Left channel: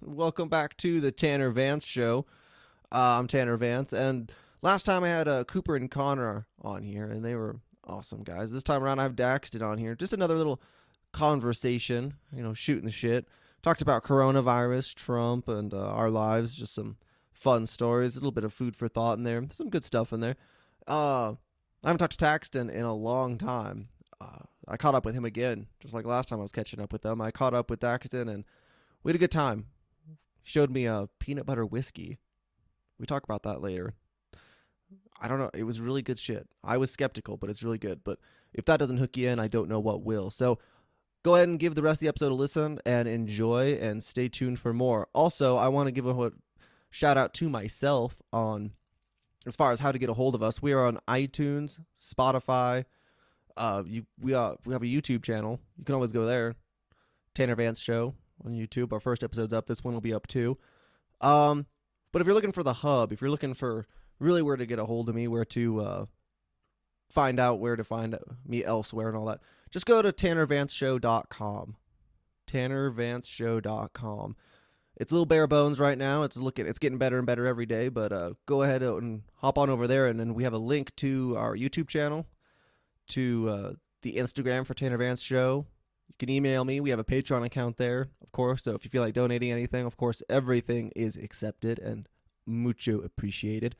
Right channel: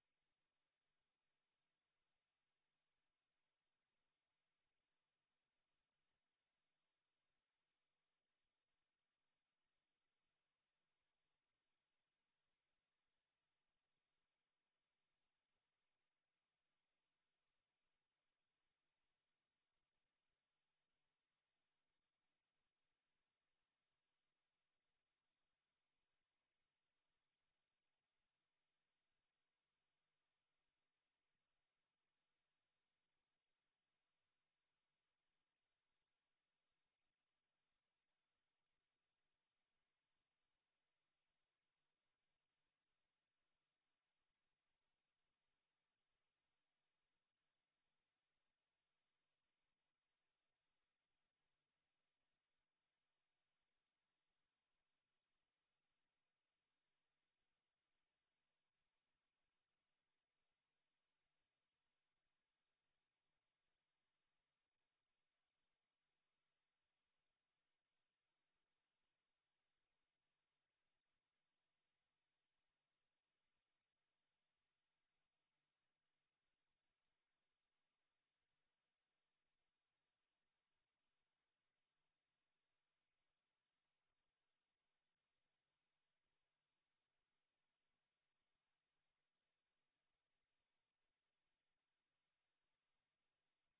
Welcome back to the Tanner Vance Show. I'm Tanner Vance, and last time I had Cooper and Connor on here, and they were awesome guys. This time around, I have Daxton on here. Just another little conversation, shooting the shit. Talked about coronavirus, Trump, and our lives. Just some fun stories, a little bit of food for thought in there. Some good stuff in there. I haven't talked to Daxton in a long time. I caught up with him again, just like last time I was catching up with them. I caught up with Daxton, and we had a good time. He showed me a peanut butter whiskey. We talk about that later. I don't know. It was really good shit. I was skeptical, but it's really good. But if that doesn't hook you in, I don't know what will. So go ahead and give the rest of the episode a listen and enjoy, and stay tuned for more. Also, I want to give a shout out to myself on as far as how to get a hold of us. We are on iTunes, Spotify. We have a YouTube channel. You can always go there. Tanner Vance Show on YouTube. Our first episode's up. This one will be up too. But if you're looking for the hub, if you're looking for really where to get a hold of me, where to find out where to find me elsewhere and all that, just go to tannervanceshow.com. tannervanceshow.com. It's a little bare bones right now. It's getting better and better every day, but go ahead and hop on over there, and then we have a link to our YouTube channel, to the Instagram for Tanner Vance Show. You can email me. We have a Patreon account there, of course. So if you feel like donating anything, of course, everything is accepted and mucho appreciated.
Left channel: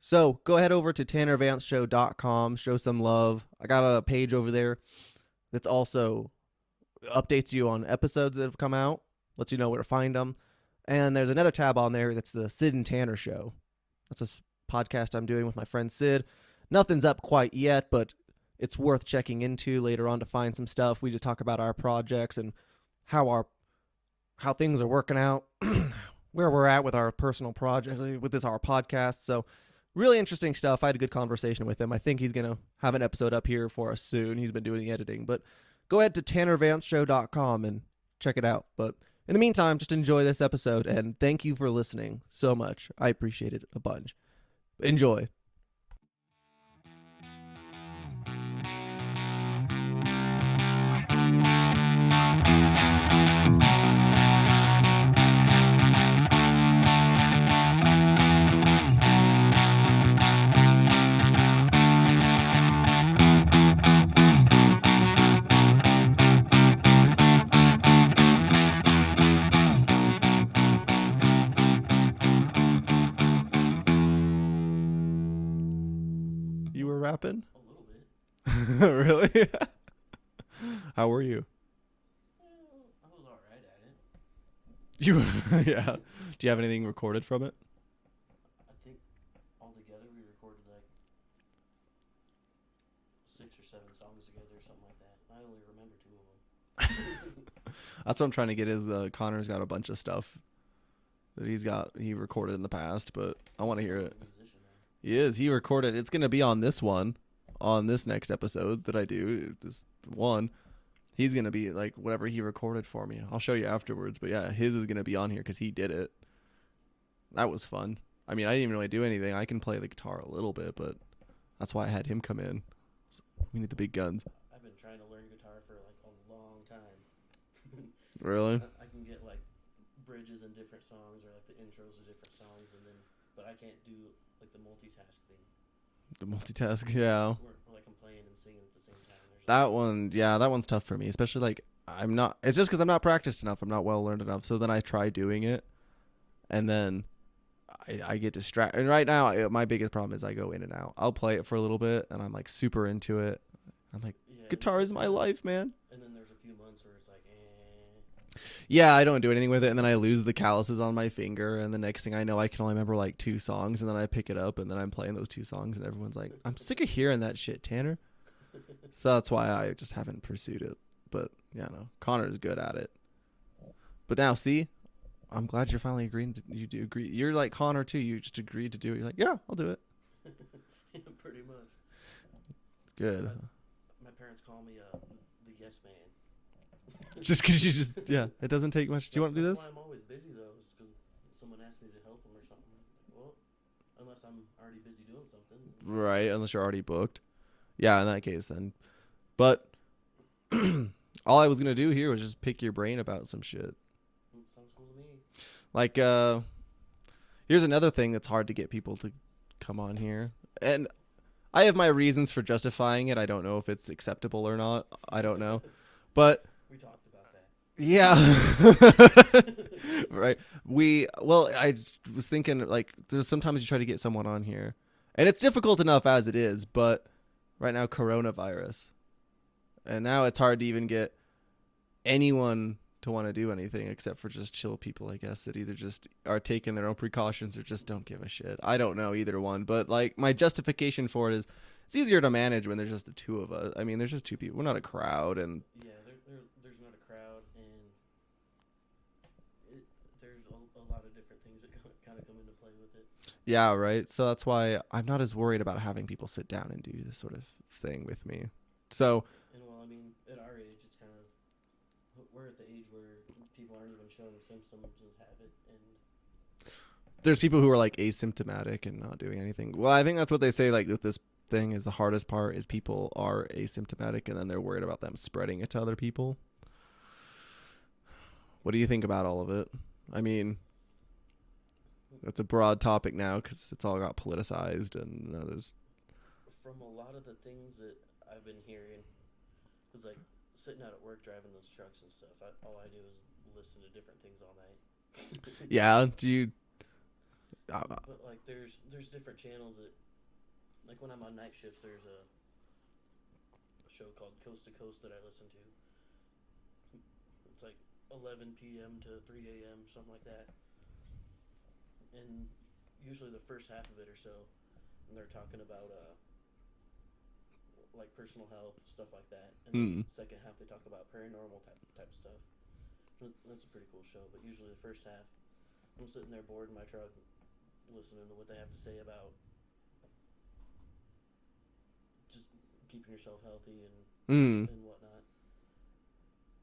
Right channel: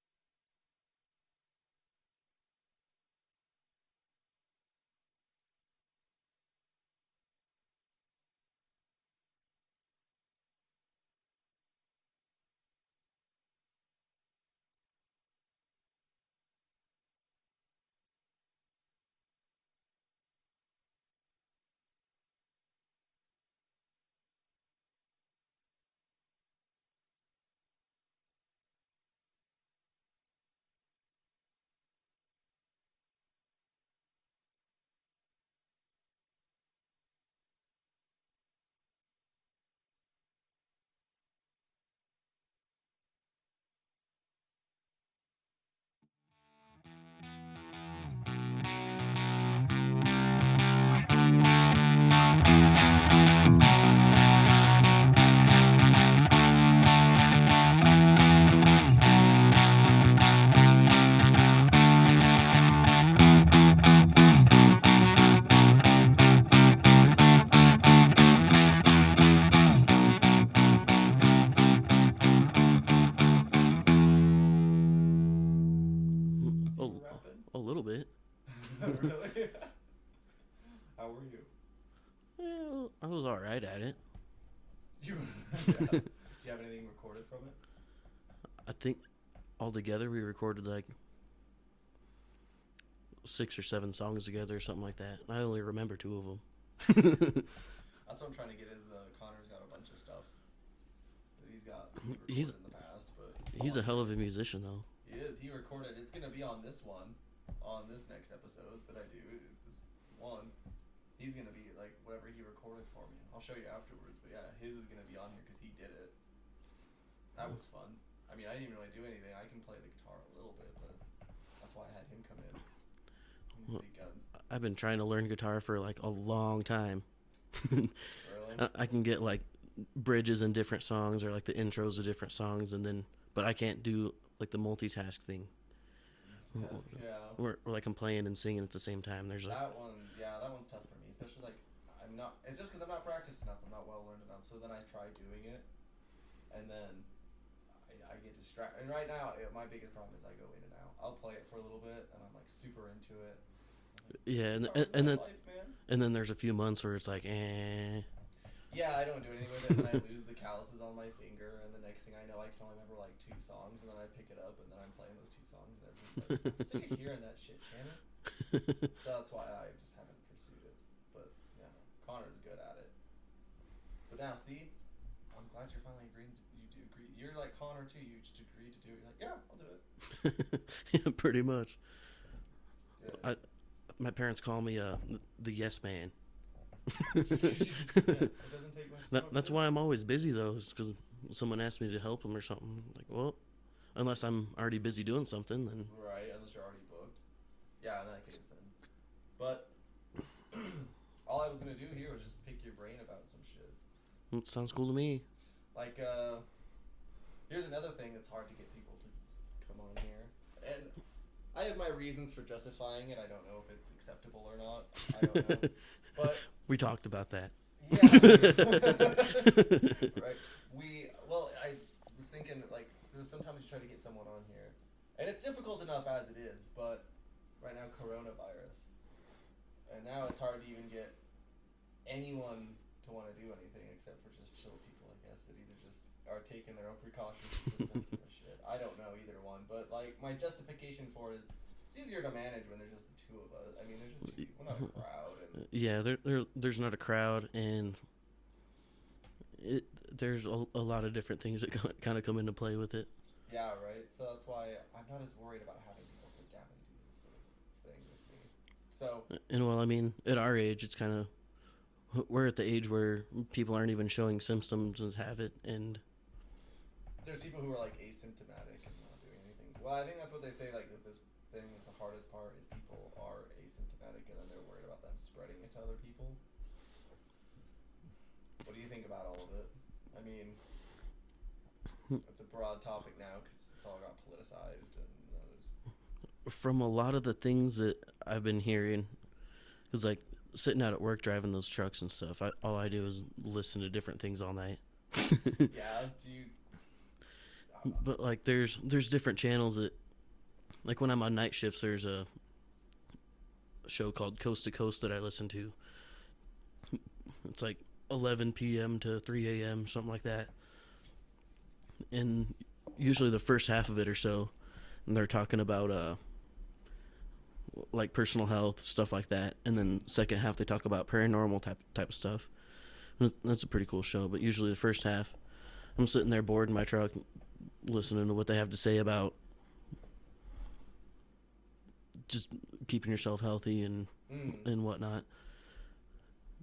So go ahead over to tannervanceshow.com. Show some love. I got a page over there that's also updates you on episodes that have come out, lets you know where to find them. And there's another tab on there that's the Sid and Tanner Show. That's a podcast I'm doing with my friend Sid. Nothing's up quite yet, but it's worth checking into later on to find some stuff. We just talk about our projects and how things are working out, where we're at with our personal project, with our podcast. So really interesting stuff. I had a good conversation with him. I think he's going to have an episode up here for us soon. He's been doing the editing. But go ahead to tannervanceshow.com and check it out. But in the meantime, just enjoy this episode, and thank you for listening so much. I appreciate it a bunch. Enjoy. A little bit. Really? How were you? Well, I was all right at it. Yeah. Do you have anything recorded from it? I think altogether we recorded like 6 or 7 songs together or something like that. I only remember 2 of them. That's what I'm trying to get is Connor's got a bunch of stuff that he recorded in the past, but I want to hear it. He's a hell of a musician, though. He is. He recorded. It's going to be on this one, on this next episode that I do, this one. He's going to be like whatever he recorded for me. I'll show you afterwards, but yeah, his is going to be on here because he did it. That was fun. I mean, I didn't even really do anything. I can play the guitar a little bit, but that's why I had him come in. We need the big guns. I've been trying to learn guitar for like a long time. Really? I can get like bridges in different songs or like the intros of different songs, but I can't do like the multitask thing. The multitask, yeah. Where like I'm playing and singing at the same time. There's that one, yeah, that one's tough for me, especially like it's just because I'm not practiced enough. I'm not well learned enough. So then I try doing it, and then I get distracted. And right now, my biggest problem is I go in and out. I'll play it for a little bit, and I'm like super into it. I'm like, yeah, guitar is my life, man. And then there's a few months where it's like, eh. Yeah, I don't do anything with it, and then I lose the calluses on my finger, and the next thing I know, I can only remember like 2 songs, and then I pick it up, and then I'm playing those 2 songs, and everyone's like, I'm sick of hearing that shit, Tanner. So that's why I just haven't pursued it. But, yeah, no, Connor is good at it. But now, see, I'm glad you're finally agreeing. You do agree. You're like Connor, too. You just agreed to do it. You're like, yeah, I'll do it. Yeah, pretty much. Good. My parents call me the yes man. Just because it doesn't take much. That's why I'm always busy, though, is because someone asked me to help them or something. Like, well, unless I'm already busy doing something. Then. Right, unless you're already booked. Yeah, in that case, then. But all I was going to do here was just pick your brain about some shit. Sounds cool to me. Like, here's another thing that's hard to get people to come on here. And I have my reasons for justifying it. I don't know if it's acceptable or not. I don't know. But We talked about that. yeah. Right. I was thinking, like, there's sometimes you try to get someone on here, and it's difficult enough as it is, but right now, coronavirus. And now it's hard to even get anyone to want to do anything except for just chill people, I guess, that either just are taking their own precautions or just don't give a shit. I don't know either one, but like my justification for it is it's easier to manage when there's just the two of us. I mean, there's just two people. We're not a crowd, and Yeah, there's not a crowd, and there's a lot of different things that kind of come into play with it. yeah, right. So that's why I'm not as worried about having people sit down and do this sort of thing with me. So, And well, I mean, at our age, it's kind of we're at the age where people aren't even showing symptoms and have it, and there's people who are like asymptomatic and not doing anything. Well, I think that's what they say, like with this thing is the hardest part is people are asymptomatic and then they're worried about them spreading it to other people. What do you think about all of it? I mean, it's a broad topic now because it's all got politicized, and there's from a lot of the things that I've been hearing, it's like sitting out at work driving those trucks and stuff. All I do is listen to different things all night. yeah. Do you? But like, there's different channels that, like when I'm on night shifts, there's a show called Coast to Coast that I listen to. It's like 11 p.m. to 3 a.m., something like that. And usually the first half of it or so, and they're talking about like personal health, stuff like that. And then second half they talk about paranormal type of stuff. That's a pretty cool show. But usually the first half, I'm sitting there bored in my truck, listening to what they have to say about just keeping yourself healthy and whatnot.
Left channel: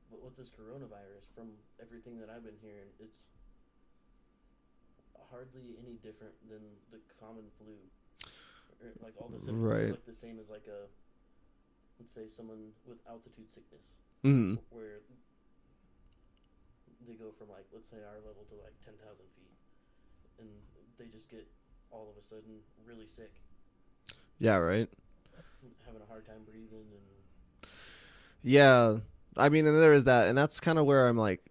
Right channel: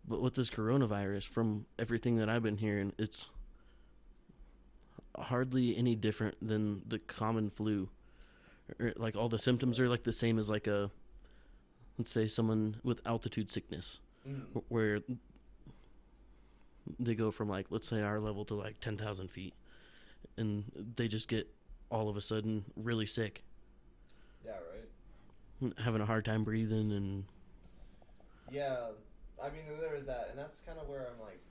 But with this coronavirus, from everything that I've been hearing, it's hardly any different than the common flu. Like all the symptoms are like the same as like let's say someone with altitude sickness, where they go from like, let's say our level to like 10,000 feet, and they just get all of a sudden really sick. Yeah, right. Having a hard time breathing and. Yeah, I mean, and there is that, and that's kind of where I'm like,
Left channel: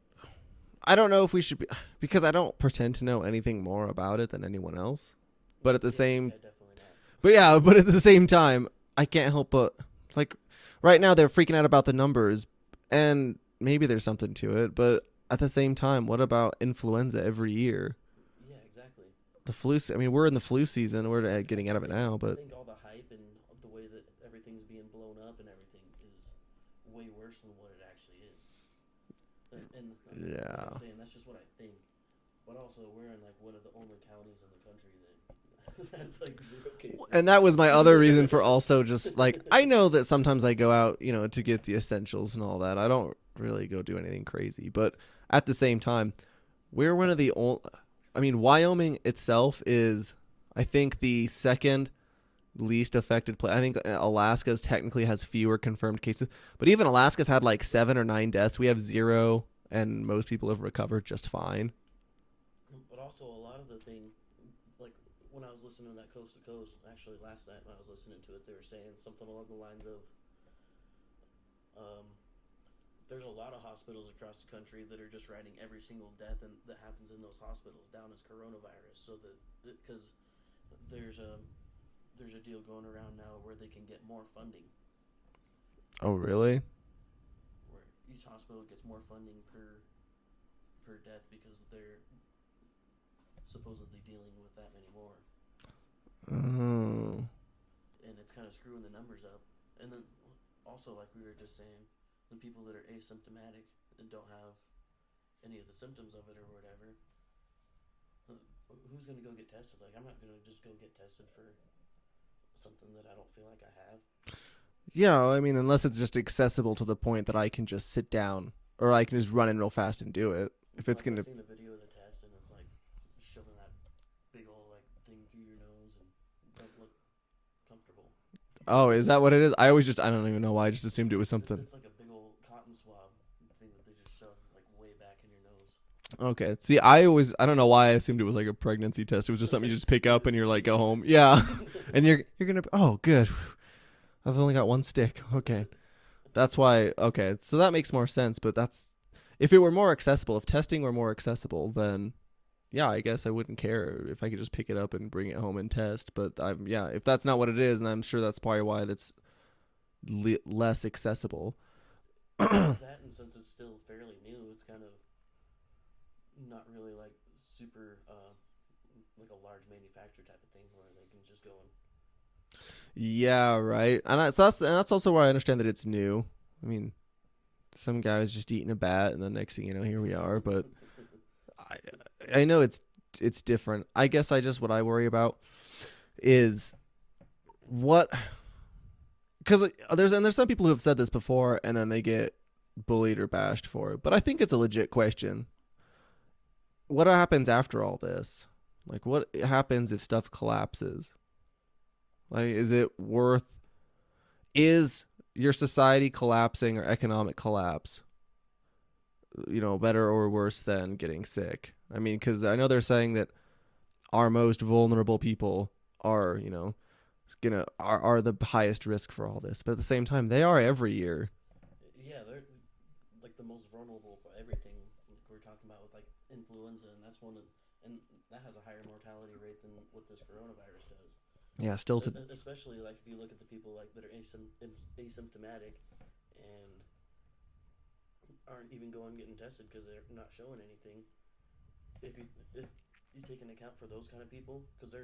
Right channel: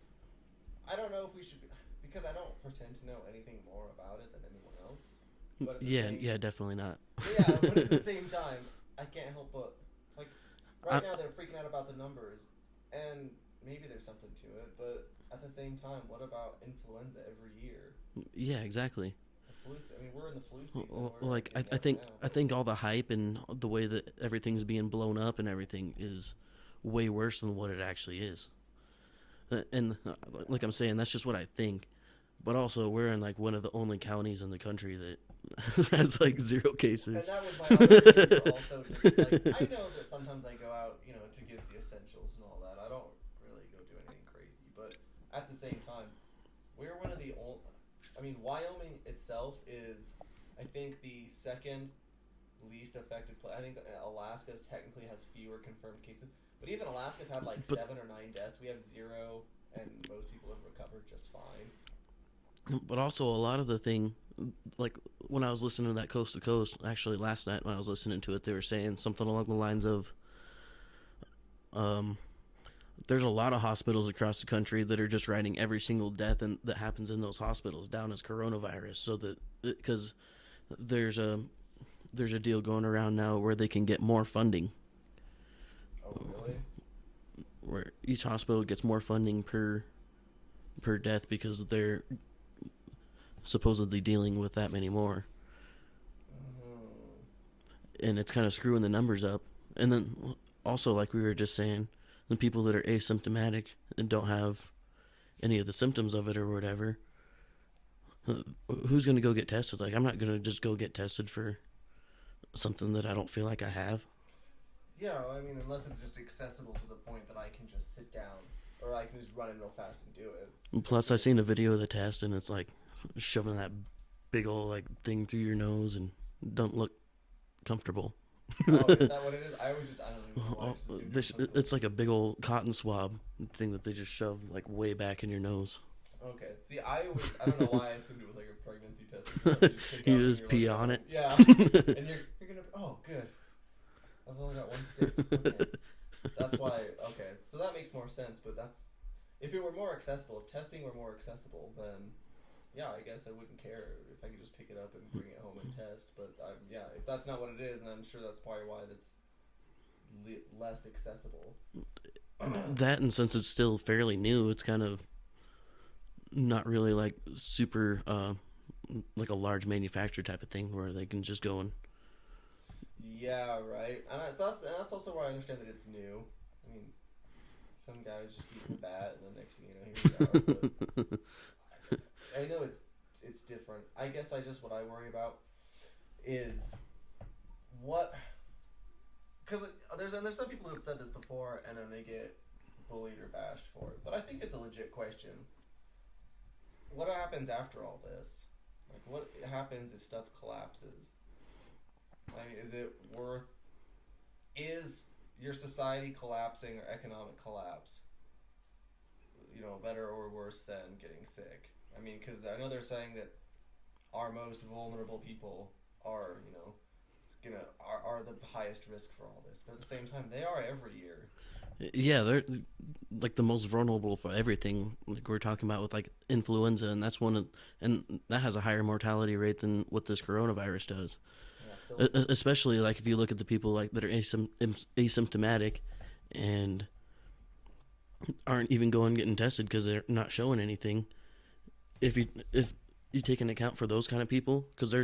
I don't know if we should be, because I don't pretend to know anything more about it than anyone else. But at the same, yeah, definitely not. But yeah, but at the same time, I can't help but like, right now they're freaking out about the numbers, and maybe there's something to it. But at the same time, what about influenza every year? Yeah, exactly. The flu. I mean, we're in the flu season. We're like, getting out of it now. But I think all the hype and the way that everything's being blown up and everything is way worse than what it actually is. And like I'm saying, that's just what I think. But also, we're in like one of the only counties in the country that has like 0 cases. And that was my other reason for also just like, I know that sometimes I go out, to get the essentials and all that. I don't really go do anything crazy. But at the same time, we're one of the only, I mean, Wyoming itself is, I think, the second least affected place. I think Alaska's technically has fewer confirmed cases. But even Alaska's had like 7 or 9 deaths. We have 0, and most people have recovered just fine. But also a lot of the thing, like when I was listening to that Coast to Coast, actually last night when I was listening to it, they were saying something along the lines of, there's a lot of hospitals across the country that are just writing every single death that happens in those hospitals down as coronavirus, so that because there's a deal going around now where they can get more funding. Oh, really? Where each hospital gets more funding per death because they're supposedly dealing with that many more. Oh. And it's kind of screwing the numbers up. And then also, like we were just saying, the people that are asymptomatic and don't have any of the symptoms of it or whatever, who's going to go get tested? Like, I'm not going to just go get tested for something that I don't feel like I have. Yeah, I mean, unless it's just accessible to the point that I can just sit down or I can just run in real fast and do it. Plus, I've seen a video of the test, and it's like shoving that big old like thing through your nose and don't look comfortable. Oh, is that what it is? I don't even know why. I just assumed it was something. It's like a big old cotton swab thing that they just shove like way back in your nose. Okay. See, I don't know why I assumed it was like a pregnancy test. It was just something you just pick You up and just you're like, pee go on home. it. Yeah. And you're gonna. Oh, good. I've only got one stick. Okay. That's why. Okay. So that makes more sense. But that's if it were more accessible. If testing were more accessible, then yeah, I guess I wouldn't care if I could just pick it up and bring it home and test. But if that's not what it is, and I'm sure that's probably why that's less accessible. That, and since it's still fairly new, it's kind of not really like super like a large manufacturer type of thing where they can just go and Yeah, right. So that's also why I understand that it's new. I mean, some guy was just eating a bat, and the next thing you know, here we are. But I know it's different. I guess what I worry about is what, because there's some people who have said this before, and then they get bullied or bashed for it. But I think it's a legit question. What happens after all this? Like, what happens if stuff collapses? Like, is your society collapsing or economic collapse, better or worse than getting sick? I mean, because I know they're saying that our most vulnerable people are, are the highest risk for all this. But at the same time, they are every year. Yeah, they're like the most vulnerable for everything. Like we're talking about with like influenza, and and that has a higher mortality rate than what this coronavirus does. Yeah, still. Especially like if you look at the people like that are asymptomatic and aren't even going getting tested because they're not showing anything. If you take into account for those kind of people, because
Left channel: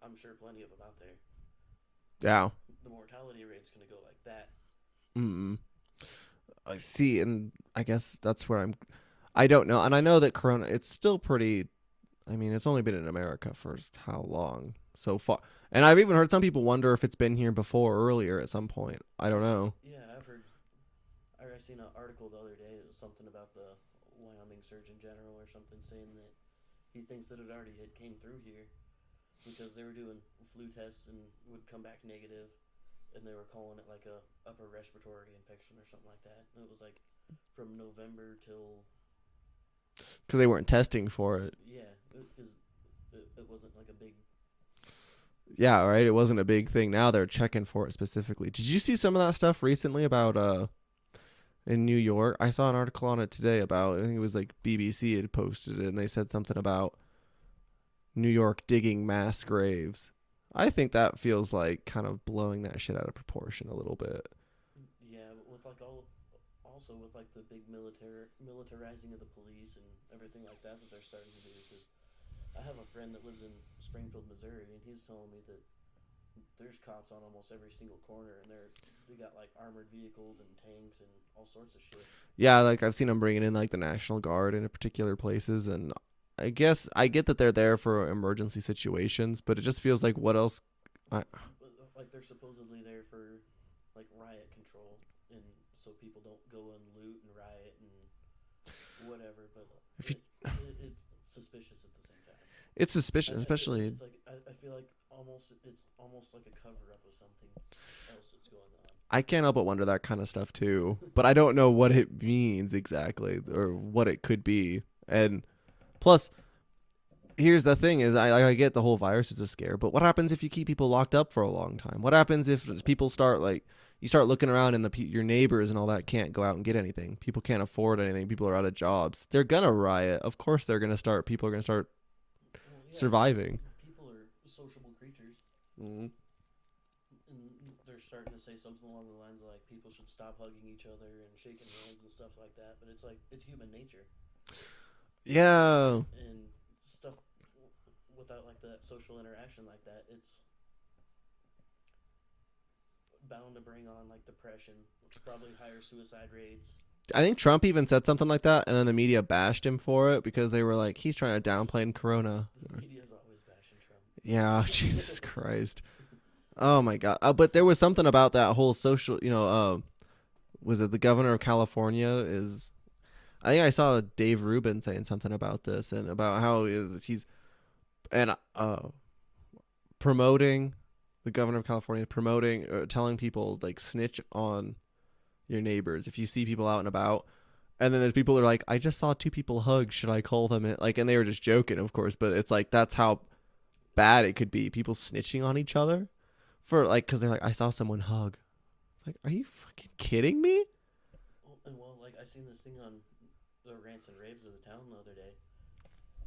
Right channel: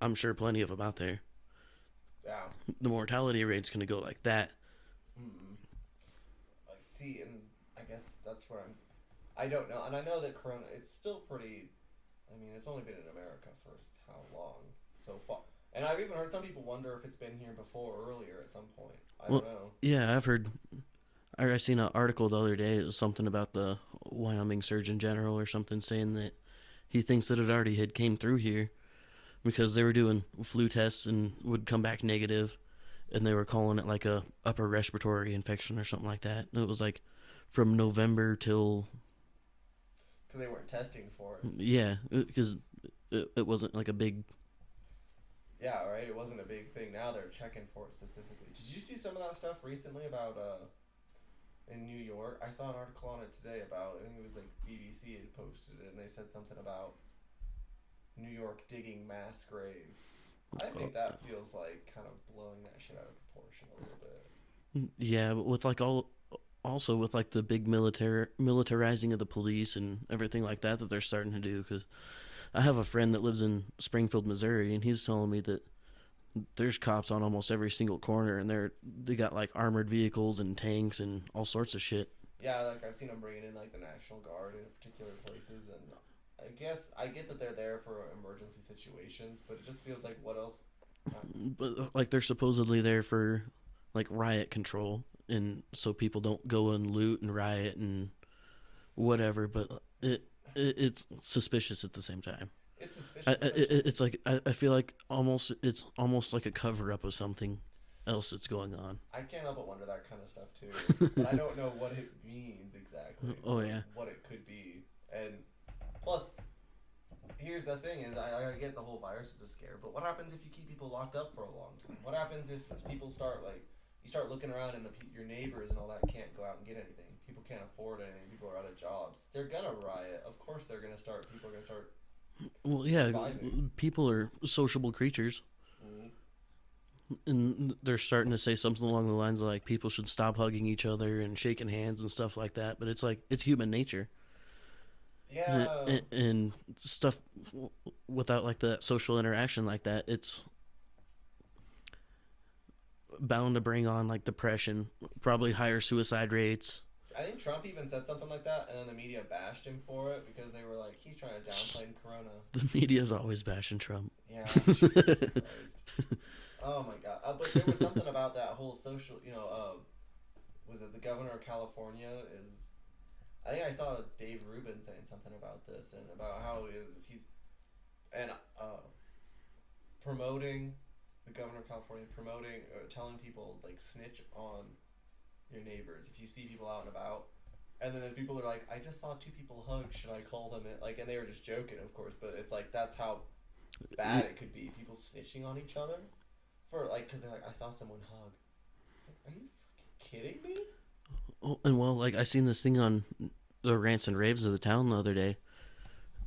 I'm sure plenty of them out there. Yeah, the mortality rate's going to go like that. I see, and I guess that's where I don't know, and I know that Corona, it's still pretty. I mean, it's only been in America for how long so far, and I've even heard some people wonder if it's been here before, earlier at some point. I don't know. Yeah, I've heard. I seen an article the other day. It was something about the Wyoming Surgeon General or something saying that he thinks that it already had came through here because they were doing flu tests and would come back negative, and they were calling it like a upper respiratory infection or something like that. And it was like from November till because they weren't testing for it. Yeah, because it wasn't like a big. Yeah, right. It wasn't a big thing. Now they're checking for it specifically. Did you see some of that stuff recently about in New York? I saw an article on it today about, I think it was like BBC had posted it, and they said something about New York digging mass graves. I think that feels like kind of blowing that shit out of proportion a little bit. Yeah, but with like also with like the big militarizing of the police and everything like that they're starting to do. Because I have a friend that lives in Springfield, Missouri, and he's telling me that there's cops on almost every single corner, and they got like armored vehicles and tanks and all sorts of shit. Yeah, like I've seen them bringing in like the National Guard in particular places, and I guess I get that they're there for emergency situations, but it just feels like what else? But, like they're supposedly there for like riot control, and so people don't go and loot and riot and whatever. But it's suspicious at the same time. It's suspicious, especially. It's like I feel like it's almost like a cover up of something else that's going on. I can't help but wonder that kind of stuff too, but I don't know what it means exactly or what it could be. And plus, here's the thing: is I get the whole virus is a scare, but what happens if you keep people locked up for a long time? What happens if people start you start looking around and your neighbors and all that can't go out and get anything? People can't afford anything. People are out of jobs. They're gonna riot. Of course, they're gonna start. People are gonna start. Well, yeah, surviving. People are sociable creatures, and they're starting to say something along the lines of like people should stop hugging each other and shaking hands and stuff like that. But it's like it's human nature. Yeah, and stuff without like the social interaction like that, it's bound to bring on like depression, probably higher suicide rates. I think Trump even said something like that, and then the media bashed him for it because they were like, he's trying to downplay Corona. The media's always bashing Trump. Yeah, Jesus Christ. Oh my God. But there was something about that whole social, was it the governor of California is, I think I saw Dave Rubin saying something about this and about how he's, and promoting, the governor of California telling people like snitch on your neighbors if you see people out and about, And then there's people that are like, I just saw two people hug. Should I call them in? Like, and they were just joking, of course. But it's like, that's how bad it could be. People snitching on each other for like, because they're like, I saw someone hug. It's like, are you fucking kidding me? Oh, and well, like I seen this thing on the rants and raves of the town the other day.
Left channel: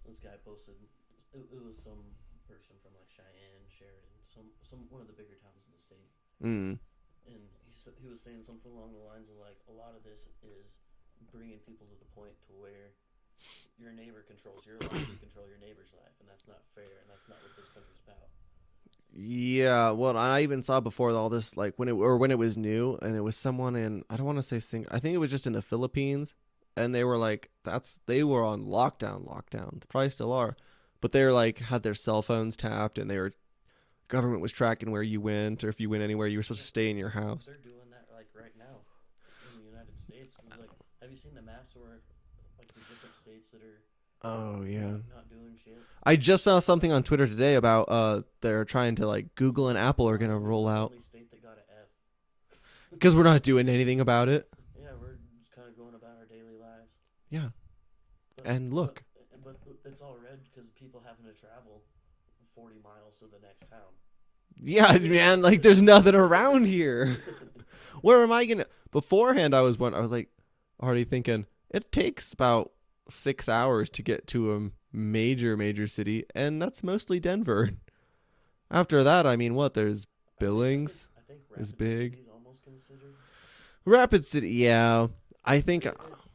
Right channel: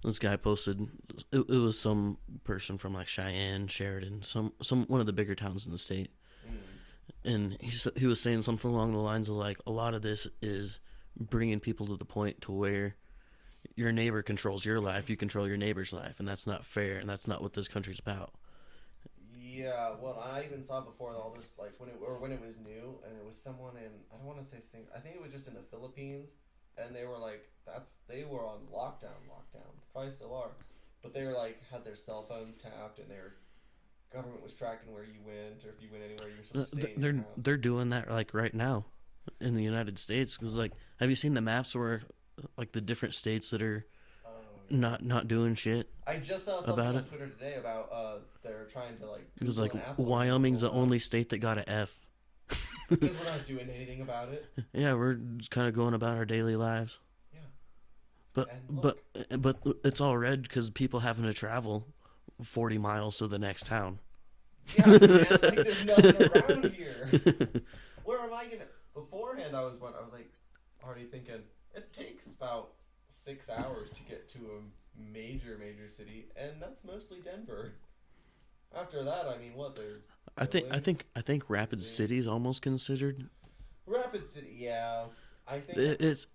This guy posted, it was some person from like Cheyenne, Sheridan, some one of the bigger towns in the state. Mm. And he was saying something along the lines of like, a lot of this is bringing people to the point to where your neighbor controls your life, you control your neighbor's life, and that's not fair, and that's not what this country's about. Yeah, well, I even saw before all this, like when it was new, and it was someone in, I don't want to say I think it was just in the Philippines, and they were like, they were on lockdown, probably still are, but they were like had their cell phones tapped, and government was tracking where you went, or if you went anywhere, you were supposed to stay in your house. They're doing that like right now in the United States, because like, have you seen the maps where like the different states that are not doing shit? I just saw something on Twitter today about they're trying to like Google and Apple are going to roll out. Wyoming's the only state that got an F because we're not doing anything about it. Yeah, we're just kind of going about our daily lives. Yeah, but it's all red because people having to travel 40 miles to the next town. Yeah, man, like there's nothing around here. Where am I gonna? Beforehand, I was like already thinking it takes about 6 hours to get to a major city, and that's mostly Denver. After that, I mean, there's Billings. I think Rapid City is almost considered. Rapid City, yeah. I think it's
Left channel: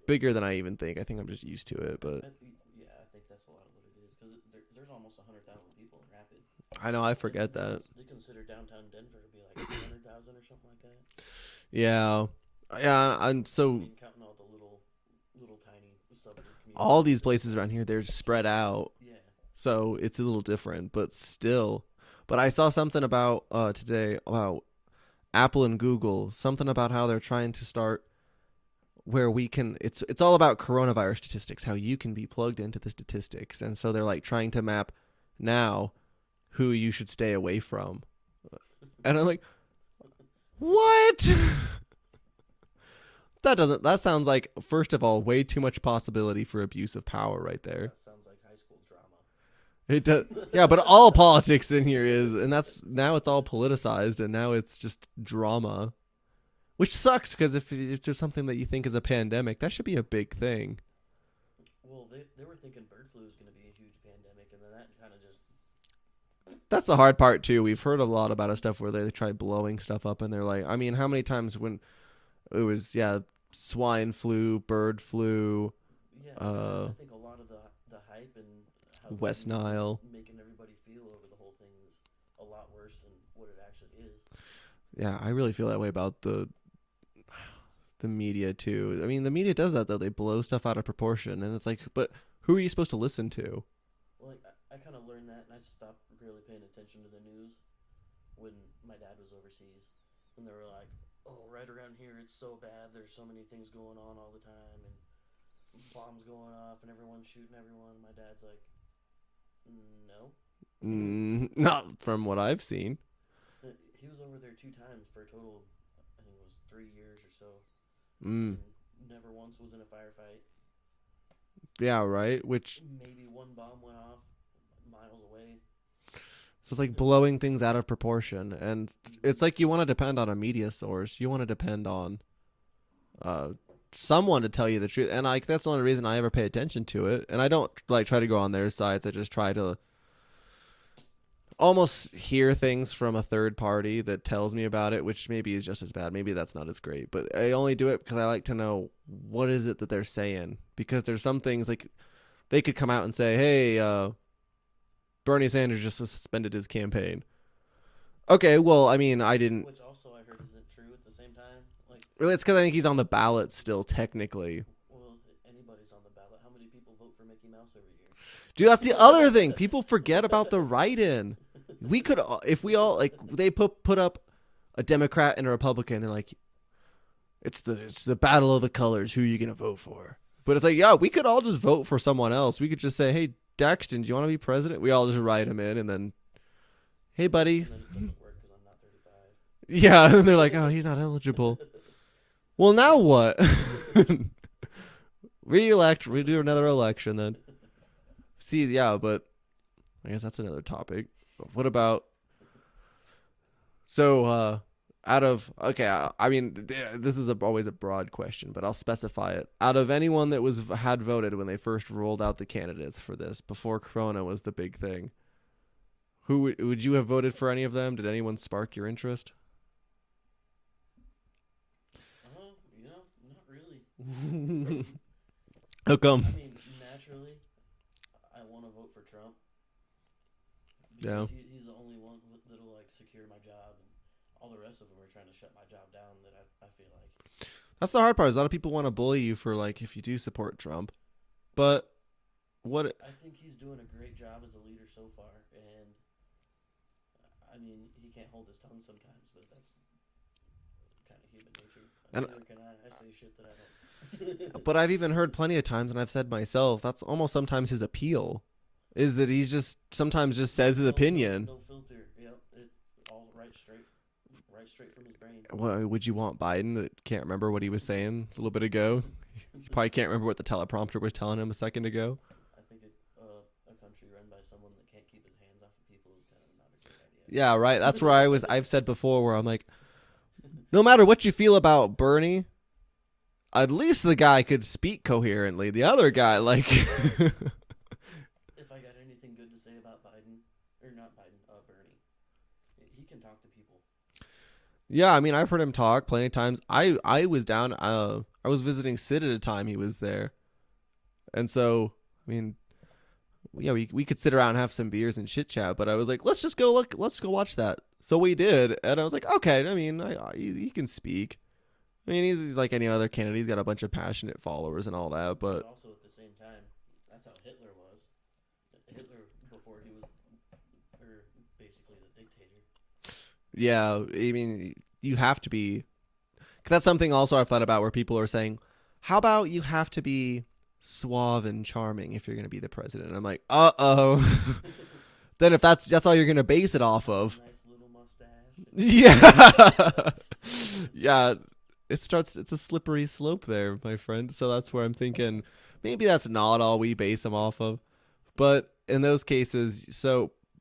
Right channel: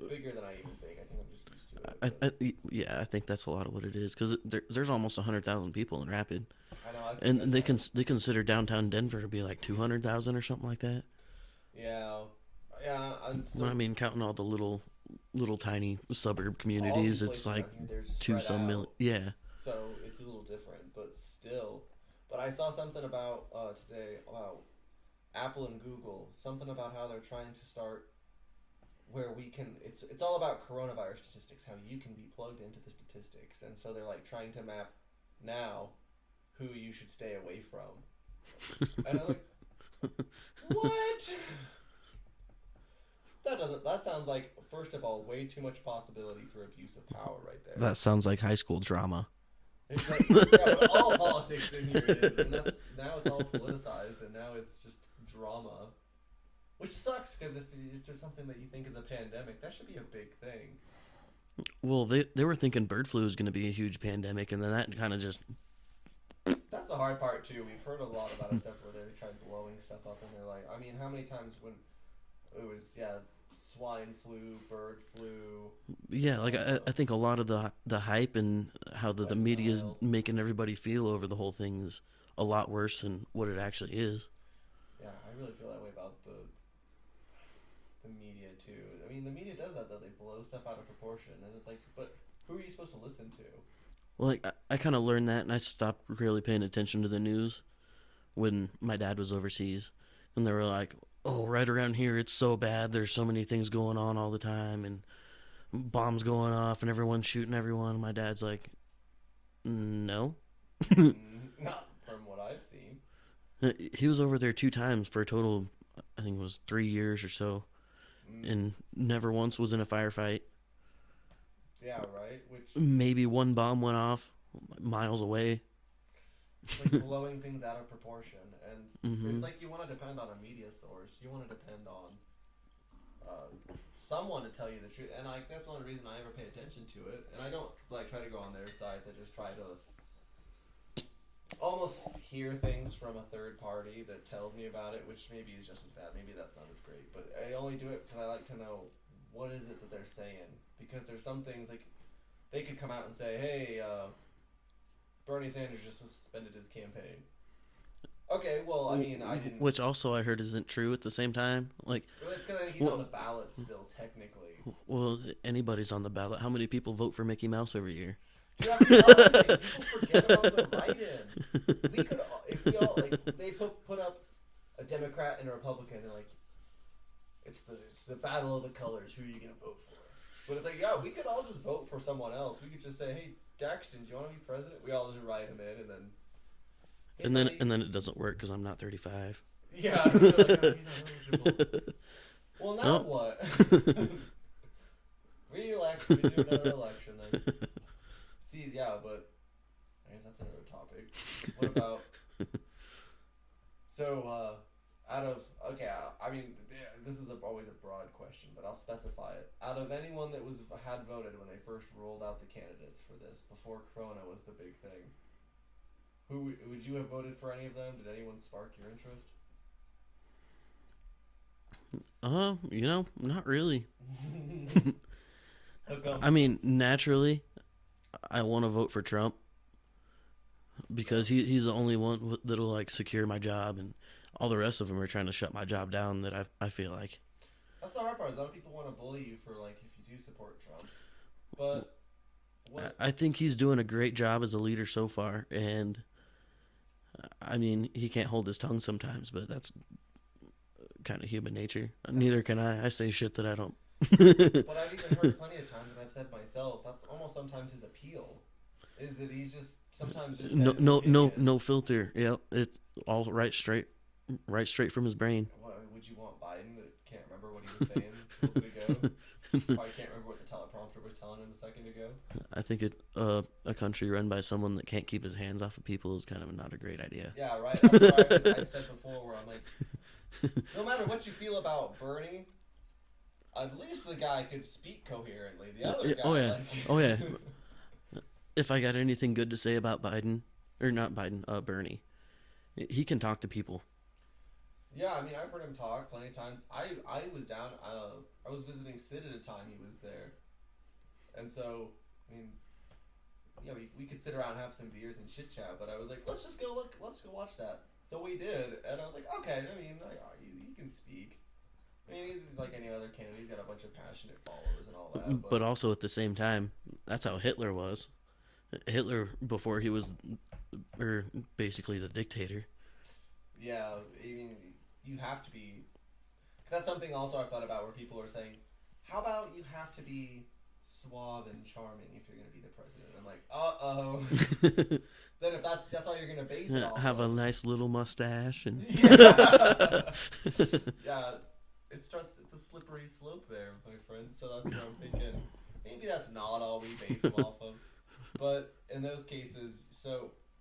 bigger than I even think. I think I'm just used to it. But. I think that's a lot of what it is, because there's almost 100,000 people in Rapid. I know, I forget and they consider downtown Denver to be like 200,000 or something like that. Yeah, and so I mean, counting all the little tiny suburb communities. All these places around here, they're spread out. Yeah. So it's a little different, but still. But I saw something about today about Apple and Google, something about how they're trying to start where we can, it's all about coronavirus statistics, how you can be plugged into the statistics. And so they're like trying to map now who you should stay away from. And I'm like, what? That sounds like, first of all, way too much possibility for abuse of power right there. That sounds like high school drama. It does. Yeah, but all politics in here is, and now it's all politicized, and now it's just drama, which sucks, because if there's something that you think is a pandemic, that should be a big thing. Well, they were thinking bird flu was going to be a huge pandemic, and then that kind of just... That's the hard part, too. We've heard a lot about stuff where they try blowing stuff up, and they're like, I mean, how many times when it was, swine flu, bird flu. Yeah, like I think a lot of the hype and how the media is making everybody feel over the whole thing is a lot worse than what it actually is. Yeah, I really feel that way about the media too. I mean, the media does that though. They blow stuff out of proportion, and it's like, but who are you supposed to listen to? Well, like I kind of learned that, and I stopped really paying attention to the news when my dad was overseas, and they were like, oh, right around here, it's so bad. There's so many things going on all the time, and bombs going off, and everyone's shooting everyone. My dad's like, no. Not from what I've seen. He was over there 2 times for a total, I think it was 3 years or so, and never once was in a firefight. Yeah, right? Which maybe one bomb went off miles away. It's like blowing things out of proportion, and it's like you want to depend on a media source. You want to depend on someone to tell you the truth, and like that's the only reason I ever pay attention to it. And I don't like try to go on their sites. I just try to almost hear things from a third party that tells me about it, which maybe is just as bad. Maybe that's not as great, but I only do it because I like to know what is it that they're saying, because there's some things like they could come out and say, hey, Bernie Sanders just suspended his campaign. Okay, well, I mean, I didn't... Which also I heard isn't true at the same time. Like, it's because I think he's on the ballot still, technically. Well, anybody's on the ballot. How many people vote for Mickey Mouse every year? Dude, that's the other thing. People forget about the write-in. We could, if we all, like, they put up a Democrat and a Republican, they're like, it's the battle of the colors. Who are you going to vote for? But it's like, yeah, we could all just vote for someone else. We could just say, hey, Daxton, do you want to be president? We all just write him in, and then, hey, buddy. And then it doesn't work because I'm not 35. Yeah, they're like, oh, he's not eligible. Well, now what? Re-elect. We do another election then. See, yeah, but I guess that's another topic. What about? So, I mean, this is always a broad question, but I'll specify it. Out of anyone that had voted when they first rolled out the candidates for this, before Corona was the big thing, who would you have voted for? Any of them? Did anyone spark your interest? Not really. How come? I mean, naturally, I want to vote for Trump because he's the only one that'll like secure my job, and all the rest of them are trying to shut my job down. That I feel like that's the hard part. Is a lot of people want to bully you for like if you do support Trump, but what I think he's doing a great job as a leader so far, and I mean he can't hold his tongue sometimes, but that's kind of human nature. Neither can I. I say shit that I don't. But I've even heard plenty of times, and I've said myself, that's almost sometimes his appeal, is that he's just sometimes just says his opinion. No filter. Yeah, it's all right straight from his brain. Well, would you want Biden that can't remember what he was saying a little bit ago? Probably can't remember what the teleprompter was telling him a second ago. I think a country run by someone that can't keep his hands off of people is kind of not a great idea. Yeah, right. That's where I've said before, where I'm like, no matter what you feel about Bernie, at least the guy could speak coherently. The other guy, if I got anything good to say about Biden, or not Biden, Bernie, he can talk to people. Yeah, I mean, I've heard him talk plenty of times. I was down. I was visiting Sid at a time he was there, and so I mean, yeah, we could sit around and have some beers and chit chat. But I was like, let's go watch that. So we did, and I was like, okay. I mean, he can speak. I mean, he's like any other candidate. He's got a bunch of passionate followers and all that. But also at the same time, that's how Hitler was. Hitler, before he was basically the dictator. Yeah, I mean, you have to be. 'Cause that's something also I've thought about where people are saying, how about you have to be suave and charming if you're going to be the president? And I'm like, uh-oh. Then if that's all you're going to base it off have of. a nice little mustache. And yeah. Yeah. It's a slippery slope there, my friend. So that's where I'm thinking maybe that's not all we base him off of. But in those cases,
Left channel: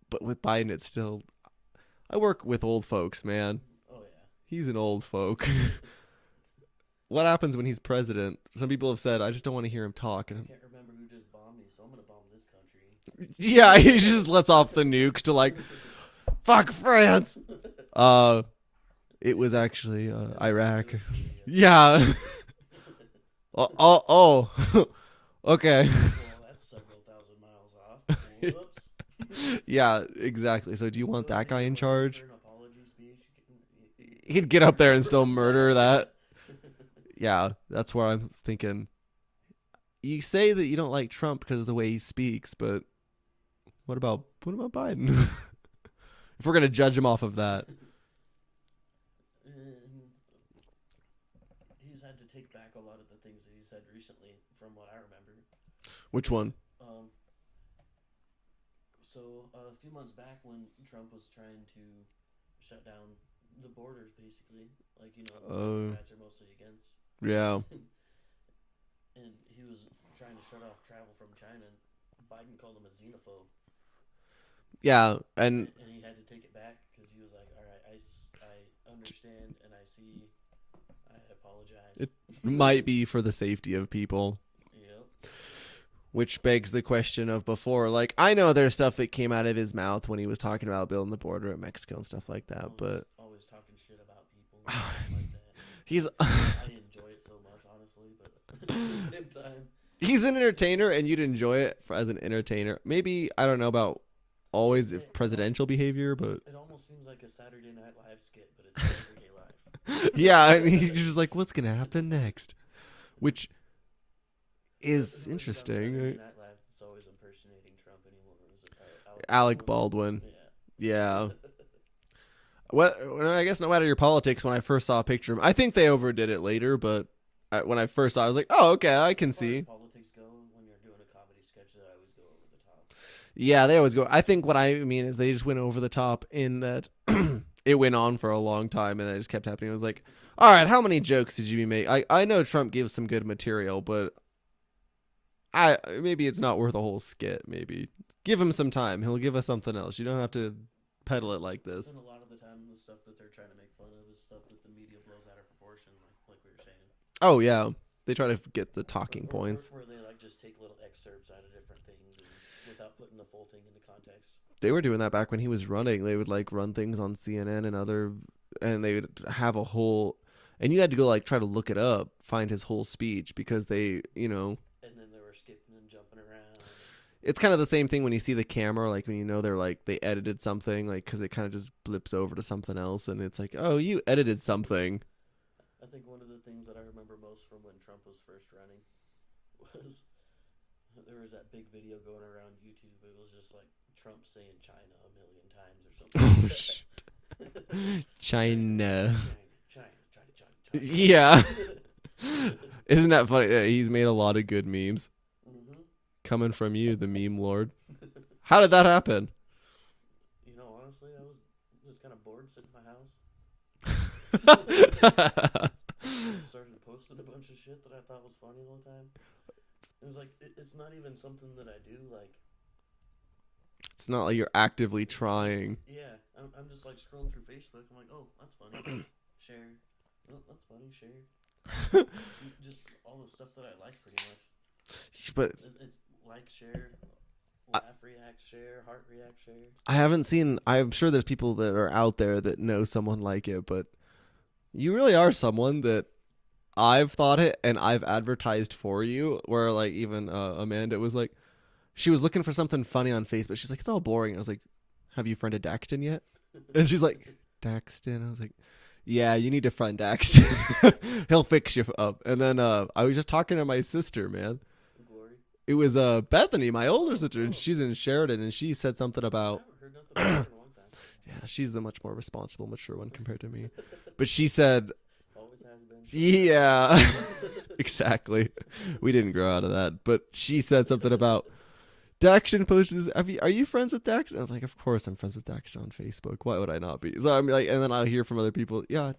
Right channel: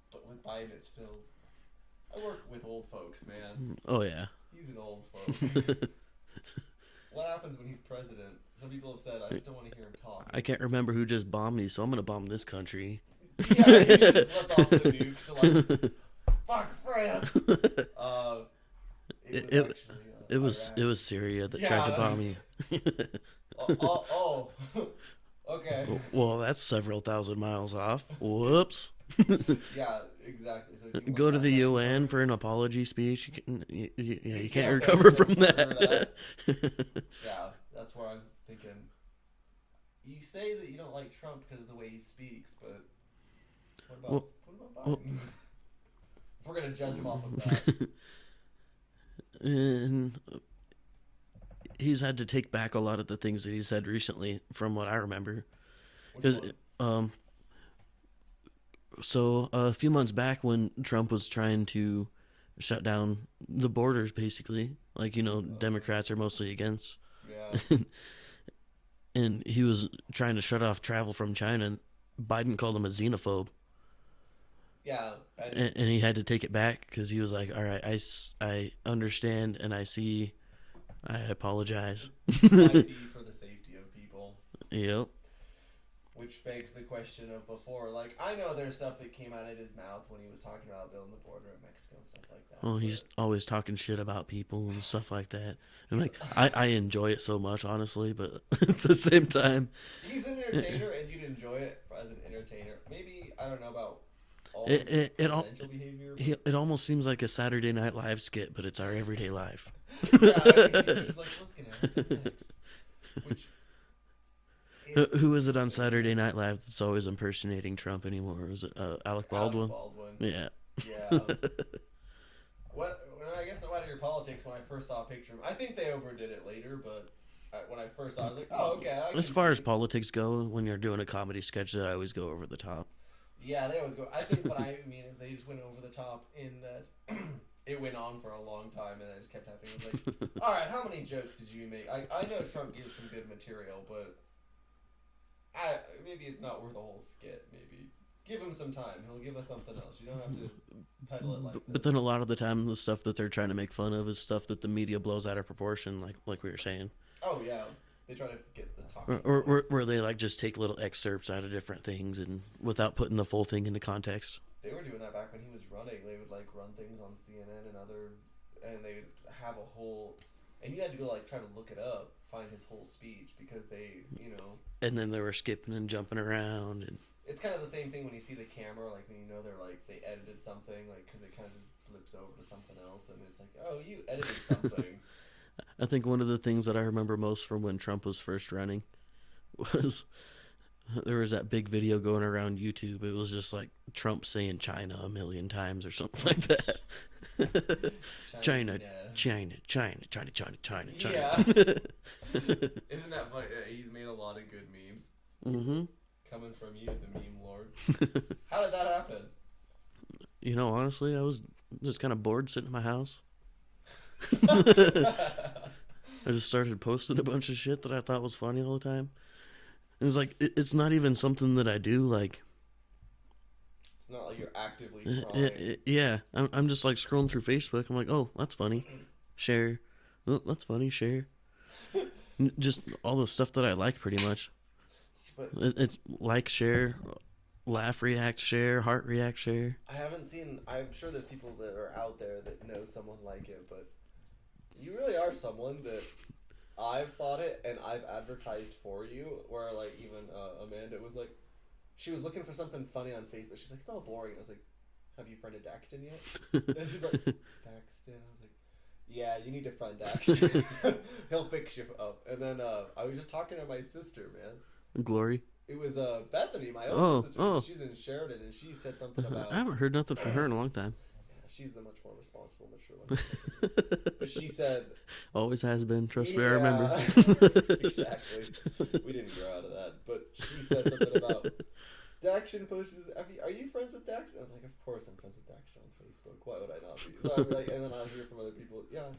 but with Biden, it's still, I work with old folks, man. Oh, yeah. He's an old folk. What happens when he's president? Some people have said, I just don't want to hear him talk. I can't remember who just bombed me, so I'm going to bomb this country. Yeah, he just lets off the nukes to like, fuck France. It was actually Iraq. It was Syria. Yeah. Oh. Okay. Well, that's several thousand miles off. Whoops. Yeah, exactly. So do you want go that to the guy in UN charge? for an apology speech? He'd get up there and still murder that. Yeah, that's where I'm thinking. You say that you don't like Trump because of the way he speaks, but what about Biden? If we're gonna judge him off of that. And he's had to take back a lot of the things that he said recently, from what I remember. Which one? So a few months back, when Trump was trying to shut down the borders, basically, like Democrats are mostly against. Yeah. And he was trying to shut off travel from China. Biden called him a xenophobe. Yeah, and he had to take it back because he was like, all right, I understand and I see, I apologize. It might be for the safety of people. Yep. Which begs the question of before, like, I know there's stuff that came out of his mouth when he was talking about building the border at Mexico and stuff like that. Oh, but he's always talking shit about people and stuff like that. I enjoy it so much, honestly, but at the same time. He's an entertainer, and you'd enjoy it as an entertainer. Maybe, I don't know about always presidential behavior, but it almost seems like a Saturday Night Live skit, but it's our everyday life. Yeah, I mean, he's just like, what's going to happen next? Which is who is it on Saturday Night Live that's always impersonating Trump anymore? Is it Alec Baldwin? Yeah. Yeah. Well, I guess no matter your politics, when I first saw a picture of him, I think they overdid it later, but when I first saw it, I was like, oh, okay, I can see. As far as politics go, when you're doing a comedy sketch, I always go over the top. Yeah, they always go. I think what I mean is they just went over the top in that it went on for a long time, and it just kept happening. It was like, all right, how many jokes did you make? I know Trump gives some good material, but maybe it's not worth a whole skit. Maybe give him some time. He'll give us something else. You don't have to peddle it like this. But then a lot of the time, the stuff that they're trying to make fun of is stuff that the media blows out of proportion, like we were saying. Oh yeah, they try to get the talking points. Where they like just take little excerpts out of different things and without putting the full thing into context. They were doing that back when he was running. They would like run things on CNN and they would have a whole, and you had to go like try to look it up, find his whole speech because they, And then they were skipping and jumping around. It's kind of the same thing when you see the camera, like when they're like they edited something, like because it kind of just blips over to something else, and it's like, oh, you edited something. I think one of the things that I remember most from when Trump was first running was there was that big video going around YouTube. It was just like Trump saying China a million times or something like that. China. China. Yeah. Isn't that funny? Yeah, he's made a lot of good memes. Mm-hmm. Coming from you, the meme lord. How did that happen? Honestly, I was just kind of bored sitting in my house. I just started posting a bunch of shit that I thought was funny all the time. It was like, it's not even something that I do, like... It's not like you're actively trying. Yeah, I'm just like scrolling through Facebook. I'm like, oh, that's funny. Share. Oh, that's funny. Share. Just all the stuff that I like pretty much. But it's like, share, laugh, react, share, heart react, share. I haven't seen, I'm sure there's people that are out there that know someone like it, but you really are someone that I've thought it and I've advertised for you, where like even Amanda was like, she was looking for something funny on Facebook. She's like, it's all boring. I was like, have you friended Daxton yet? And she's like, Daxton? I was like, yeah, you need to friend Daxton. He'll fix you up. And then I was just talking to my sister, man. Glory. It was Bethany, my older sister. Oh. She's in Sheridan, and she said something about... I haven't heard nothing from her in a long time. Yeah, she's the much more responsible, mature one compared to me. But she said... Always has been. Yeah, exactly. We didn't grow out of that. But she said something about... Daxton posted, are you friends with Daxton? I was like, of course I'm friends with Daxton on Facebook. Why would I not be? So I'm like, and then I'll hear from other people, yeah...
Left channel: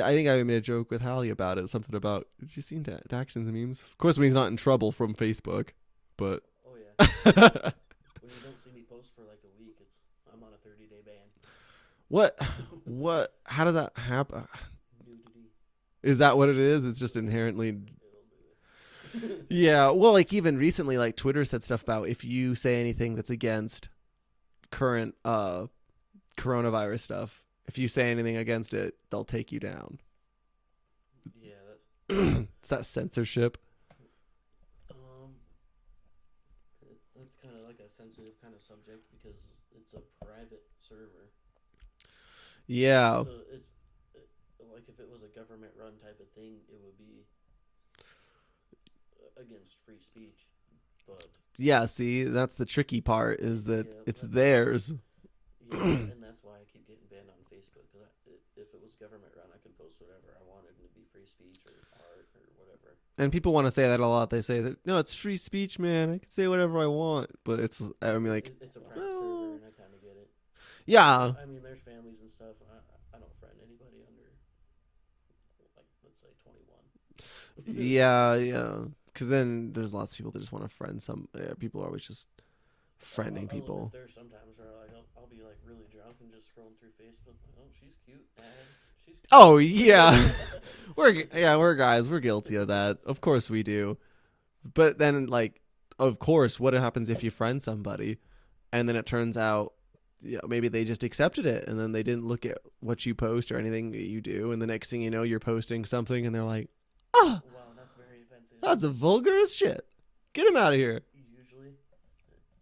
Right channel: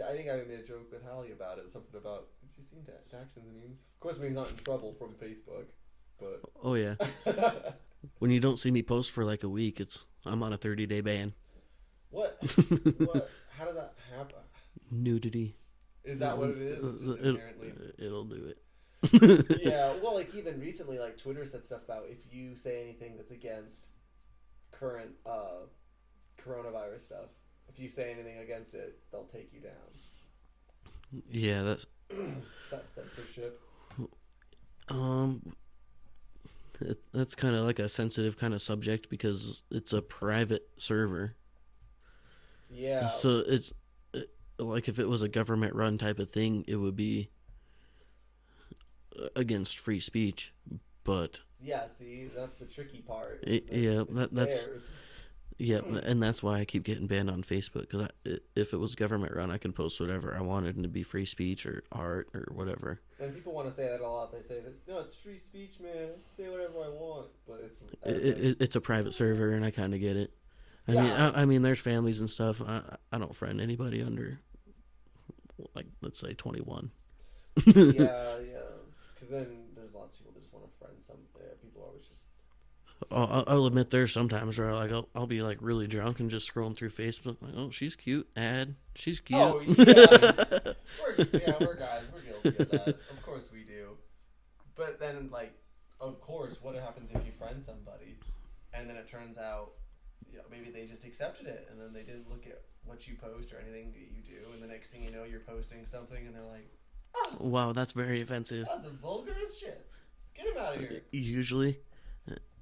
I think I made a joke with Hallie about it. Something about, did you see Daxton's memes? Of course, when he's not in trouble from Facebook, but... Oh, yeah. When you don't see me post for like a week, I'm on a 30-day ban. What? How does that happen? Nudity. Is that what it is? It's just inherently... It'll do it. Yeah, well, like even recently, like Twitter said stuff about if you say anything that's against current coronavirus stuff, if you say anything against it, they'll take you down. Yeah, that's... Is that censorship? That's kind of like a sensitive kind of subject because it's a private server. Yeah. So it's like if it was a government-run type of thing, it would be against free speech. But yeah, see, that's the tricky part is that it's theirs. Yeah, and that's why I keep getting banned on Facebook, because if it was government run, I can post whatever I wanted and it'd be free speech or art or whatever. And people want to say that a lot. They say that, no, it's free speech, man. I can say whatever I want, but it's it's a private server, and I kind of get it. Yeah. I mean, there's families and stuff. I don't friend anybody under, like, let's say 21. Yeah. Because then there's lots of people that just want to friend some. People are always just... I'll admit there's sometimes where like I'll be like really drunk and just scrolling through Facebook like, oh, she's cute, she's cute. Oh yeah. we're guys, we're guilty of that. Of course we do. But then like, of course, what happens if you friend somebody and then it turns out maybe they just accepted it and then they didn't look at what you post or anything that you do, and the next thing you know you're posting something and they're like, oh wow, that's very offensive. That's a vulgar as shit. Get him out of here. Usually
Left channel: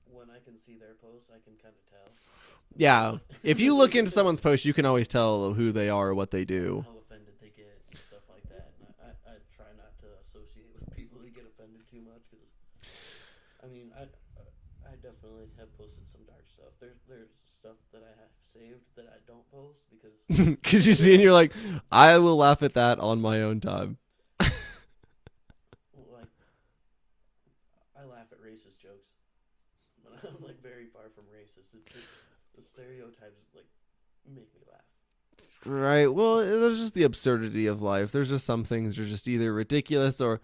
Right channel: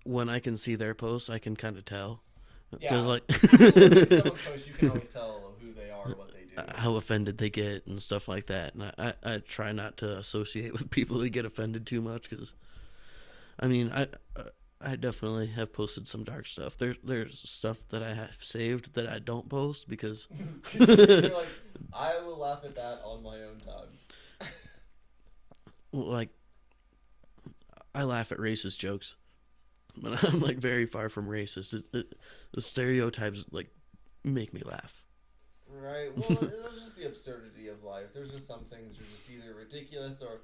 when I can see their posts, I can kind of tell. Yeah, like if you look into someone's post, you can always tell who they are or what they do. How offended they get and stuff like that. And I try not to associate with people that get offended too much because, I mean, I definitely have posted some dark stuff. There's stuff that I have saved that I don't post because... Because you see and you're like, I will laugh at that on my own time. Like, I laugh at racist jokes. But I'm like very far from racist. The stereotypes like make me laugh. Right. Well, there's just the absurdity of life. There's just some things that are just either ridiculous or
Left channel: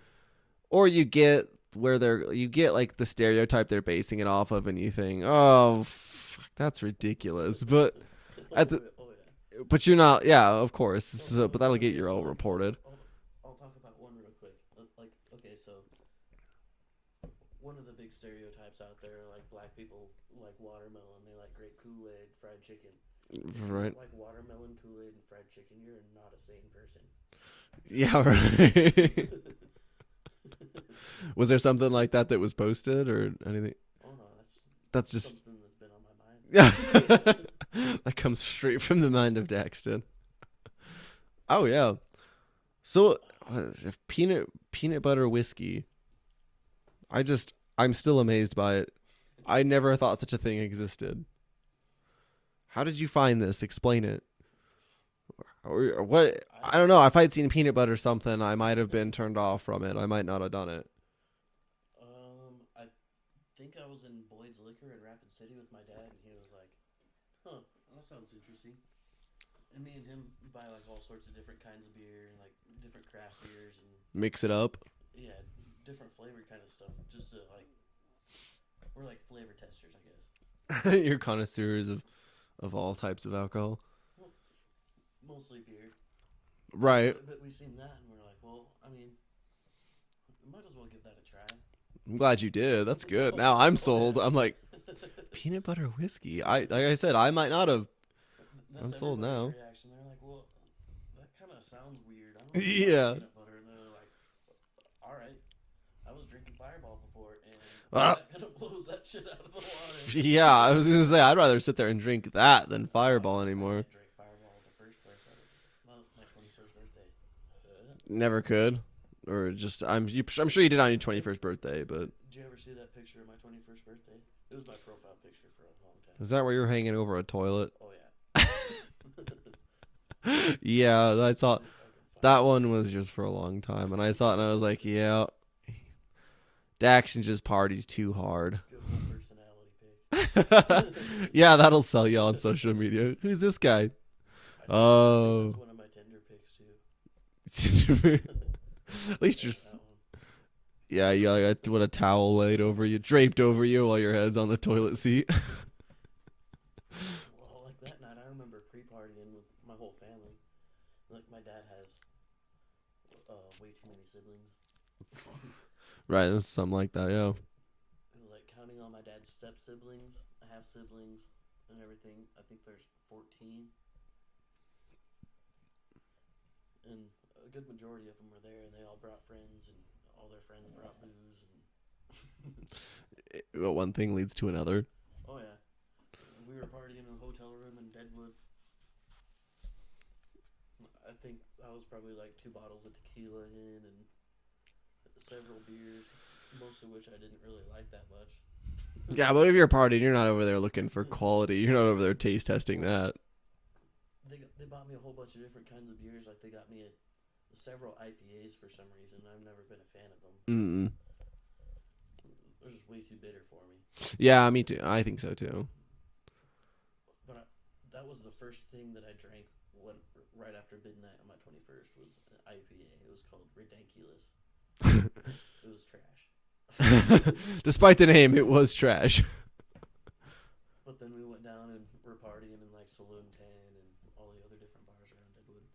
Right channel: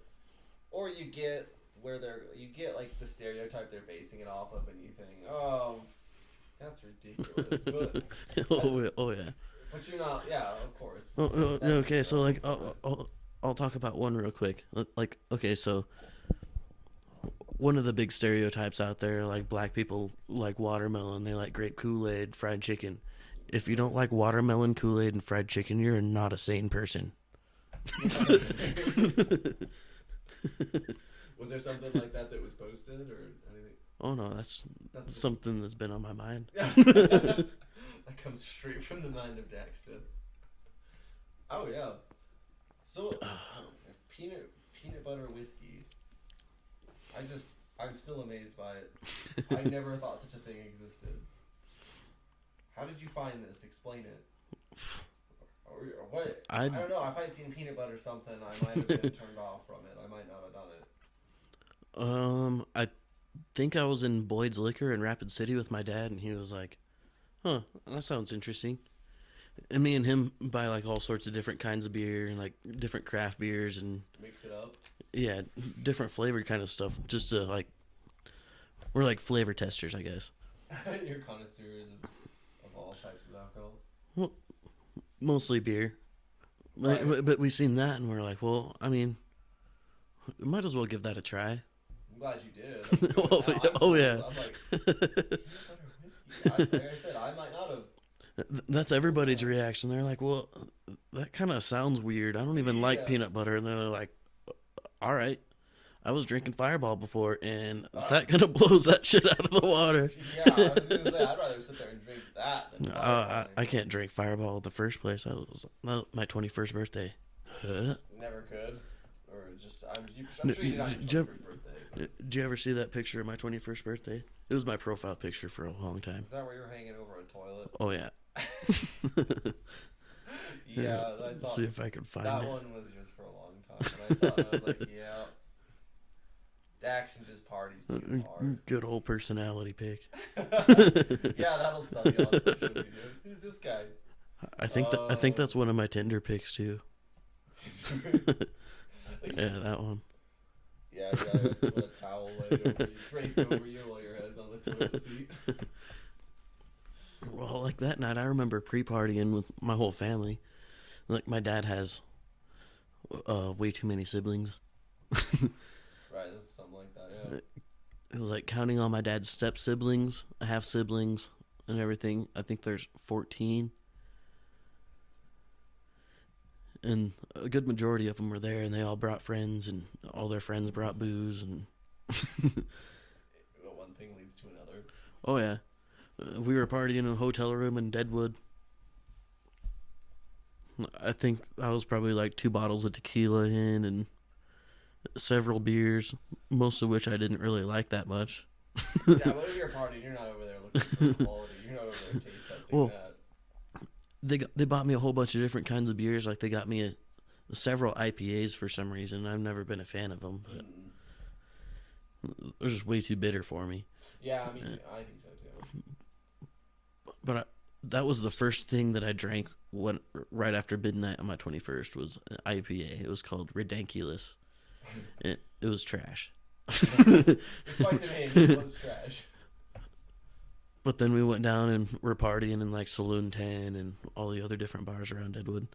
you get you get like the stereotype they're basing it off of, and you think, oh, fuck, that's ridiculous. But yeah. But you're not. Yeah, of course. So, but that'll get your own like, reported. I'll talk about one real quick. Like, okay, so one of the big stereotypes out there, like black people like watermelon, they like grape Kool-Aid, fried chicken. If you don't like watermelon, Kool-Aid, and fried chicken, you're not a sane person. Yeah, right. Was there something like that was posted or anything? Oh no, that's just something that's been on my mind. That comes straight from the mind of Daxton. Oh yeah. So peanut butter whiskey. I'm still amazed by it. I never thought such a thing existed. How did you find this? Explain it. Or what? I don't know. If I'd seen peanut butter something, I might have been turned off from it. I might not have done it. I think I was in Boyd's Liquor in Rapid City with my dad, and he was like, "Huh, that sounds interesting." And me and him buy like all sorts of different kinds of beer and like different craft beers and mix it up. Yeah, different flavored kind of stuff. Just to like, we're like flavor testers, I guess. You're connoisseurs of all types of alcohol. Well, mostly beer, right? But we seen that and we're like, well, I mean, we might as well give that a try. I'm glad you did. That's good. Now I'm sold. Yeah. I'm like, peanut butter whiskey. Like I said, I might not have. That's everybody's reaction. They're like, well, that kind of sounds weird. I don't even like peanut butter. And they're like, all right. I was drinking Fireball before, and that kind of blows that shit out of the water. Yeah, I was going to say, I'd rather sit there and drink that than Fireball anymore. I can't drink Fireball in the first place. I was my 21st birthday. Never could. Or just, I'm sure you did on your 21st birthday. But did you ever see that picture of my 21st birthday? It was my profile picture for a long time. Is that where you were hanging over a toilet? Oh, yeah. Yeah, I thought see if I could find that one was just for a long time. And I saw it and I was like, yeah. Daxton just parties too hard. Good old personality pic. Yeah, that'll sell you on social media. Who's this guy? I think that's one of my Tinder pics too. At least that one. Yeah, you got a towel laid over you, draped over you while your head's on the toilet seat. Well, like that night, I remember pre-partying with my whole family. Like my dad has way too many siblings. Right, it was something like that, yeah. It was like counting all my dad's step siblings, half siblings, and everything. I think there's 14. And a good majority of them were there, and they all brought friends, and all their friends brought booze. And well, one thing leads to another. Oh, yeah. We were partying in a hotel room in Deadwood. I think I was probably like 2 bottles of tequila in and several beers, most of which I didn't really like that much. Yeah, but if you're partying, you're not over there looking for quality. You're not over there taste testing that. They bought me a whole bunch of different kinds of beers. Like they got me several IPAs for some reason. I've never been a fan of them. They're just way too bitter for me. Yeah, me too. I think so too. But that was the first thing that I drank right after midnight on my 21st was an IPA. It was called Ridiculous. It was trash. Despite the name, it was trash. But then we went down and we're partying in like Saloon 10 and all the other different bars around Deadwood.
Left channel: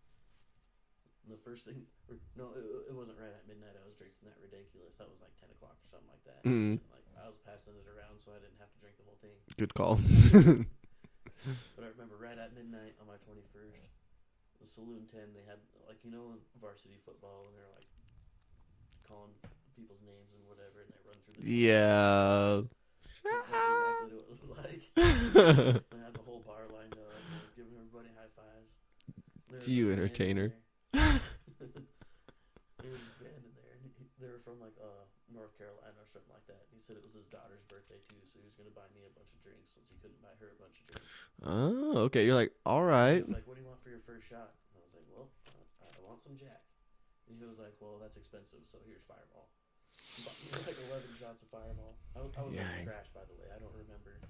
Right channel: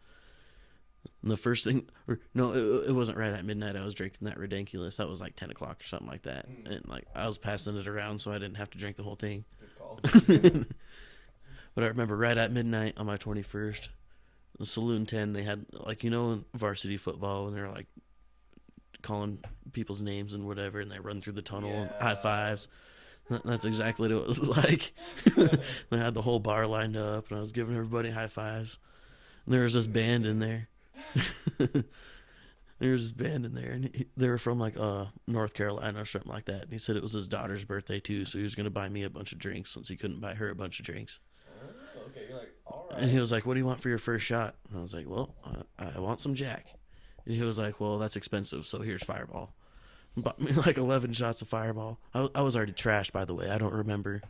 And the first thing, it wasn't right at midnight. I was drinking that Ridiculous. That was like 10 o'clock or something like that. And like I was passing it around so I didn't have to drink the whole thing. Good call. But I remember right at midnight on my 21st, the Saloon 10, they had like, in varsity football and they're like calling people's names and whatever, and they run through the tunnel, high fives. That's exactly what it was like. They had the whole bar lined up, and I was giving everybody high fives. And there was this band in there. And they were from like North Carolina or something like that. And he said it was his daughter's birthday too, so he was going to buy me a bunch of drinks since he couldn't buy her a bunch of drinks. Oh, okay. You're like, all right. And he was like, "What do you want for your first shot?" And I was like, "Well, I want some Jack." And he was like, "Well, that's expensive, so here's Fireball." Bought me like 11 shots of Fireball. I was already trashed, by the way. I don't remember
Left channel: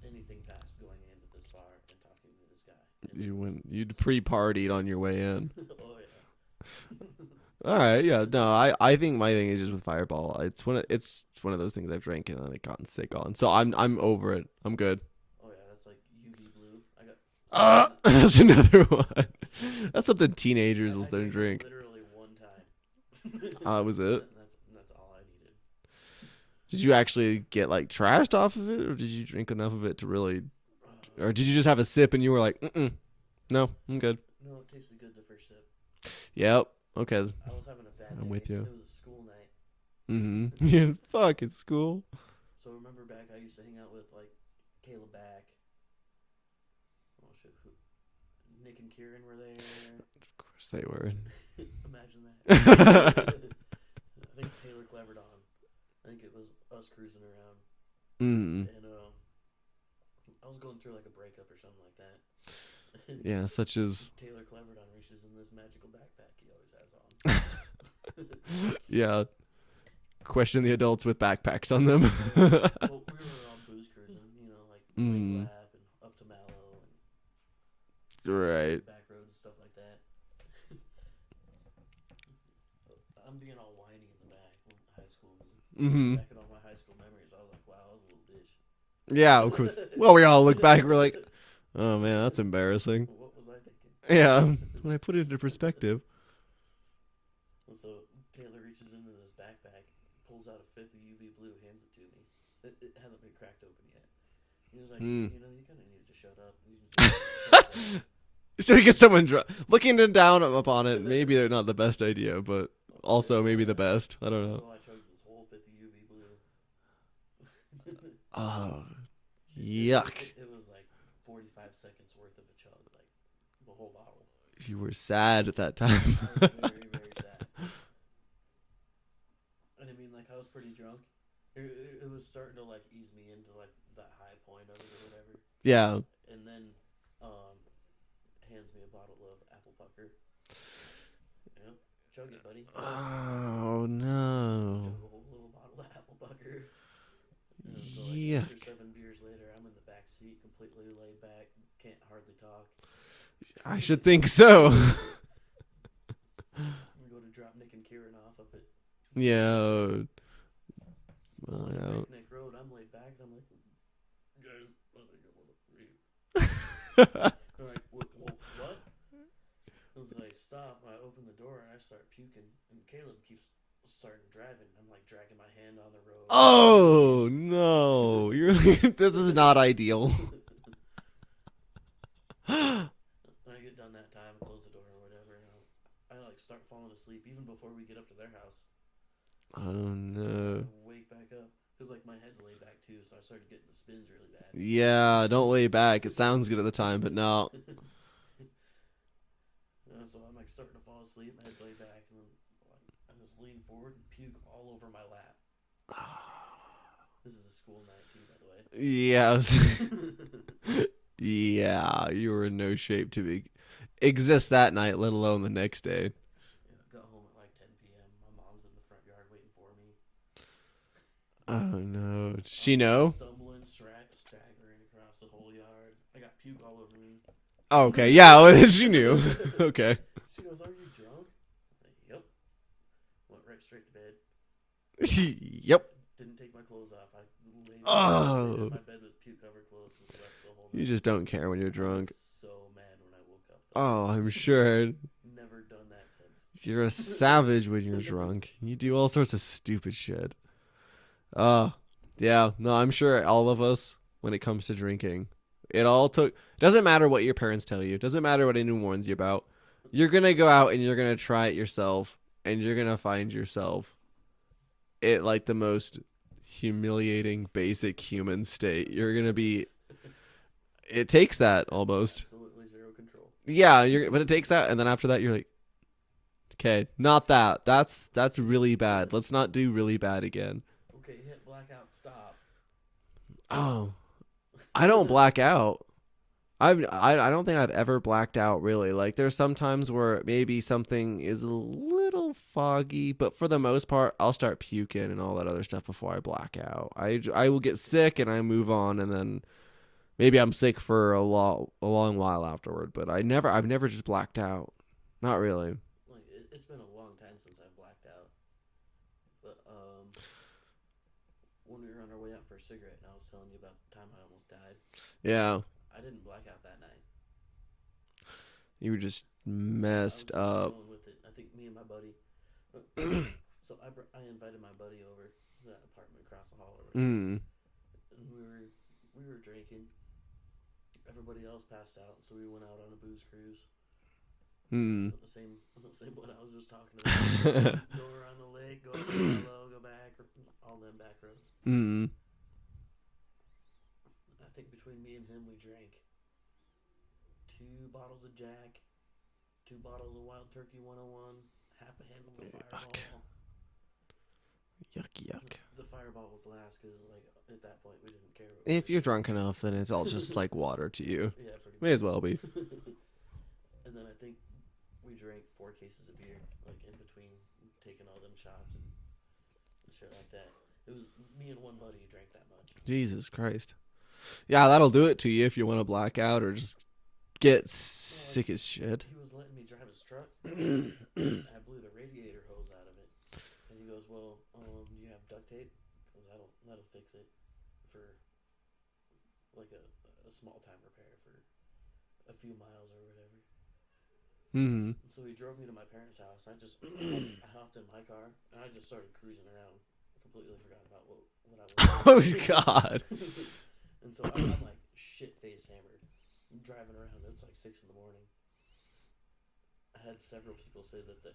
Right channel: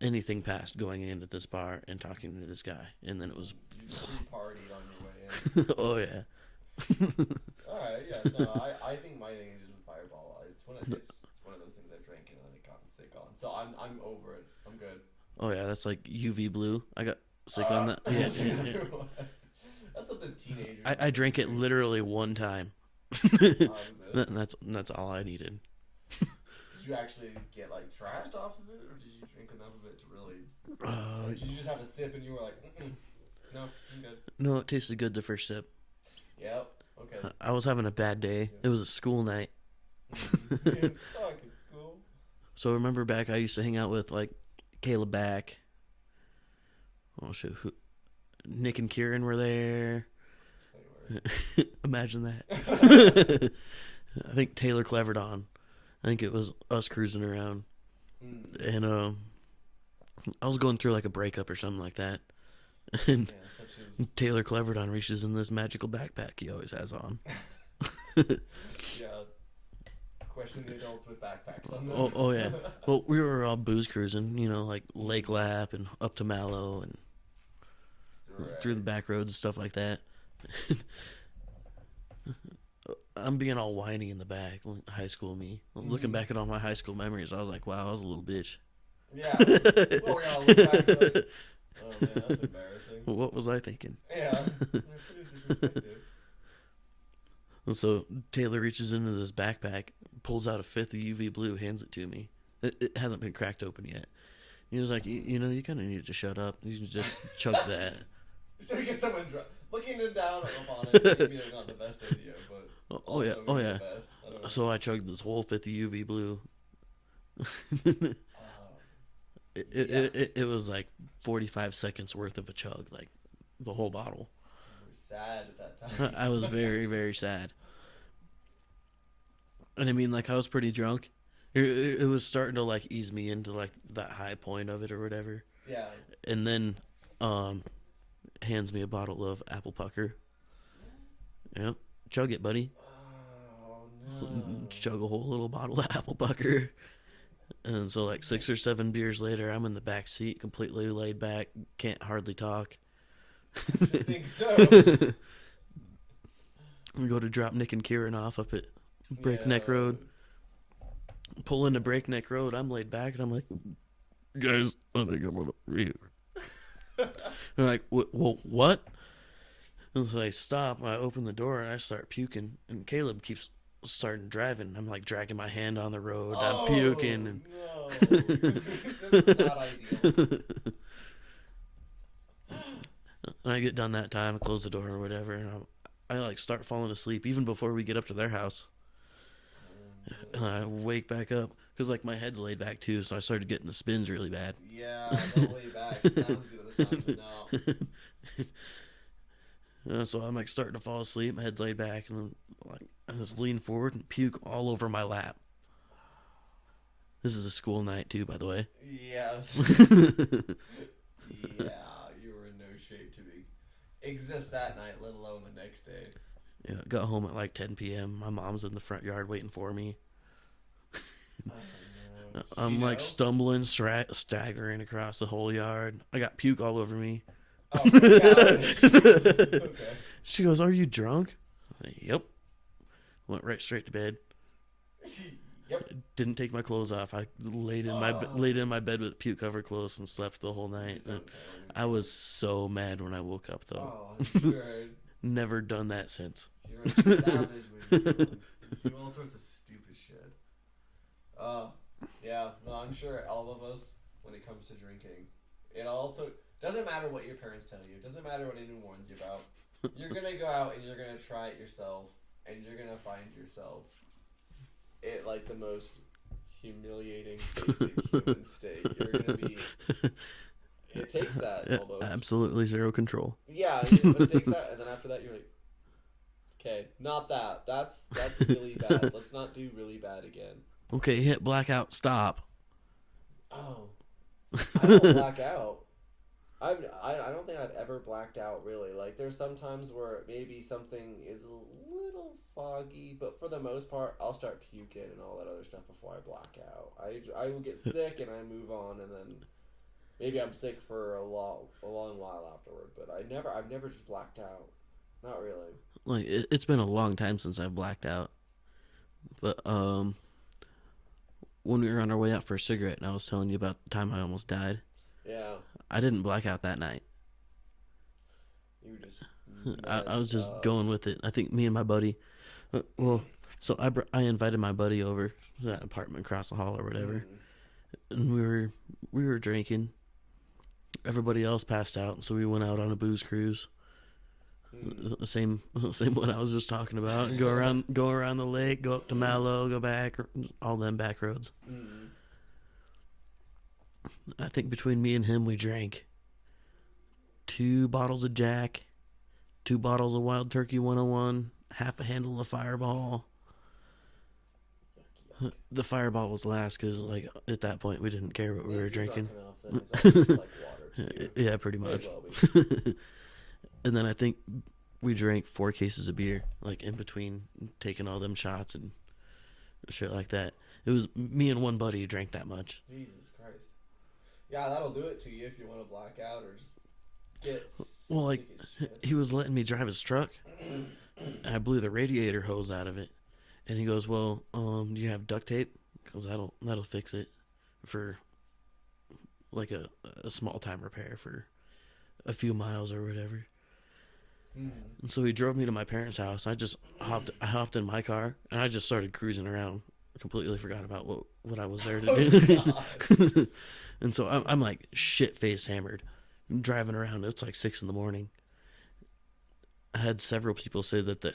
anything past going into this bar and talking to this guy. And then it was you'd pre-partied on your way in. oh yeah. All right, yeah. No, I think my thing is just with Fireball. It's one of those things I've drank and I've gotten sick on. So I'm over it. I'm good. Oh yeah, that's like UV blue. I got sick on that. That's another one. That's something teenagers. I drank it literally one time. Was it? That's all I needed. Did you actually get like trashed off of it, or did you drink enough of it to really, or did you just have a sip and you were like, no, I'm good? No, it tasted good the first sip. Yep. Okay. I was having a bad day. It was a school night. Mm-hmm. Fuck, it's school. So remember back, I used to hang out with like Caleb back. Oh shit, Nick and Kieran were there. Of course they were. Imagine that. I think Taylor clevered on. I think it was us cruising around. And I was going through like a breakup or something like that. And yeah, such as Taylor Cleverdon reaches in this magical backpack he always has on. Yeah. Question the adults with backpacks on them. Oh yeah. Well, we were all booze cruising, like Lake Lap and up to Mallow and right back roads and stuff like that. I'm being all whiny in the back. High school me. Looking back at all my high school memories, I was like, wow, I was a little bitch. Yeah. Well, we all look back and we're like, oh man, that's embarrassing. What was I thinking? Yeah. When I put it into perspective. And so Taylor reaches into this backpack, pulls out a fifth of UV blue, hands it to me. It hasn't been cracked open yet. He was like, you kind of need to shut up. You can just chug that. So you get someone looking down upon it. Maybe they're not the best idea, but also maybe the best. I don't know. So I chugged this whole fifth of UV blue. Oh, yuck! It was like 45 seconds worth of a chug, like the whole bottle. You were sad at that time. I was very, very sad. And I mean, like I was pretty drunk. It was starting to like ease me into like that high point of it or whatever. Yeah. And then, hands me a bottle of apple pucker. Yep. Chug it, buddy. Oh, no. Chug a whole little bottle of apple pucker. And so, like, 6 or 7 beers later, I'm in the back seat, completely laid back, can't hardly talk. I should think so. We go to drop Nick and Kieran off up at Breakneck Road. Pull into Breakneck Road. I'm laid back, and I'm like, guys, I think I'm going to read. They're like, well, what? And so I stop, and I open the door, and I start puking, and Caleb keeps starting driving. I'm like dragging my hand on the road. Oh, no. This is not ideal. And I get done that time, I close the door or whatever, and I like start falling asleep even before we get up to their house. Oh, no. And I wake back up. Because, like, my head's laid back, too, so I started getting the spins really bad. Yeah, don't lay back. It sounds good at the time, but no. So I'm, like, starting to fall asleep. My head's laid back, and like I just lean forward and puke all over my lap. This is a school night, too, by the way. Yes. Yeah, you were in no shape to exist that night, let alone the next day. Yeah, got home at, like, 10 p.m. My mom's in the front yard waiting for me. Oh, no. She know? Like stumbling, staggering across the whole yard. I got puke all over me. Oh, okay. Yeah, well, she knew. Okay. She goes, "Are you drunk?" Like, yep. Went right straight to bed. Yep. Didn't take my clothes off. I laid in my bed with puke-covered clothes and slept the whole night. You just don't care when you're drunk. I was so mad when I woke up, though. Oh, I'm sure. Never done that since. You're a savage when you're drunk. You do all sorts of stupid shit. Yeah. No, I'm sure all of us, when it comes to drinking, doesn't matter what your parents tell you. Doesn't matter what anyone warns you about. You're going to go out and you're going to try it yourself, and you're going to find yourself at like the most humiliating, basic human state. You're going to be... It takes that almost. Absolutely zero control. Yeah, but it takes that, and then after that, you're like, okay, not that. That's really bad. Let's not do really bad again. Okay, hit blackout. Stop. Oh, I don't black out. I don't think I've ever blacked out really. Like there's some times where maybe something is a little foggy, but for the most part, I'll start puking and all that other stuff before I black out. I will get sick and I move on, and then Maybe I'm sick for a long while afterward, but I've never just blacked out. Not really. Like it's been a long time since I've blacked out. But when we were on our way out for a cigarette, and I was telling you about the time I almost died. Yeah. I didn't black out that night. You were just messed I was just up. going with it. I think me and my buddy. So I invited my buddy over to that apartment across the hall or whatever, and we were drinking. Everybody else passed out, so we went out on a booze cruise. The same one I was just talking about. Go around the lake, go up to Mallow, go back, all them back roads. I think between me and him, we drank 2 bottles of Jack, 2 bottles of Wild Turkey 101, half a handle of Fireball. Yuck. The Fireball was last because, like, at that point, we didn't care what we were If you're drinking. drunk enough, then it's all just like water to you. Yeah, pretty much. May as well be. And then I think we drank 4 cases of beer, like, in between taking all them shots and shit like that. It was me and one buddy who drank that much. Jesus Christ. Yeah, that'll do it to you if you want to black out or just get sick as shit. He was letting me drive his truck, and I blew the radiator hose out of it. And he goes, "Well, do you have duct tape? Because that'll fix it for like a small time repair for a few miles or whatever." And so he drove me to my parents' house. I hopped in my car and I just started cruising around. I completely forgot about what I was there to do. Oh God. And so I'm like shit-faced hammered, driving around. It's like 6 a.m. I had several people say that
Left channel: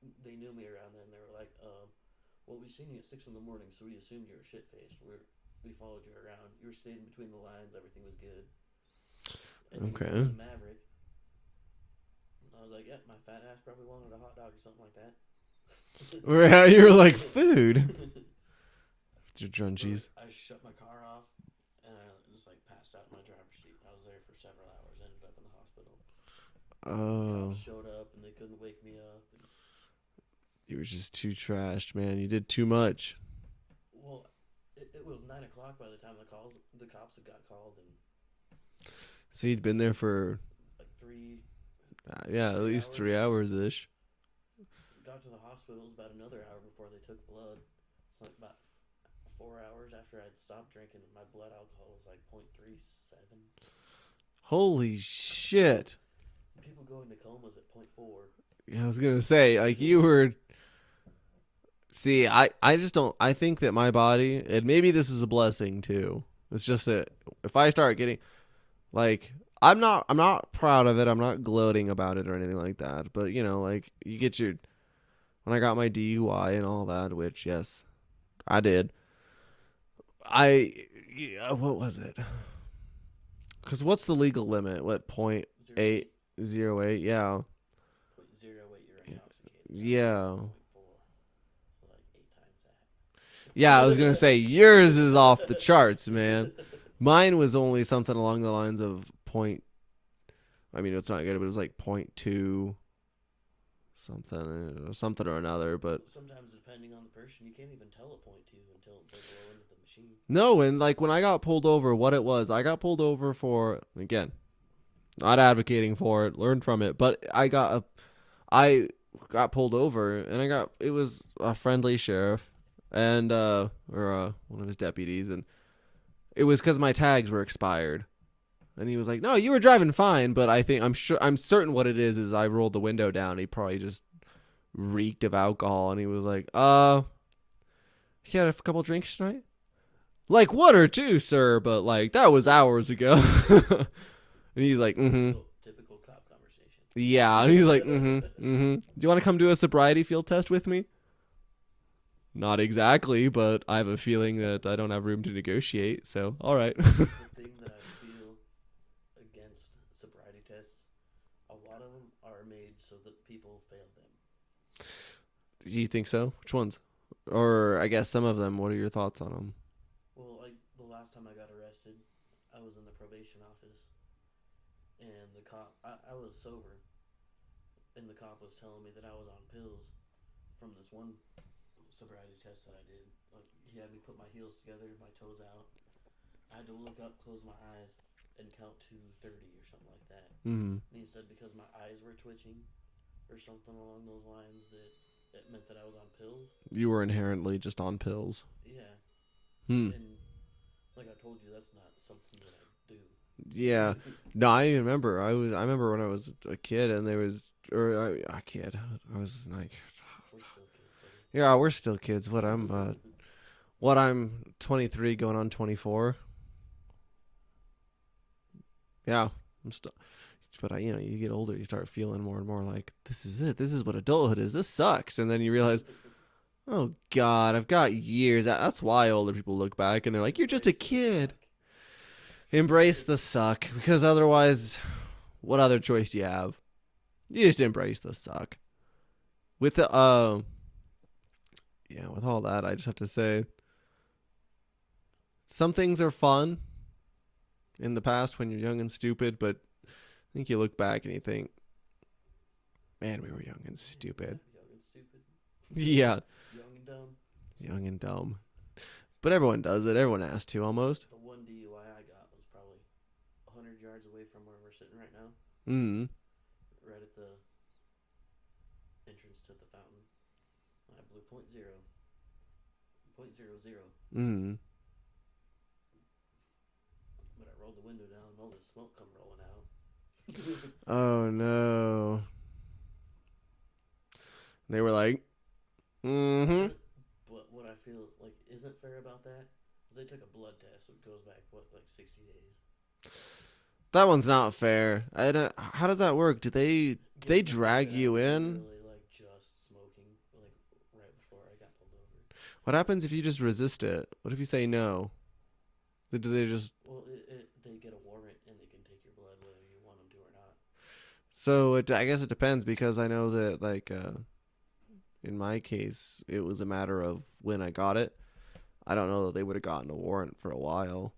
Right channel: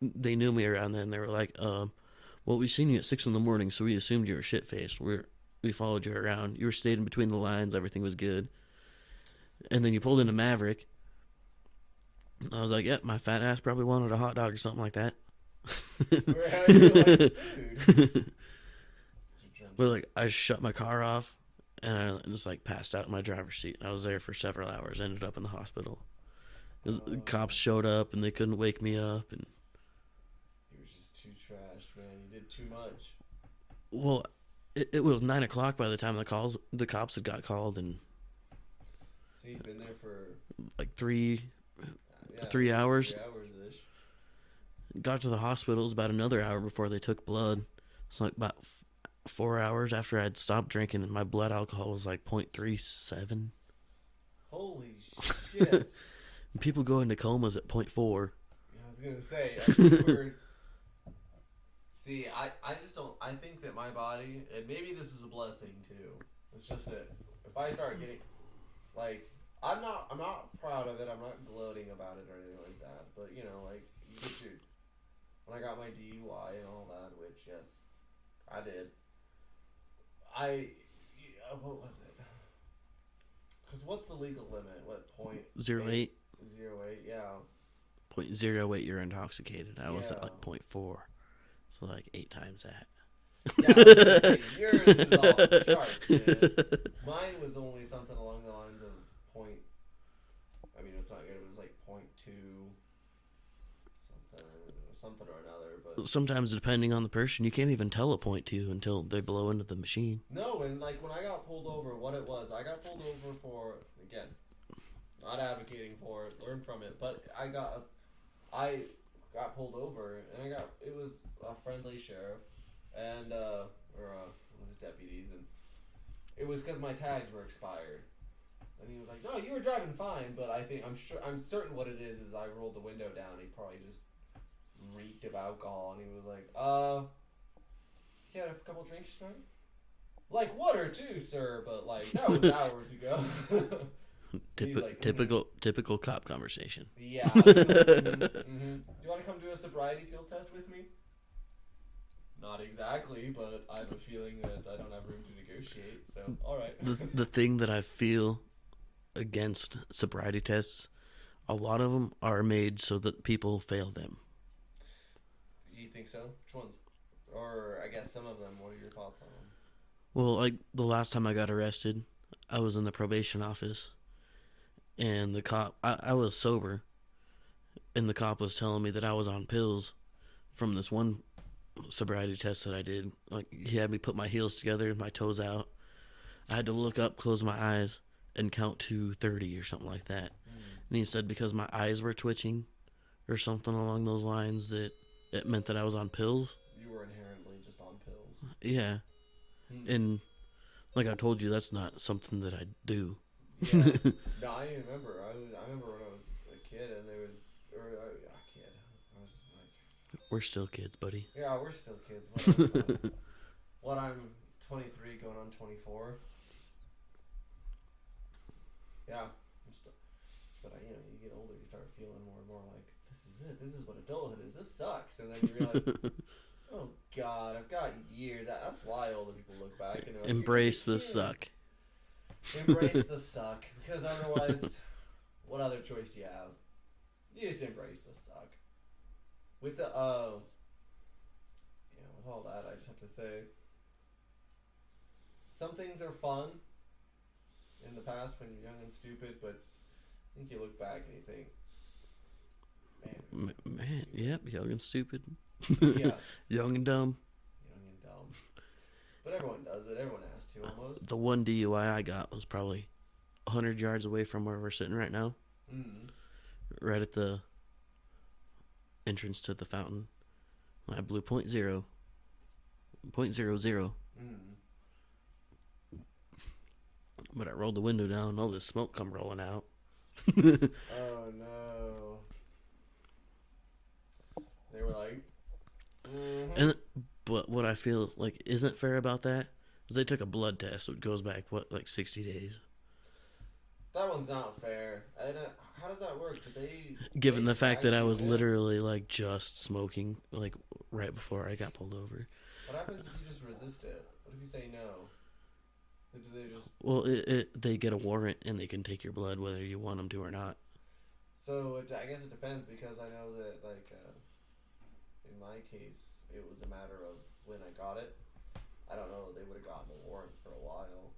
they knew me around then. They were like, "Well, we seen you at 6 a.m, so we assumed you were shit-faced. We followed you around. You were staying in between the lines. Everything was good." And then you pulled into Maverick. I was like, "Yep, my fat ass probably wanted a hot dog or something like that." You were like, food. But like, I shut my car off, and I just like passed out in my driver's seat. I was there for several hours. Ended up in the hospital. The cops showed up, and they couldn't wake me up. And you were just too trashed, man. You did too much. Well, it was 9 o'clock by the time the cops had got called, and so you'd been there for like 3 hours. 3 hours ish. Got to the hospital. It was about another hour before they took blood. It's like about 4 hours after I'd stopped drinking, and my blood alcohol was like 0.37. Holy shit. People go into comas at 0.4. Yeah, I was gonna say, like, you were. See, I just don't. I think that my body, and maybe this is a blessing too. It's just that if I start getting, like, I'm not proud of it. I'm not gloating about it or anything like that. But you know, like, you get your. When I got my DUI and all that, which yes, I did. What was it? Because what's the legal limit? What 0.08? 0.08, yeah. 0.08, you're intoxicated. I yeah. was at 0.4. So like 8 times that. Yeah, I was going to say, yours is off the charts, man. Mine was only something along the lines of I mean, it's not good, but it was like 0.2 something or another. But sometimes, depending on the person, you can't even tell a 0.2 until they blow into the machine. No, and like when I got pulled over, what it was, I got pulled over for, again, not advocating for it, learn from it, but I got pulled over, and it was a friendly sheriff and or one of his deputies, and it was because my tags were expired, and he was like, "No, you were driving fine," but I'm certain what it is I rolled the window down. He probably just reeked of alcohol, and he was like, "You had a couple drinks tonight?" Like 1 or 2, sir, but like that was hours ago. And he's like, typical cop conversation. Yeah. And he's like, Do you want to come do a sobriety field test with me? Not exactly, but I have a feeling that I don't have room to negotiate. So, all right. The thing that I feel against sobriety tests, a lot of them are made so that people fail them. Do you think so? Which ones? Or I guess some of them. What are your thoughts on them? Well, like the last time I got arrested, I was in the probation office. And the cop, I was sober, and the cop was telling me that I was on pills from this one sobriety test that I did. Like, he had me put my heels together, my toes out. I had to look up, close my eyes, and count to 30 or something like that. Mm-hmm. And he said because my eyes were twitching or something along those lines that it meant that I was on pills. You were inherently just on pills. Yeah. And like I told you, that's not something that I do. Yeah. No, I remember. I remember when I was a kid and there was, or a kid. I was like, we're still kids, buddy. Yeah, we're still kids. What I'm 23 going on 24. Yeah, I'm still. But you get older, you start feeling more and more like this is it. This is what adulthood is. This sucks, and then you realize, oh God, I've got years. That's why older people look back and they're like, Embrace you're just a kid. the suck. Embrace the suck, because otherwise, what other choice do you have? You just embrace the suck. With the with all that, I just have to say, some things are fun in the past when you're young and stupid, but I think you look back and you think, man, we were young and stupid. Yep, young and stupid. Yeah. Young and dumb. Young and dumb. But everyone does it. Everyone has to, almost. The one DUI I got was probably 100 yards away from where we're sitting right now. Mm. Right at the entrance to the fountain. I blew .00. Mm. But I rolled the window down and all this smoke come rolling out. Oh, no. They were like, mm-hmm. But what I feel like isn't fair about that is they took a blood test. So it goes back, 60 days. That one's not fair. How does that work? Do they Given the drag fact that you I was in? literally just smoking right before I got pulled over. What happens if you just resist it? What if you say no? Do they just... Well, they get a warrant and they can take your blood whether you want them to or not. So I guess it depends, because I know that in my case it was a matter of when I got it. I don't know that they would have gotten a warrant for a while.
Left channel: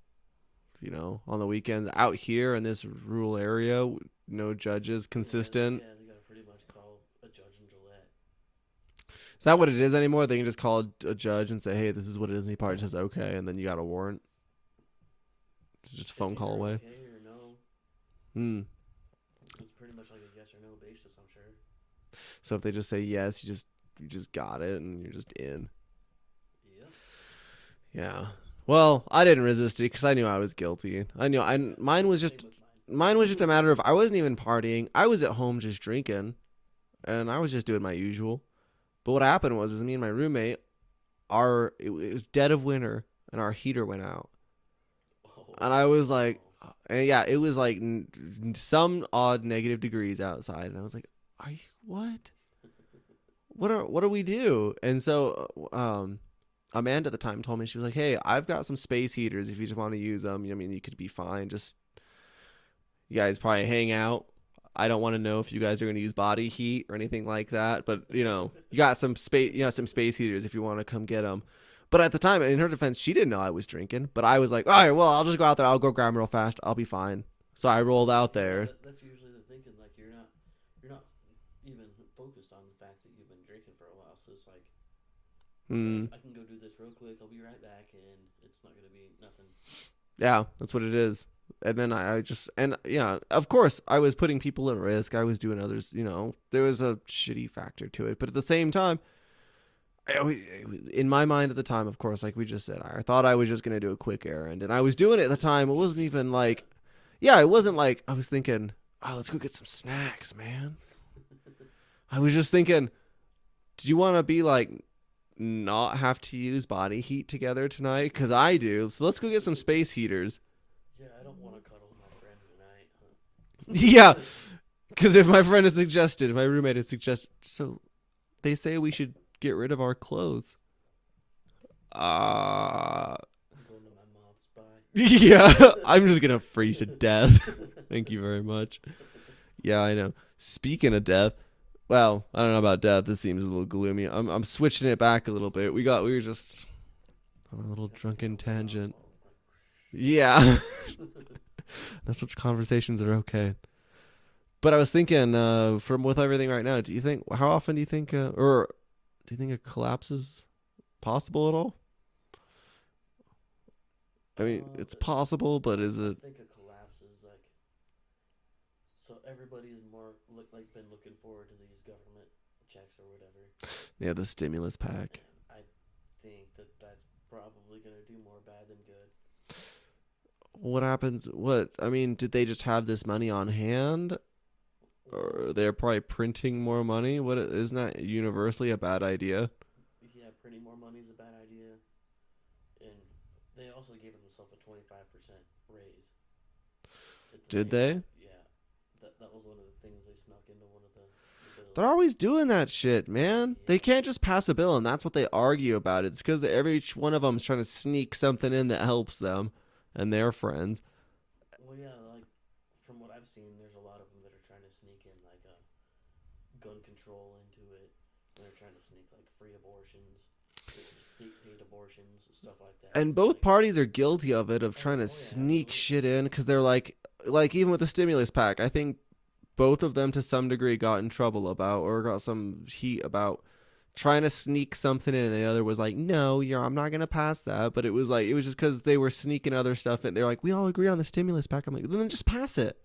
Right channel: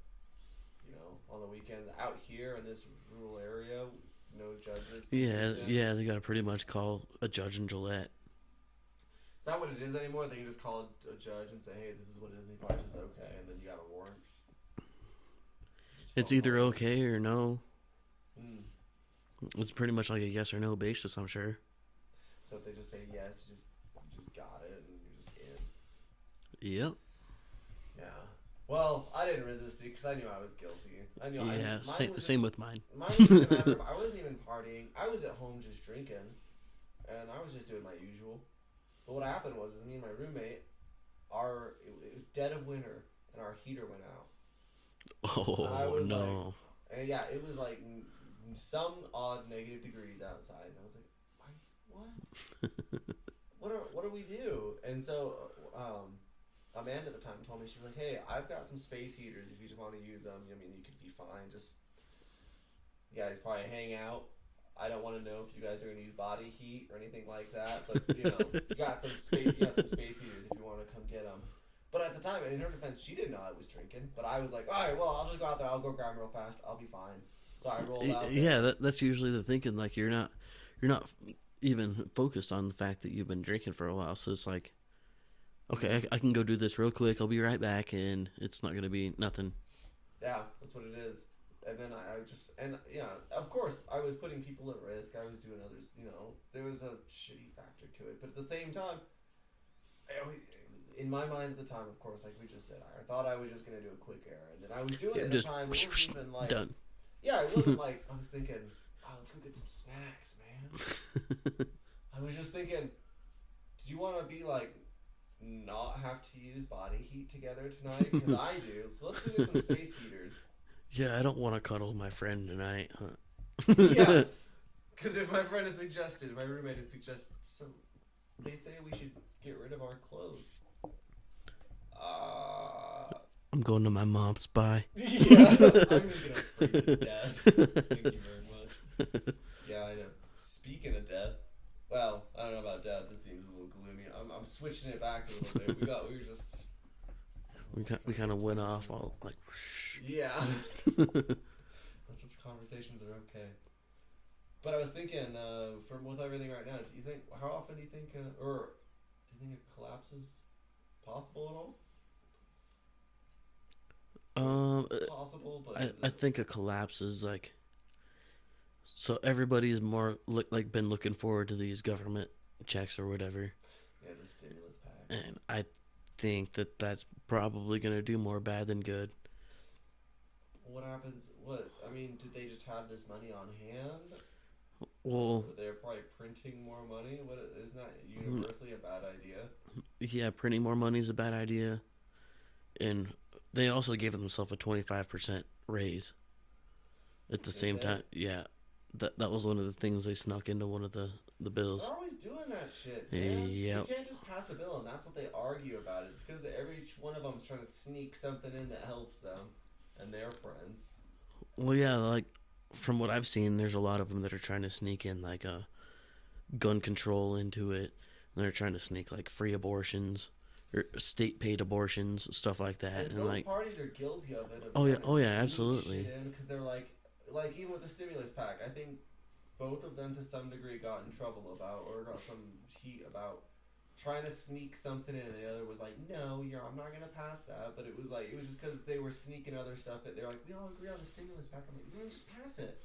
On the weekends out here in this rural area, no judges consistent. Yeah, they got to pretty much call a judge in Gillette. Is that what it is anymore? They can just call a judge and say, hey, this is what it is, and he probably says okay, and then you got a warrant. It's either okay or no. It's pretty much like a yes or no basis, I'm sure. So if they just say yes, you just got it and you're just in. Yep. Yeah. Well, I didn't resist it because I knew I was guilty. Mine was just a matter of I wasn't even partying. I was at home just drinking, and I was just doing my usual. But what happened was me and my roommate, it was dead of winter, and our heater went out. Oh, and I was like, and yeah, it was like some odd negative degrees outside, and I was like, "Are you what? what do we do?" And so, Amanda at the time told me, she was like, "Hey, I've got some space heaters. If you just want to use them, I mean, you could be fine. Just you guys probably hang out. I don't want to know if you guys are going to use body heat or anything like that, but you got some space, some space heaters if you want to come get them." But at the time, in her defense, she didn't know I was drinking. But I was like, all right, well, I'll just go out there. I'll go grab them real fast. I'll be fine. So I rolled out there. Yeah, that's usually the thinking. Like you're not even focused on the fact that you've been drinking for a while. So it's like, okay, I can go do this real quick. I'll be right back, and it's not going to be nothing. Yeah, that's what it is. And then of course, I was putting people at risk. I was doing others, there was a shitty factor to it. But at the same time, in my mind at the time, of course, like we just said, I thought I was just going to do a quick errand. And I was doing it at the time. It wasn't even like, done. Yeah, it wasn't like, I was thinking, oh, let's go get some snacks, man. I was just thinking, do you want to be like, not have to use body heat together tonight? Because I do. So let's go get some space heaters. Yeah, I don't want to cuddle my friend tonight. Yeah, because if my roommate had suggested, so they say we should get rid of our clothes. I'm going to my mom's. Bye. Yeah, I'm just gonna freeze to death. Thank you very much. Yeah, I know. Speaking of death, well, I don't know about death. This seems a little gloomy. I'm switching it back a little bit. We were just on a little drunken tangent. Yeah. That's what conversations are okay. But I was thinking, with everything right now, how often do you think, or do you think a collapse is possible at all? I mean, it's possible, but is it? I think a collapse is like. So everybody's more been looking forward to these government checks or whatever. Yeah, the stimulus pack. And I think that's probably going to do more bad than good. What happens? I mean, did they just have this money on hand? Or they're probably printing more money? Isn't that universally a bad idea? Yeah, printing more money is a bad idea. And they also gave themselves a 25% raise at the same time. Yeah. That was one of the things they snuck into one of the bills. They're always doing that shit, man. Yep. They can't just pass a bill, and that's what they argue about. It's because every one of them is trying to sneak something in that helps them and their friends. Well, yeah, like from what I've seen, there's a lot of them that are trying to sneak in like gun control into it. And they're trying to sneak like free abortions or state-paid abortions, stuff like that. And both parties are guilty of it, of trying to sneak absolutely. shit in, because they're like even with the stimulus pack, I think both of them to some degree got in trouble about, or got some heat about trying to sneak something in, and the other was like, no, I'm not going to pass that. But it was just because they were sneaking other stuff in. They're like, we all agree on the stimulus pack. I'm like, then just pass it.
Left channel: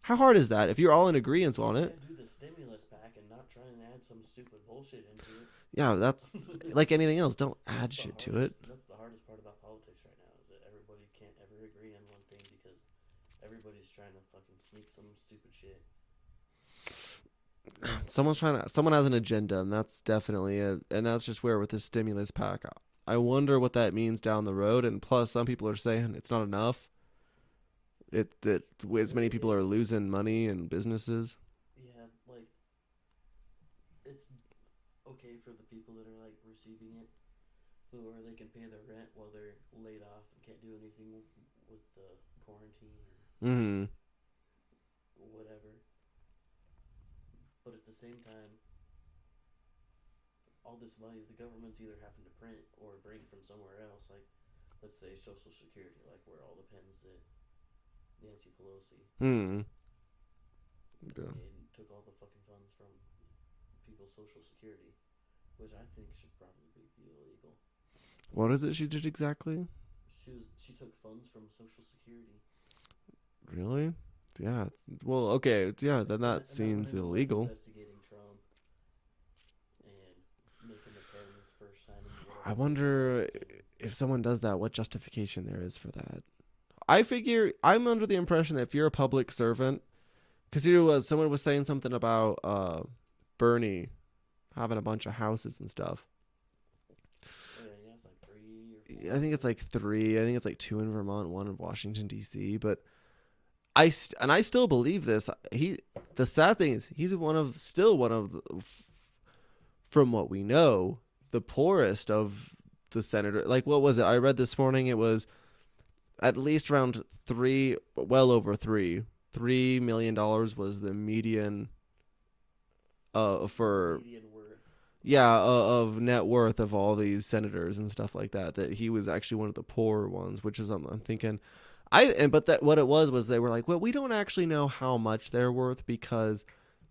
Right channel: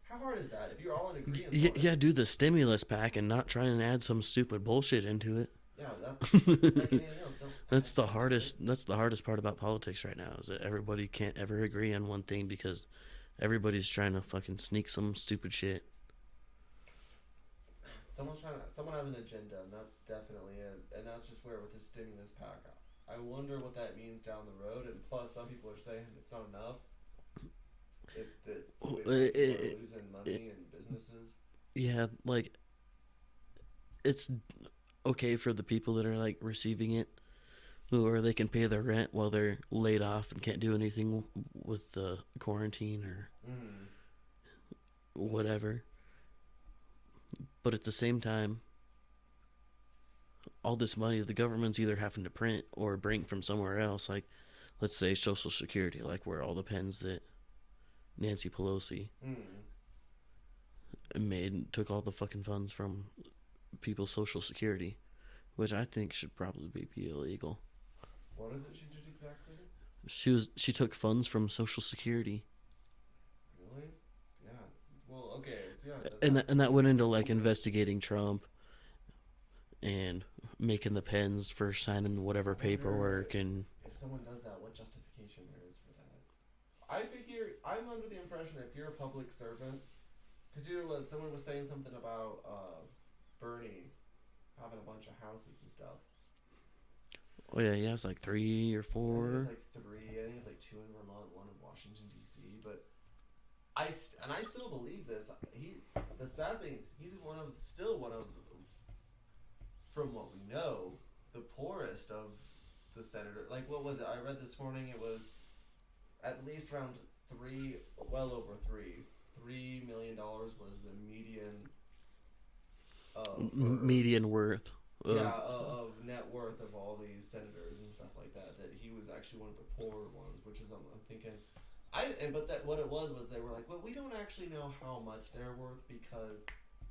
How hard is that if you're all in agreement on it? Yeah, do the stimulus pack and not try and add some stupid bullshit into it. Yeah, that's like anything else. Don't that's add the hardest. That's the hardest part about politics right now, is that everybody can't ever agree on one thing because everybody's trying to fucking sneak some stupid shit. Someone has an agenda, and that's definitely it. And that's just where with the stimulus pack, I wonder what that means down the road. And plus, some people are saying it's not enough. As many people are losing money and businesses. Yeah, like it's okay for the people that are like receiving it, or they can pay their rent while they're laid off and can't do anything with the quarantine or whatever. But at the same time, all this money the government's either having to print or bring from somewhere else, like let's say Social Security, like where all the pens that Nancy Pelosi took all the fucking funds from people's Social Security, which I think should probably be illegal. What is it she did exactly? She took funds from Social Security. Really? Yeah. Well, okay. Yeah. And that went into illegal. Like investigating Trump and making the pens for signing whatever paperwork. And if someone does that, what justification there is for that? I figure I'm under the impression that if you're a public servant, because someone was saying something about Bernie having a bunch of houses and stuff. Oh yeah, he has like 3 or 4. I think it's like 3. I think it's like 2 in Vermont, 1 in Washington D.C. But I still believe this. The sad thing is he's still one of from what we know, the poorest of the senator. Like, what was it? I read this morning. It was at least around well over $3 million was the median for median worth. Of net worth of all these senators and stuff like that. That he was actually one of the poorer ones, which is I'm thinking. What it was they were like, well, we don't actually know how much they're worth because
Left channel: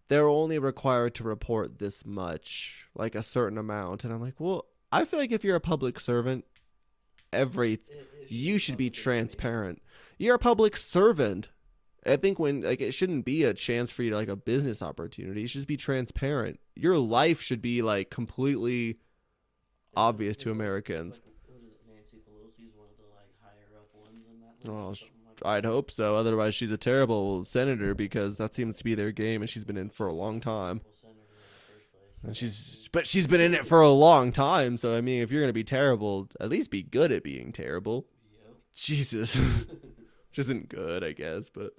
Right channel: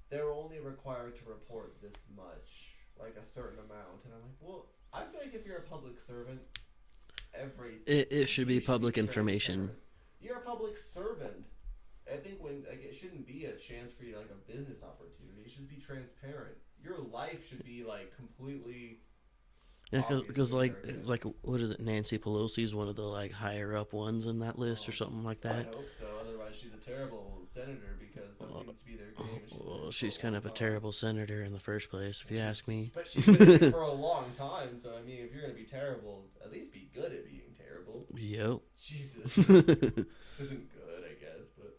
they're only required to report this much, like a certain amount. And I'm like, well, I feel like if you're a public servant, it should be transparent. You're a public servant. I think it shouldn't be a chance for you to like a business opportunity. It should just be transparent. Your life should be like completely obvious to Americans. Like what is it? Nancy Pelosi is one of the like higher up ones in that list or something like that. I'd hope so. Otherwise, she's a terrible senator because that seems to be their game, and she's been in for a long time. She's kind of a terrible senator in the first place, if you ask me. But she's been in it for a long time. So I mean, if you're gonna be terrible, at least be good at being terrible. Yep. Jesus. Which isn't good, I guess, but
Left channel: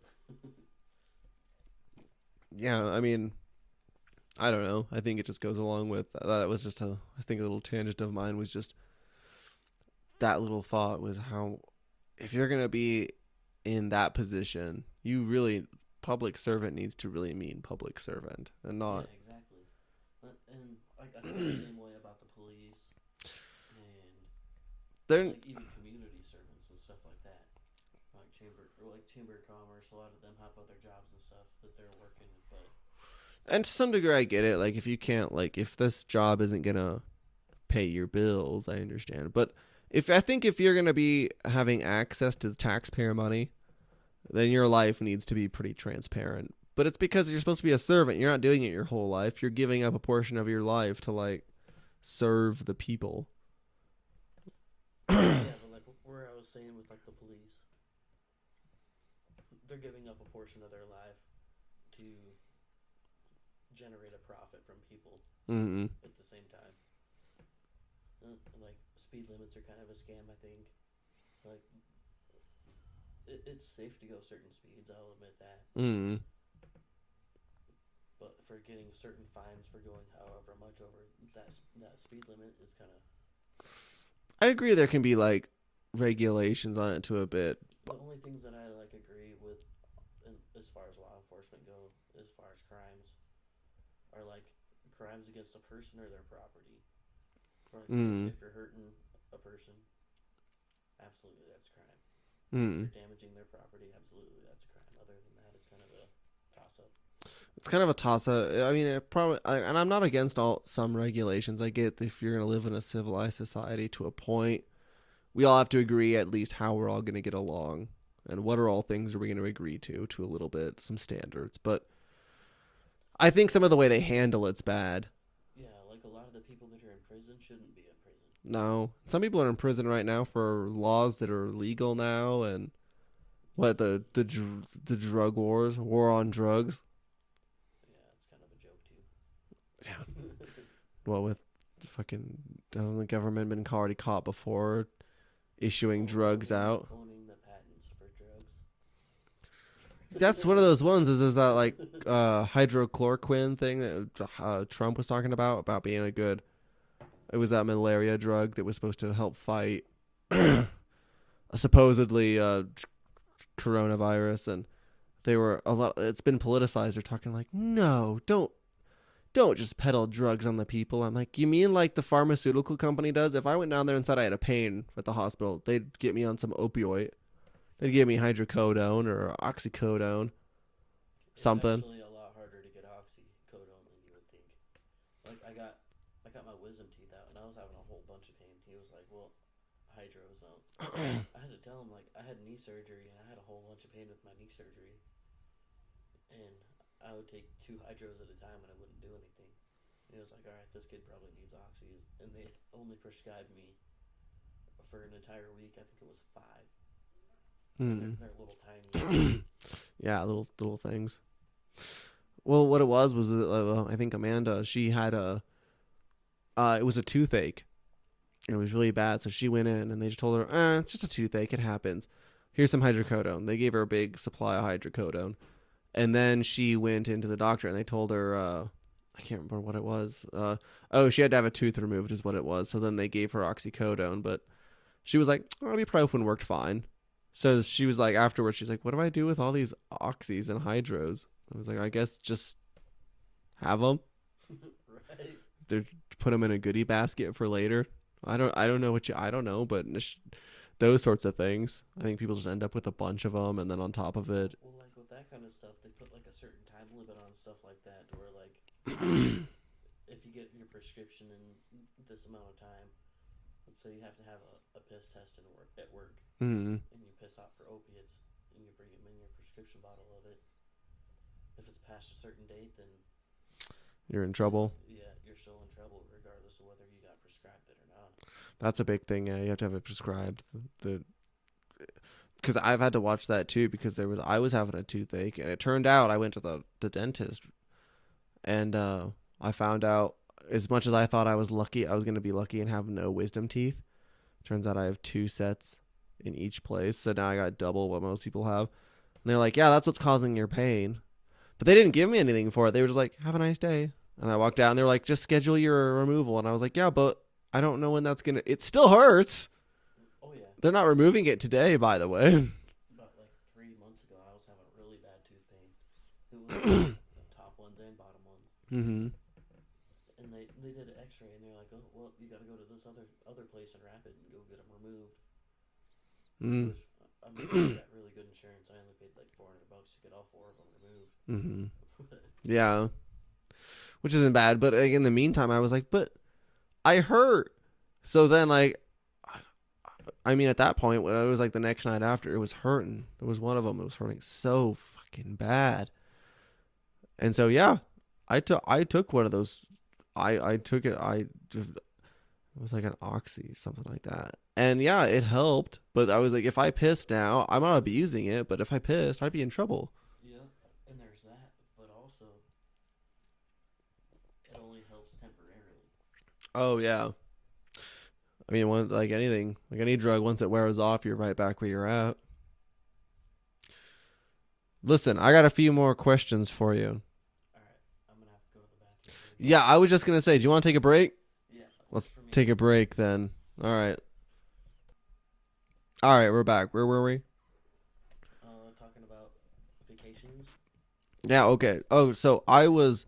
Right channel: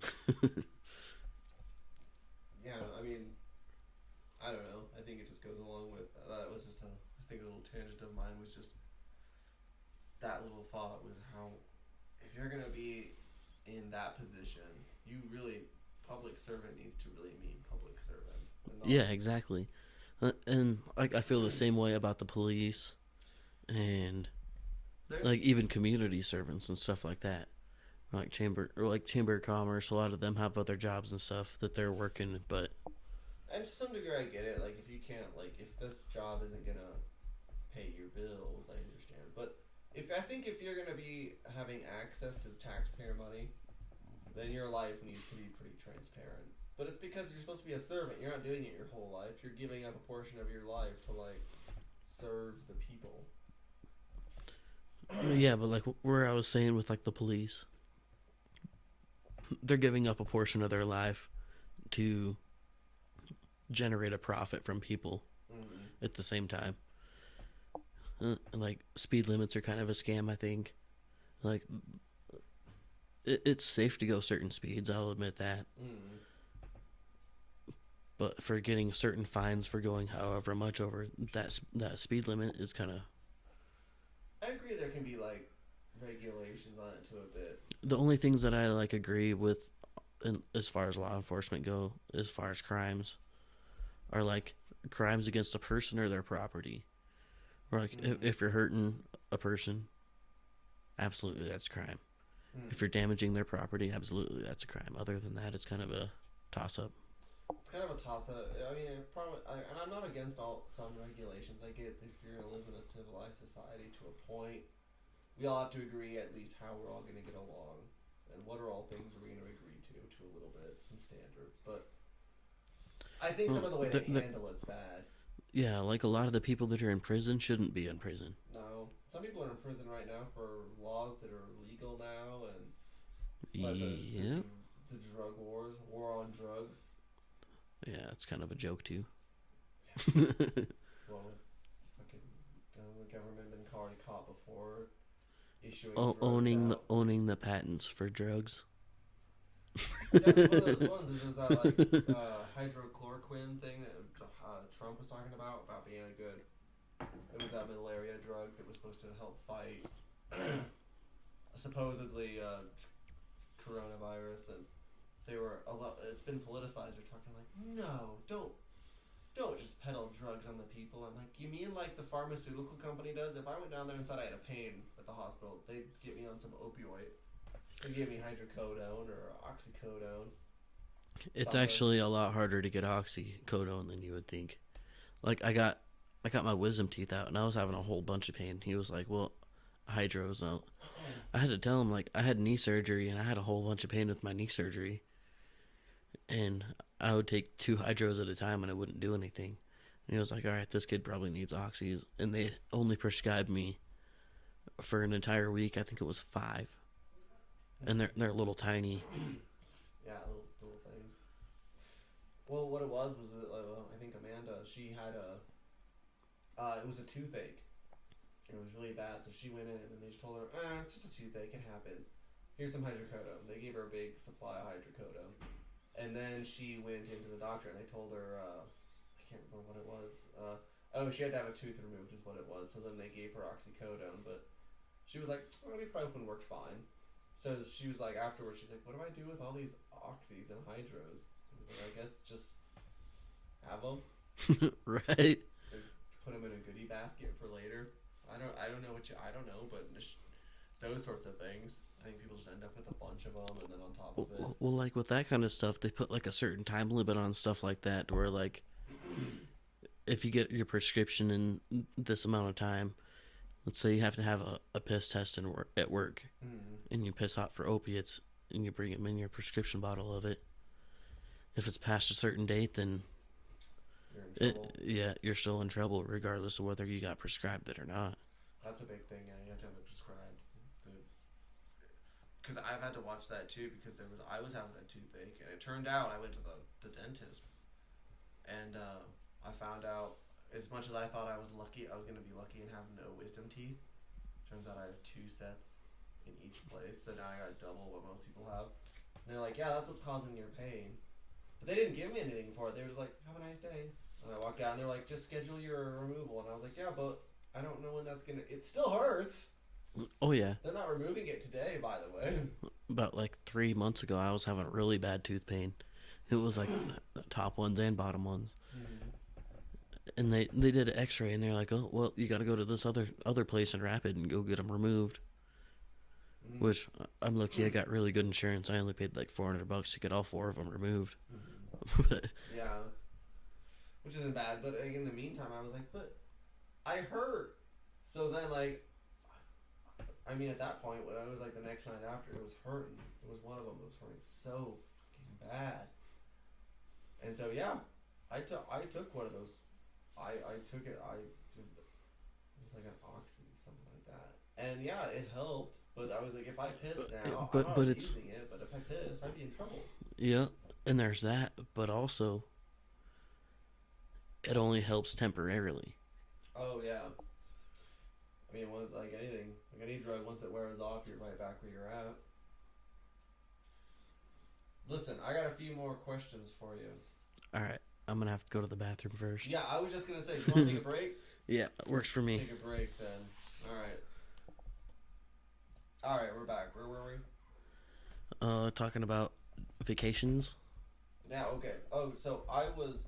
yeah, I mean, I don't know. I think it just goes along with that. Was just a little tangent of mine was just that little thought was how if you're gonna be in that position, public servant needs to really mean public servant and not. Yeah, exactly. And I feel the same way about the police and like even community servants and stuff like that. Like chamber of commerce, a lot of them have other jobs and stuff that they're working, and to some degree I get it. Like if this job isn't gonna pay your bills, I understand. But I think if you're gonna be having access to taxpayer money, then your life needs to be pretty transparent. But it's because you're supposed to be a servant. You're not doing it your whole life. You're giving up a portion of your life to like serve the people. Yeah, but like where I was saying with like the police, they're giving up a portion of their life to generate a profit from people at the same time. Like speed limits are kind of a scam, I think. Like it's safe to go certain speeds, I'll admit that. But for getting certain fines for going however much over that speed limit is kind of. I agree. There can be like regulations on it to a bit. The only things that I like agree with, as far as law enforcement go, as far as crimes, are like crimes against a person or their property. Or like if you're hurting a person, absolutely that's a crime. If you're damaging their property, absolutely that's a crime. Other than that, it's kind of a toss-up. It's kind of a toss-up. I mean, and I'm not against some regulations. I get if you're going to live in a civilized society to a point, we all have to agree at least how we're all going to get along, and what are all things are we going to agree to a little bit, some standards. But I think some of the way they handle it's bad. Yeah, like a lot of the people that are in prison shouldn't be in prison. No, some people are in prison right now for laws that are legal now, and the drug war on drugs. Yeah, it's kind of a joke too. Yeah. Well, with hasn't the government been already caught before issuing drugs out? Owning the patents for drugs. That's one of those ones. Is there's that like hydrochloroquine thing that Trump was talking about being a good. It was that malaria drug that was supposed to help fight supposedly coronavirus, and they were a lot. It's been politicized. They're talking like, no, don't just peddle drugs on the people. I'm like, you mean like the pharmaceutical company does? If I went down there and said I had a pain at the hospital, they'd get me on some opioid. They'd give me hydrocodone or oxycodone. It's actually a lot harder to get oxycodone than you would think. Like I got my wisdom teeth out and I was having a whole bunch of pain. He was like, "Well, hydros." I had to tell him like I had knee surgery and I had a whole bunch of pain with my knee surgery, and I would take 2 hydros at a time and it wouldn't do anything. And he was like, "All right, this kid probably needs oxys," and they only prescribed me for an entire week. I think it was 5. And they're little tiny. Yeah, little things. Well, what it was I think Amanda, she had it was a toothache. It was really bad, so she went in and they just told her, it's just a toothache, it happens. Here's some hydrocodone. They gave her a big supply of hydrocodone. And then she went into the doctor and they told her, I can't remember what it was. She had to have a tooth removed is what it was. So then they gave her oxycodone, but she was like, ibuprofen worked fine. So she was like, afterwards, she's like, what do I do with all these oxys and hydros? I was like, I guess just have them. Right. Put them in a goodie basket for later. I don't know, but those sorts of things. I think people just end up with a bunch of them, and then on top of it. Well, like with that kind of stuff, they put like a certain time limit on stuff like that, where like, if you get your prescription in this amount of time, let's say you have to have a piss test at work, and you piss out for opiates, and you bring them in your prescription bottle of it. If it's past a certain date, then you're in trouble. You're still in trouble, regardless of whether you got prescribed it or not. That's a big thing. Yeah, you have to have it prescribed. Because I've had to watch that too. Because I was having a toothache, and it turned out I went to the dentist, and I found out. As much as I thought I was lucky, I was going to be lucky and have no wisdom teeth. Turns out I have 2 sets in each place. So now I got double what most people have. And they're like, yeah, that's what's causing your pain. But they didn't give me anything for it. They were just like, have a nice day. And I walked out and they were like, just schedule your removal. And I was like, yeah, but I don't know when that's going to... It still hurts. Oh, yeah. They're not removing it today, by the way. About like 3 months ago, I was having really bad tooth pain. It was like the top ones and bottom ones. Mm-hmm. And they did an x-ray, and they're like, oh, well, you got to go to this other place in Rapid and go get them removed. Which, I'm lucky I got really good insurance. I only paid like $400 to get all 4 of them removed. Mm-hmm. Yeah. Which isn't bad, but like, in the meantime, I was like, but I hurt. So then, like, I mean, at that point, when it was like the next night after, it was hurting. There was one of them. It was hurting so fucking bad. And so, yeah, I took one of those. I took it. It was like an oxy, something like that. And yeah, it helped. But I was like, if I piss now, I'm not abusing it. But if I pissed, I'd be in trouble. Yeah, and there's that. But also, it only helps temporarily. Oh, yeah. I mean, like anything, like any drug, once it wears off, you're right back where you're at. Listen, I got a few more questions for you. All right. I'm going to have to go to the bathroom first. Yeah, I was just going to say, do you want to take a break? Yeah, works for me. Take a break then. All right. All right, we're back. Where were we? Talking about vacations. Yeah, okay. Oh, so I was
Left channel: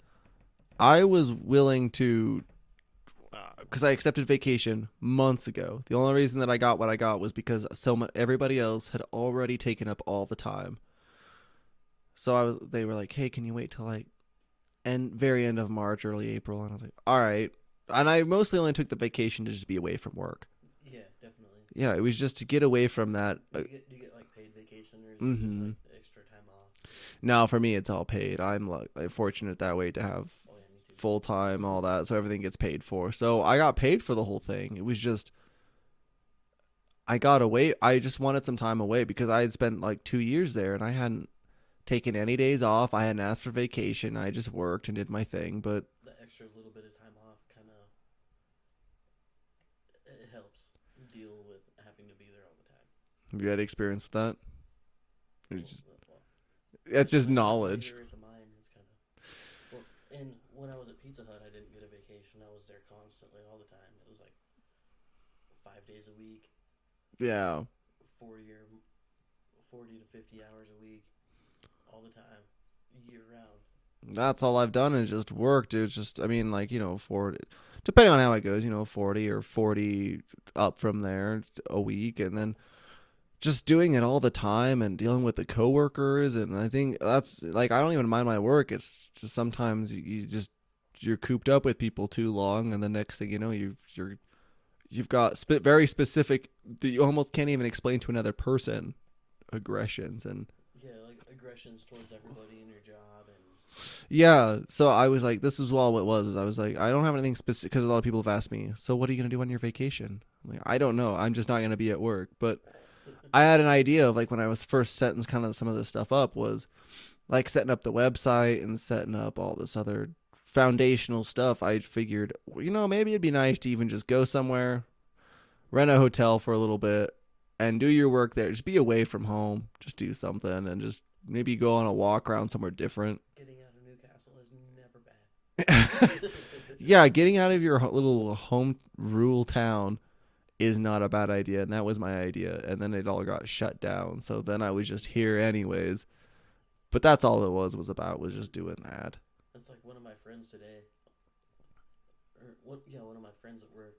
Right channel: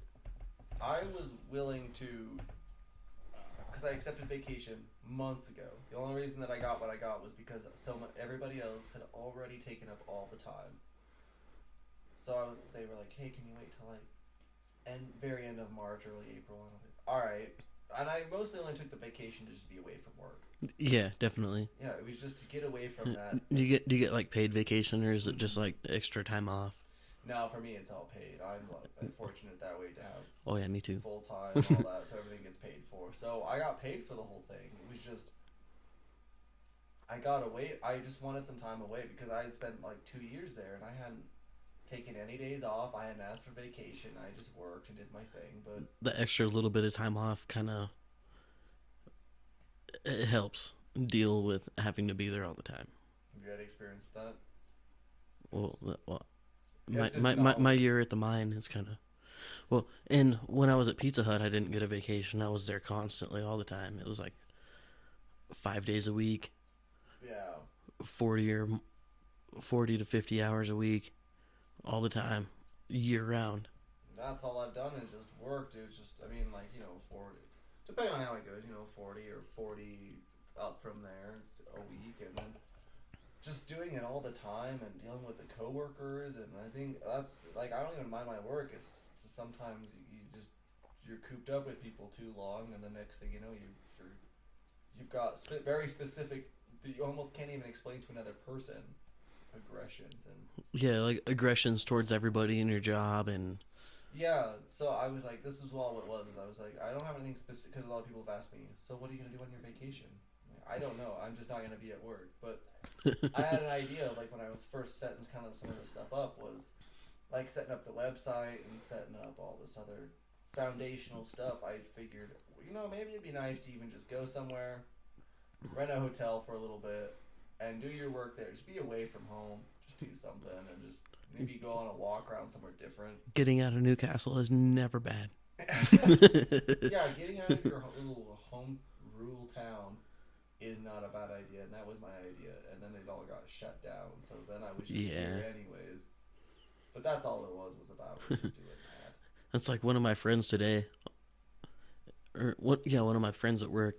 willing to, because I accepted vacation months ago. The only reason that I got what I got was because everybody else had already taken up all the time. So they were like, hey, can you wait till like very end of March, early April? And I was like, all right. And I mostly only took the vacation to just be away from work. Yeah, definitely. Yeah, it was just to get away from that. Do you get like paid vacation, or is it just like extra time off? No, for me it's all paid. I'm fortunate that way to have. Oh yeah, me too. Full time, all that, so everything gets paid for. So I got paid for the whole thing. It was just I got away. I just wanted some time away because I had spent like 2 years there and I hadn't taken any days off. I hadn't asked for vacation. I just worked and did my thing. But the extra little bit of time off kind of it helps deal with having to be there all the time. Have you had experience with that? Well, it's just knowledge. My year at the mine is kind of and when I was at Pizza Hut, I didn't get a vacation. I was there constantly all the time. It was like 5 days a week. Yeah, 40 to 50 hours a week. All the time, year round. That's all I've done is just worked. It's just, I mean, like, 40, depending on how it goes, 40 or 40 up from there a week. And then just doing it all the time and dealing with the coworkers. And I think that's like, I don't even mind my work. It's just sometimes you're cooped up with people too long. And the next thing you know, you've got very specific that you almost can't even explain to another person. Aggressions and like aggressions towards everybody in your job. And so I was like, this is all it was. I was like, I don't have anything specific, because a lot of people have asked me, so what are you gonna do on your vacation? I'm like, I don't know, I'm just not gonna be at work. But I had an idea of like when I was first setting kind of some of this stuff up was like setting up the website and setting up all this other foundational stuff. I figured, maybe it'd be nice to even just go somewhere, rent a hotel for a little bit, and do your work there. Just be away from home. Just do something and just maybe go on a walk around somewhere different. Getting out of Newcastle is never bad. Yeah, getting out of your little home rural town is not a bad idea. And that was my idea. And then it all got shut down. So then I was just here anyways. But that's all it was just doing that. That's like one of my friends today. One of my friends at work.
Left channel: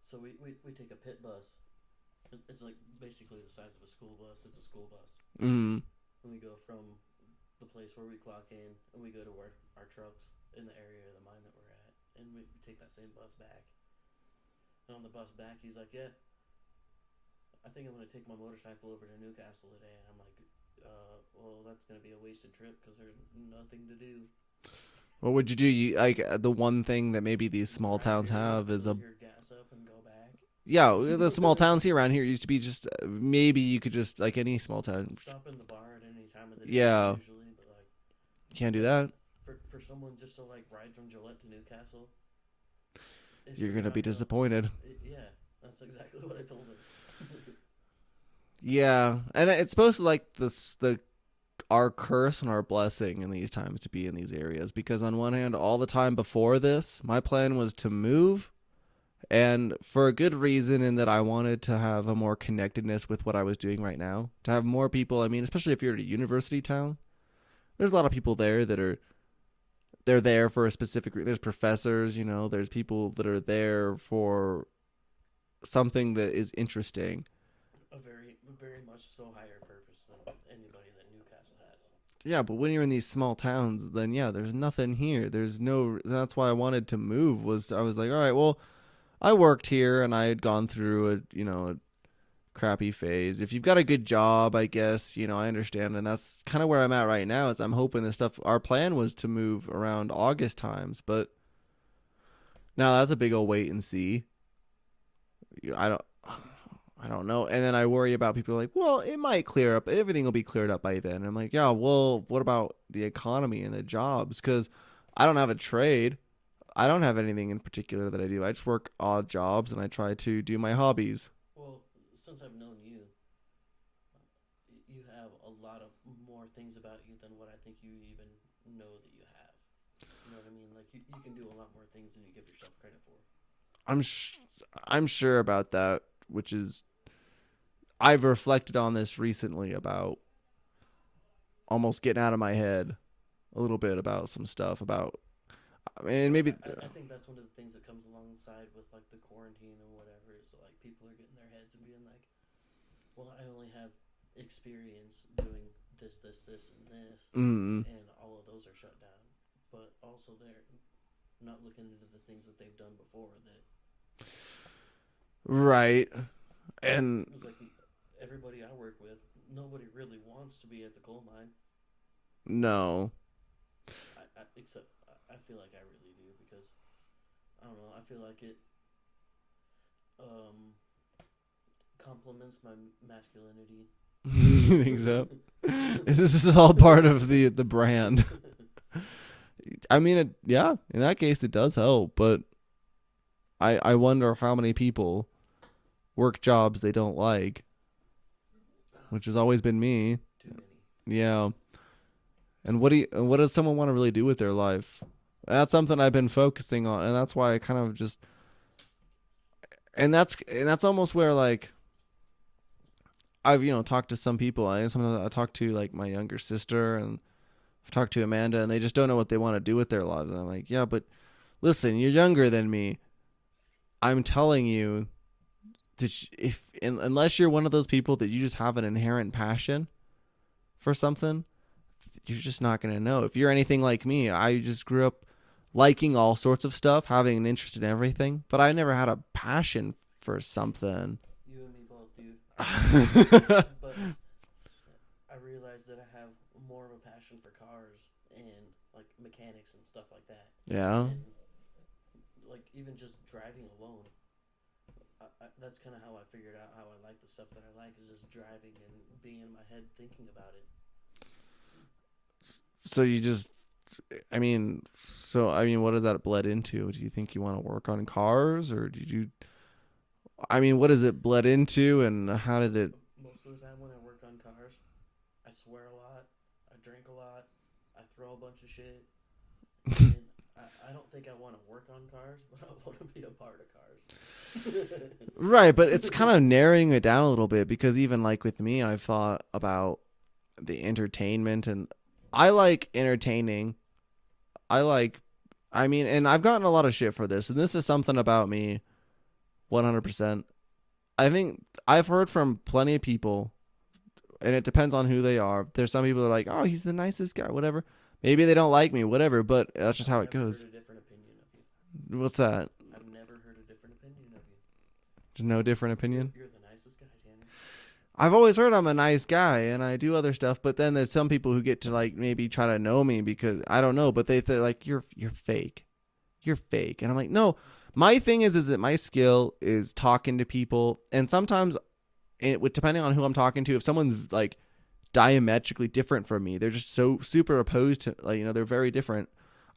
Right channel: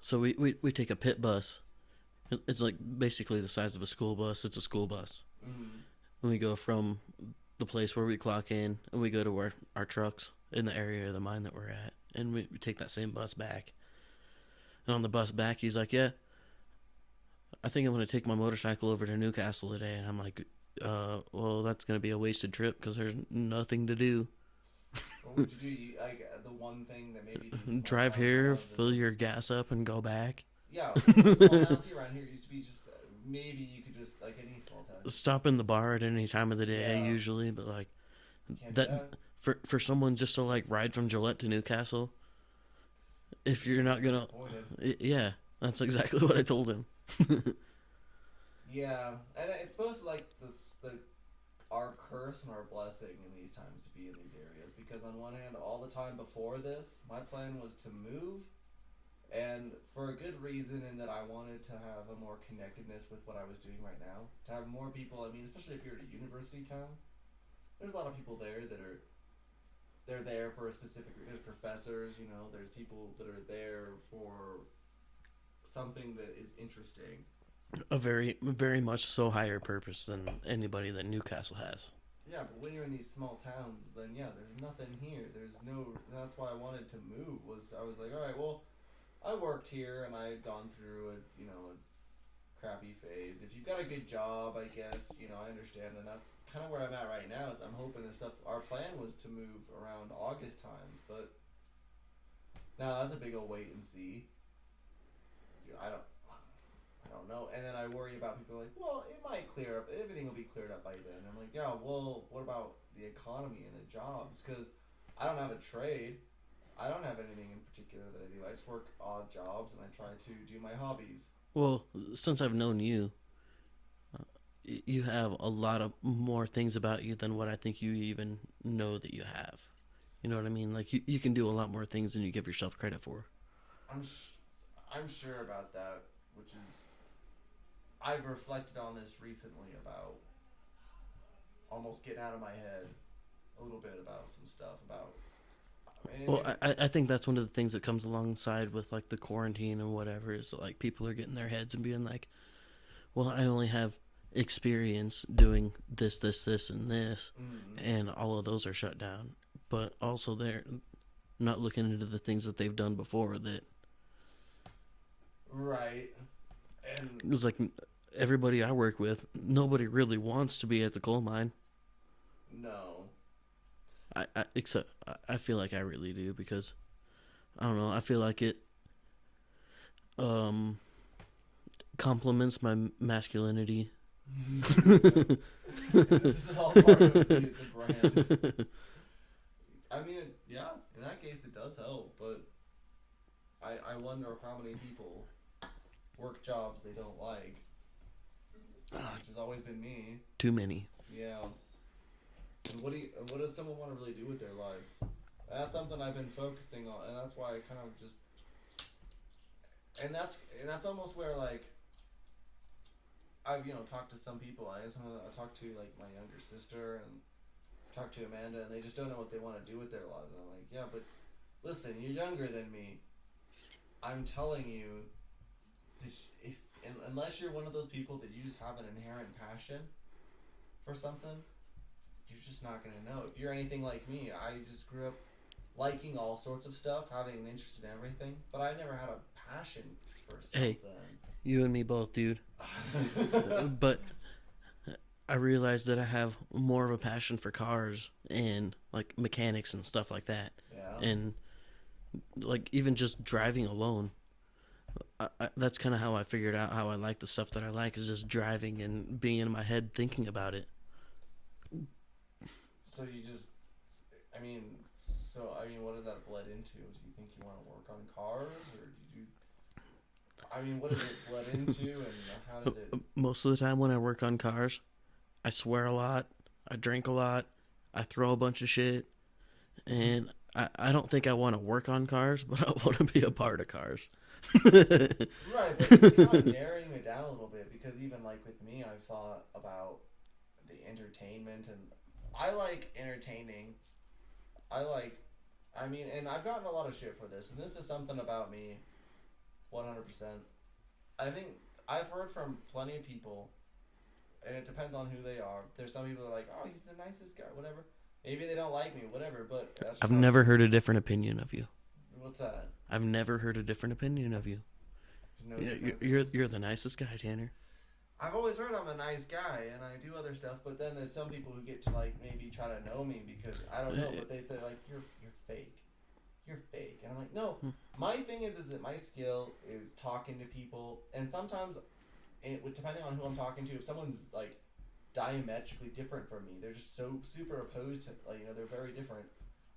So we take a pit bus. It's like basically the size of a school bus. It's a school bus. Mm-hmm. And we go from the place where we clock in, and we go to our trucks in the area of the mine that we're at. And we take that same bus back. And on the bus back, he's like, yeah, I think I'm going to take my motorcycle over to Newcastle today. And I'm like, well, that's going to be a wasted trip because there's nothing to do. What would you do? The one thing that maybe these small towns have is fill your gas up and go back. Yeah, the small towns here around here used to be just maybe you could just like any small town stop in the bar at any time of the day usually, but like you can't do that for someone just to like ride from Gillette to Newcastle. If you're not gonna be disappointed, yeah, that's exactly what I told him. Yeah, and it's supposed to like our curse and our blessing in these times to be in these areas, because on one hand, all the time before this, my plan was to move. And for a good reason, in that I wanted to have a more connectedness with what I was doing right now. To have more people, I mean, especially if you're at a university town, there's a lot of people there that they're there for a specific reason. There's professors, there's people that are there for something that is interesting. A very, very much so higher purpose than anybody that Newcastle has. Yeah, but when you're in these small towns, then there's nothing here. That's why I wanted to move. I was like, all right, well, I worked here and I had gone through crappy phase. If you've got a good job, I guess, I understand. And that's kind of where I'm at right now is I'm hoping this stuff, our plan was to move around August times, but now that's a big old wait and see. I don't know. And then I worry about people like, well, it might clear up. Everything will be cleared up by then. And I'm like, yeah, well, what about the economy and the jobs? Because I don't have a trade. I don't have anything in particular that I do. I just work odd jobs and I try to do my hobbies. Well, since I've known you, you have a lot of more things about you than what I think you even know that you have. You know what I mean? Like you can do a lot more things than you give yourself credit for. I'm sure about that, which is I've reflected on this recently about almost getting out of my head a little bit about some stuff about. I mean, maybe I think that's one of the things that comes alongside with like the quarantine and whatever is like people are getting their heads and being like, well, I only have experience doing this, and this, and all of those are shut down. But also they're not looking into the things that they've done before that. Right. And it was like everybody I work with, nobody really wants to be at the coal mine. No. Except I feel like I really do because I don't know. I feel like it complements my masculinity. This is all part of the brand. I mean, in that case, it does help. But I wonder how many people work jobs they don't like, which has always been me. Too many. Yeah. And what does someone want to really do with their life? That's something I've been focusing on, and that's why I kind of just, and that's almost where like I've talked to some people. I talked to like my younger sister, and I've talked to Amanda, and they just don't know what they want to do with their lives. And I'm like, yeah, but listen, you're younger than me. I'm telling you, unless you're one of those people that you just have an inherent passion for something, you're just not going to know. If you're anything like me, I just grew up liking all sorts of stuff, having an interest in everything, but I never had a passion for something. Hey, you and me both, dude. But I realized that I have more of a passion for cars and like mechanics and stuff like that. Yeah. And like even just driving alone. That's kind of how I figured out how I like the stuff that I like is just driving and being in my head thinking about it. So what does that bled into? Do you think you want to work on cars, or what is it bled into, and how did it? Most of the time when I work on cars, I swear a lot, I drink a lot, I throw a bunch of shit, and I don't think I want to work on cars, but I want to be a part of cars. Right, but it's kind of narrowing it down a little bit, because even like with me, I've thought about the entertainment, and I like entertaining. And I've gotten a lot of shit for this, and this is something about me 100%. I think I've heard from plenty of people, and it depends on who they are. There's some people that are like, oh, he's the nicest guy, whatever. Maybe they don't like me, whatever, but that's just I've never heard a different opinion of you. What's that? I've never heard a different opinion of you. There's no different opinion? You're the nicest guy, Tanner. I've always heard I'm a nice guy and I do other stuff, but then there's some people who get to like maybe try to know me because I don't know, but they're like, you're fake. You're fake. And I'm like, no, my thing is that my skill is talking to people. And sometimes depending on who I'm talking to, if someone's like diametrically different from me, they're just so super opposed to, like, they're very different,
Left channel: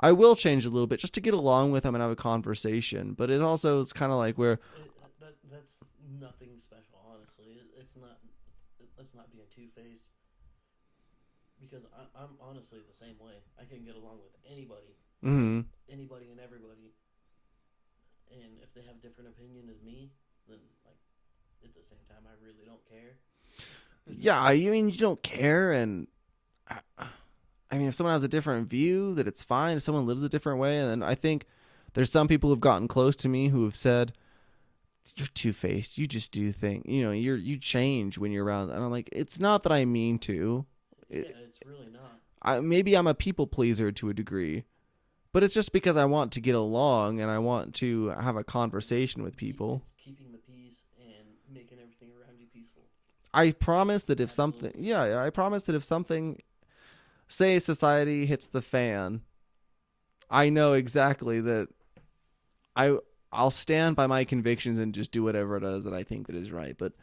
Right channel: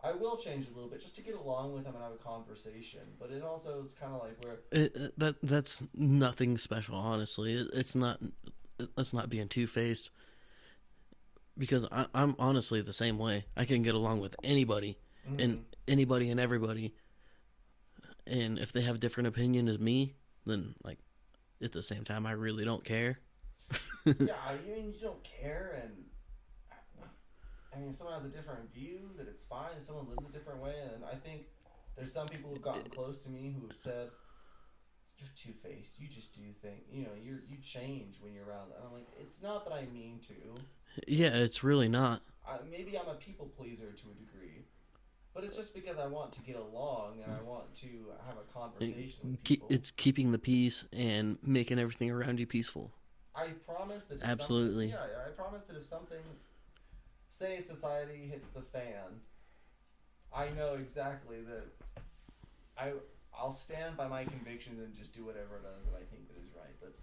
I will change a little bit just to get along with them and have a conversation. But it also is kind of like where that's nothing special, honestly. It's not. Let's not being two-faced. Because I'm honestly the same way. I can get along with anybody, and anybody and everybody. And if they have a different opinion as me, then like at the same time, I really don't care. Yeah, you don't care, and if someone has a different view, that it's fine. If someone lives a different way, and I think there's some people who've gotten close to me who have said, "You're two-faced. You just do things. You change when you're around." And I'm like, it's not that I mean to. Yeah, it's really not. Maybe I'm a people pleaser to a degree, But it's just because I want to get along and I want to have a conversation with people. It's keeping the peace and making everything around you peaceful. I promise that if Absolutely. I promise that if something, say society hits the fan, I know exactly that I'll stand by my convictions and just do whatever it is that I think that is right. But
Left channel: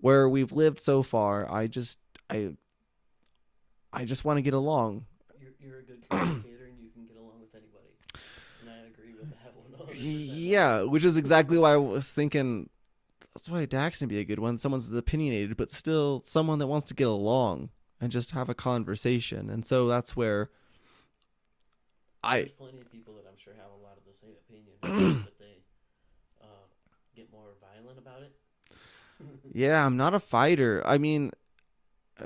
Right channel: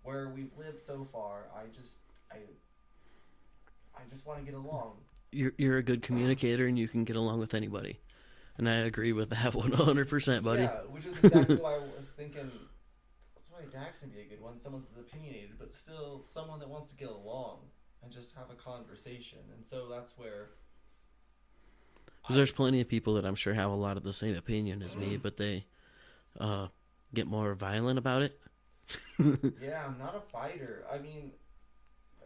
where we've lived so far, I just want to get along. You're a good communicator and you can get along with anybody. And I agree with that 100%. Buddy. Yeah, which is exactly why I was thinking. That's why Daxton would be a good one. Someone's opinionated, but still someone that wants to get along and just have a conversation. And so that's where there's plenty of people that I'm sure have a lot of the same opinion as me, but they get more violent about it. Yeah, I'm not a fighter. I mean,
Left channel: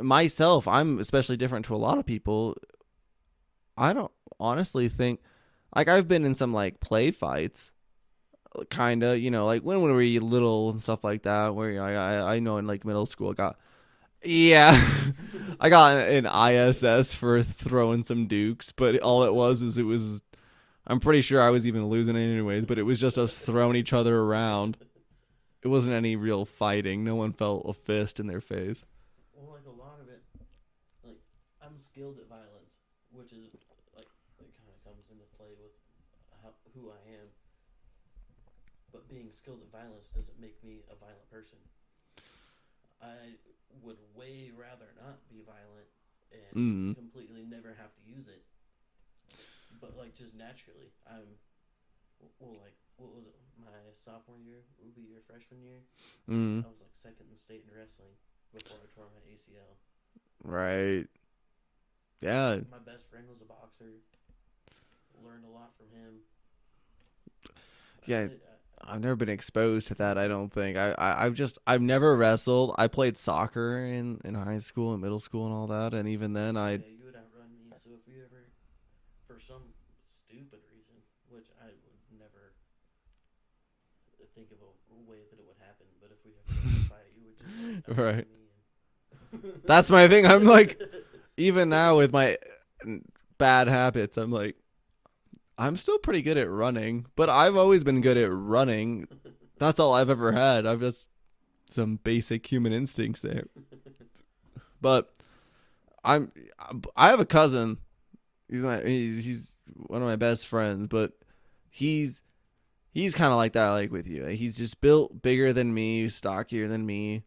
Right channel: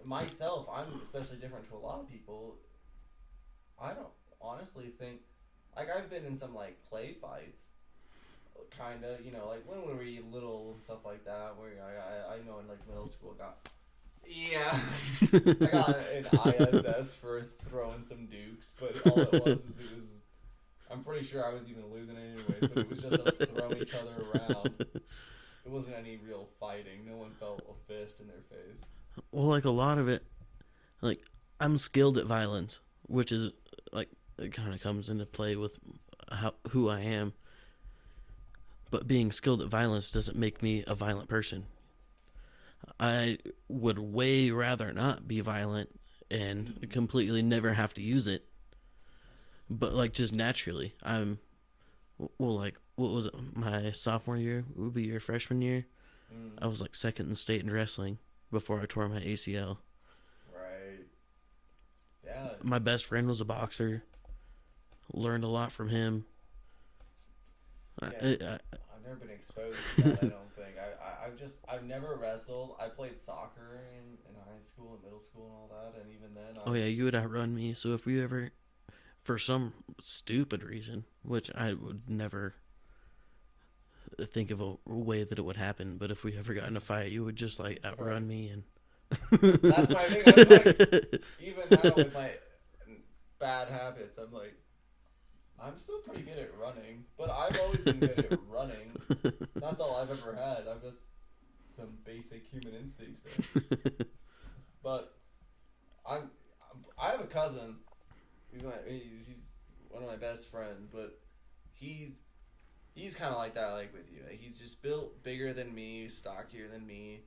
myself, I'm especially different to a lot of people. I don't honestly think, like, I've been in some like play fights, kind of, you know, like when we were little and stuff like that, where, you know, I know in like middle school I got an ISS for throwing some dukes, but all it was I'm pretty sure I was even losing it anyways, but it was just us throwing each other around. It wasn't any real fighting. No one felt a fist in their face. Well, like a lot of it, like I'm skilled at violence, which is like it kind of comes into play with who I am. But being skilled at violence doesn't make me a violent person. I would way rather not be violent and completely never have to use it. But like just naturally, like what was it? My sophomore year would be your freshman year. I was like second in state in wrestling before I tore my ACL. Right. Yeah. My best friend was a boxer. Learned a lot from him. Yeah, I've never been exposed to that. I don't think I've never wrestled. I played soccer in high school and middle school and all that, and even then you would outrun me. So if we ever, for some stupid reason, which I would never think of a way that it would happen, but if we ever got in a fight, you would just like outrun me, and that's my thing. I'm like, even now with my bad habits, I'm like, I'm still pretty good at running, but I've always been good at running. That's all I've ever had. I've just some basic human instincts there. But I have a cousin. He's one of my best friends, but he's kind of like that, like with you. He's just built bigger than me, stockier than me.